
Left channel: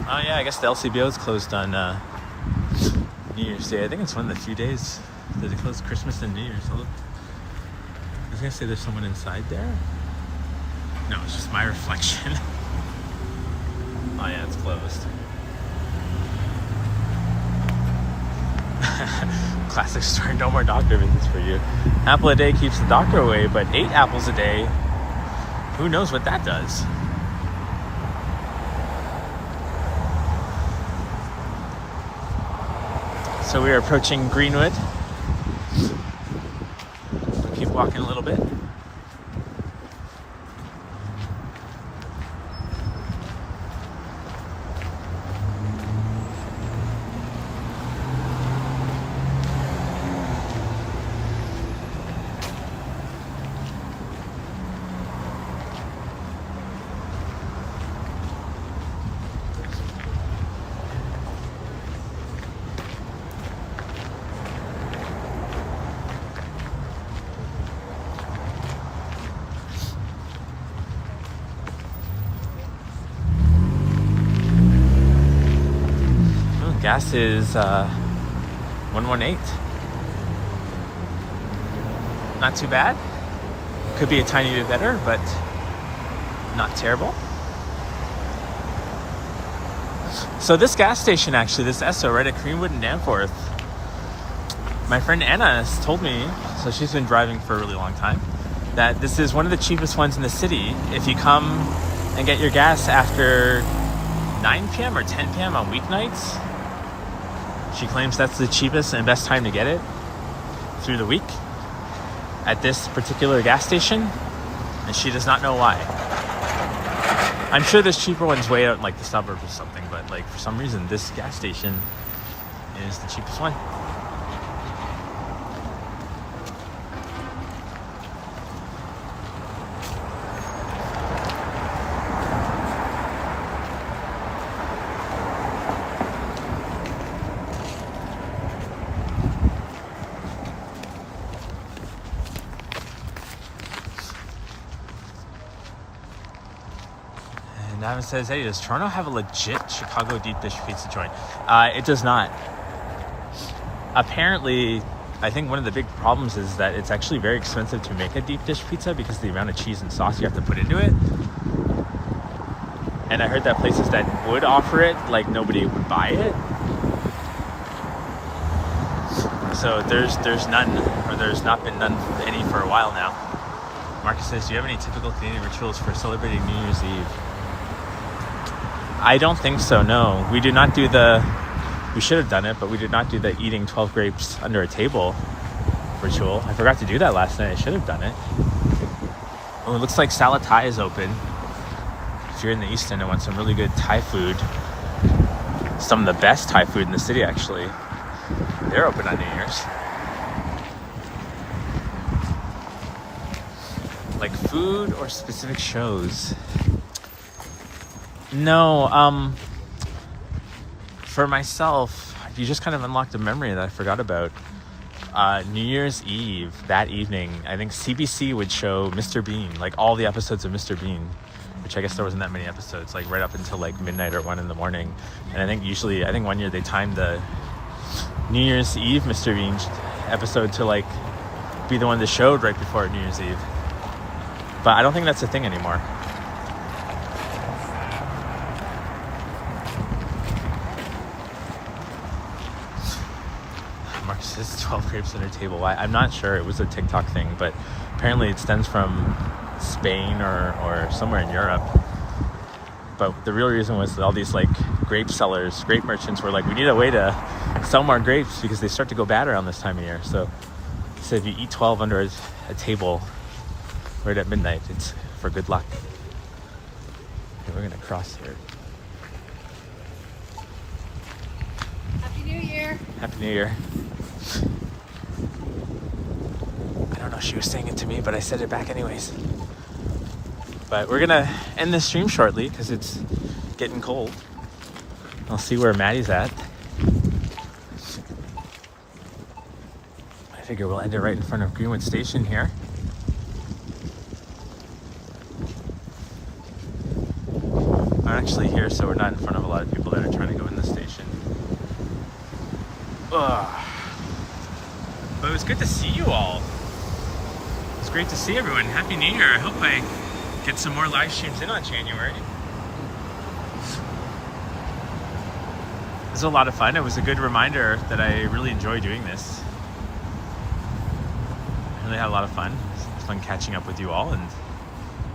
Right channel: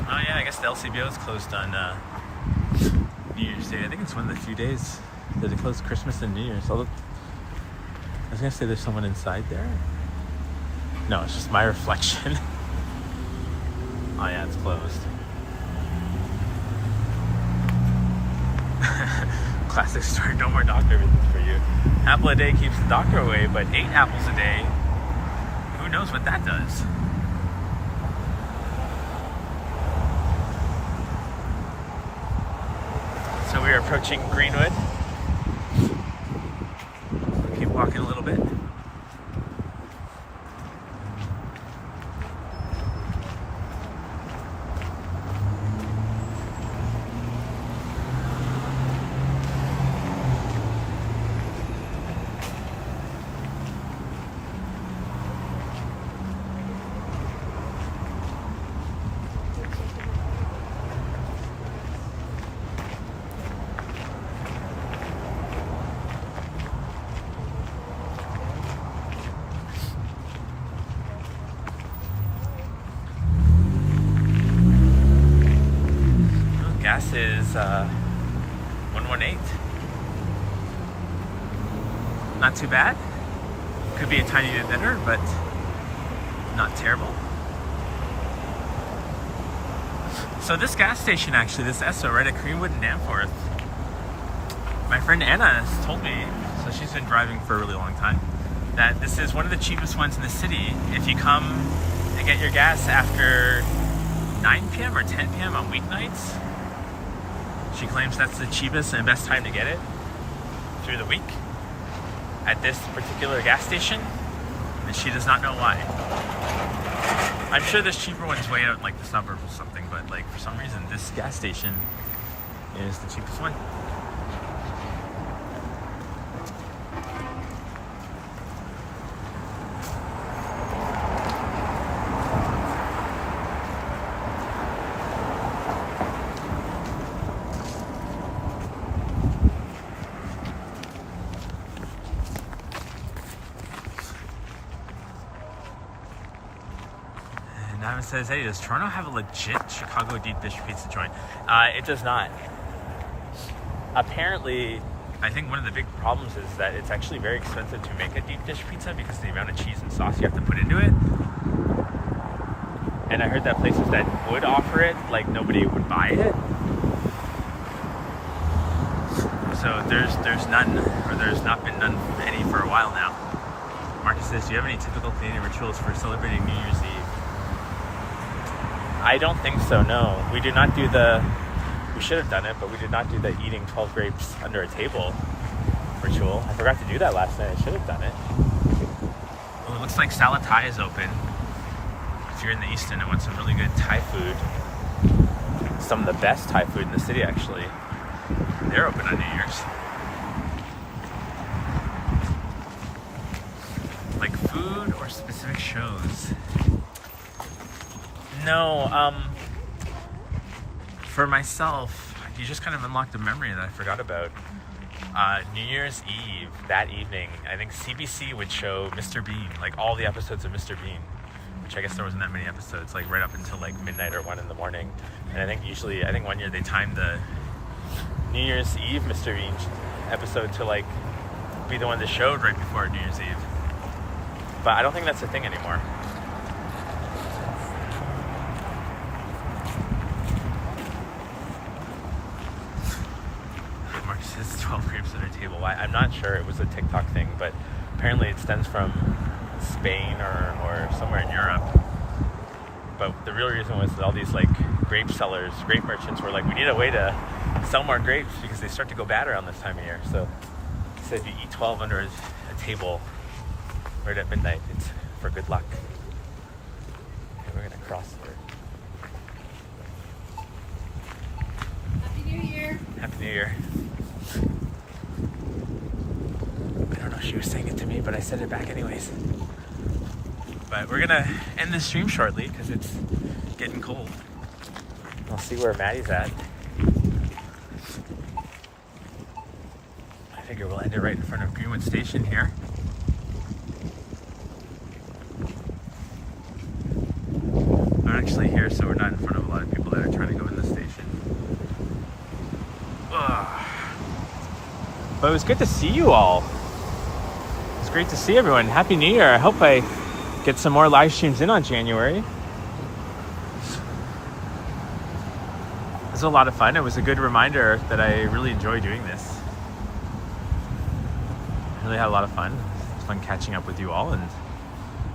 I guess the LCBO is closed on New Year's Day. I think it's one of the few days that they close Christmas and New Year's. I was gonna say there's someone inside there. No, it's just my reflection. Oh yeah, it's closed. Classic story, no more doctor visits for you. Apple a day keeps the doctor away, but 8 apples a day, who knows what that does? So we are approaching Greenwood. We'll keep walking a little bit. Gas is 118. Not too bad. Could be a tiny bit better, but not terrible. So this gas station, actually, this Esso right at Greenwood and Danforth, my friend Anna has told me, so she's been driving for a really long time, that this is one of the cheapest ones in the city. If you come and get your gas after 9 p.m. or 10 p.m. on weeknights, she claims that's the cheapest and best time to get it through the week at this particular gas station, and she does not know why. I'm sure there's cheaper ones way out in like the suburbs or something, but like for some reason this gas station is the cheapest one. It says, hey, does Toronto have a legit Chicago deep dish pizza joint? It does not. Apparently, I think one of the big problems is that it's actually very expensive to make a deep dish pizza because of the amount of cheese and sauce you have to put into it. And I heard that places that would offer it, like nobody would buy it. So there's none, or there's not been none any for a while now. Marcus says, do you have any typical Canadian rituals for celebrating New Year's Eve? I don't think so, no. We do not do we should have done it, but we did not do the eating 12 grapes under a table ritual. I forgot to do that last night. I should have done it. Well, it looks like Salad Thai is open. If you're in the East End and want some really good Thai food, some of the best Thai food in the city, actually, they're open on New Year's. Like food or specific shows? No, for myself, you just kind of unlocked a memory that I forgot about. New Year's Eve, that evening, I think CBC would show Mr. Bean, like all the episodes of Mr. Bean, which I guess there wasn't that many episodes, like right up until like midnight or 1 in the morning. And I think one year they timed the New Year's Eve Mr. Bean episode to like be the one that showed right before New Year's Eve. But I don't think that's a thing anymore. Mark says 12 grapes at a table. I'm not sure. It was a TikTok thing, but apparently it stems from Spain or somewhere in Europe. But the real reason was that all these like grape sellers, grape merchants were like, we need a way to sell more grapes because they start to go bad around this time of year. So if you eat 12 under a table right at midnight, it's for good luck. Okay, we're gonna cross here. Happy New Year. Happy New Year. I don't know if she was saying it to me, but I said it back anyways. But we're gonna end the stream shortly because it's getting cold. I'll see where Maddie's at. I figure we'll end it right in front of Greenwood Station here. I'm actually here, so we're not in front of a lot of people that are trying to go in the station. Ugh. But it was good to see you all. It's great to see everyone. Happy New Year. I hope I get some more live streams in on January. It was a lot of fun. It was a good reminder that I really enjoy doing this. I really had a lot of fun. It's fun catching up with you all and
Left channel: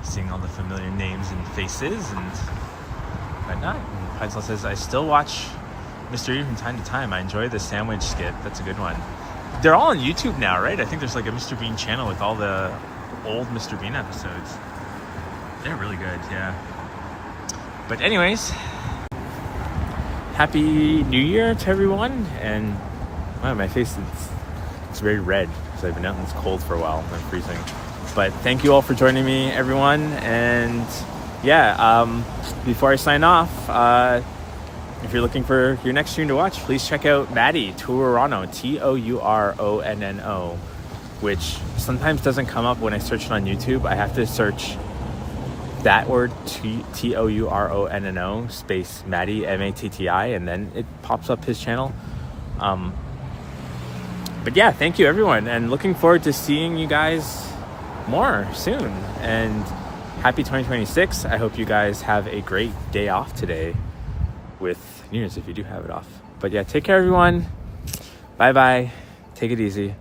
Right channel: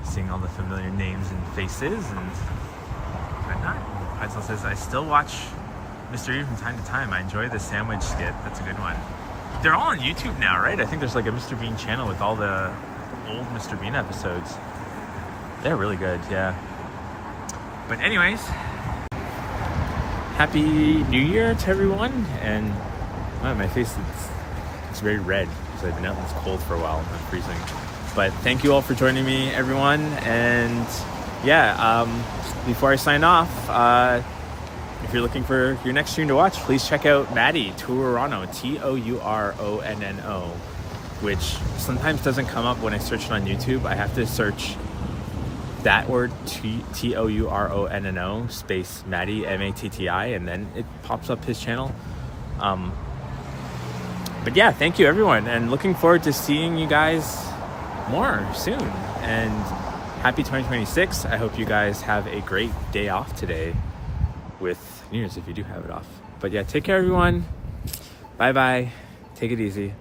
seeing all the familiar names and faces and whatnot. Heidsel says, I still watch Mr. E from time to time. I enjoy the sandwich skit. That's a good one. They're all on YouTube now, right? I think there's like a Mr. Bean channel with all the old Mr. Bean episodes. They're really good, yeah. But anyways, Happy New Year to everyone. And wow, my face it's very red because I've been out in this cold for a while and I'm freezing. But thank you all for joining me, everyone. And yeah, before I sign off, if you're looking for your next stream to watch, please check out Maddie Touronno, Touronno, which sometimes doesn't come up when I search it on YouTube. I have to search that word, Touronno, space Maddie, Matti, and then it pops up his channel. But yeah, thank you everyone, and looking forward to seeing you guys more soon. And happy 2026. I hope you guys have a great day off today with New Year's if you do have it off. But yeah, take care everyone. Bye bye. Take it easy.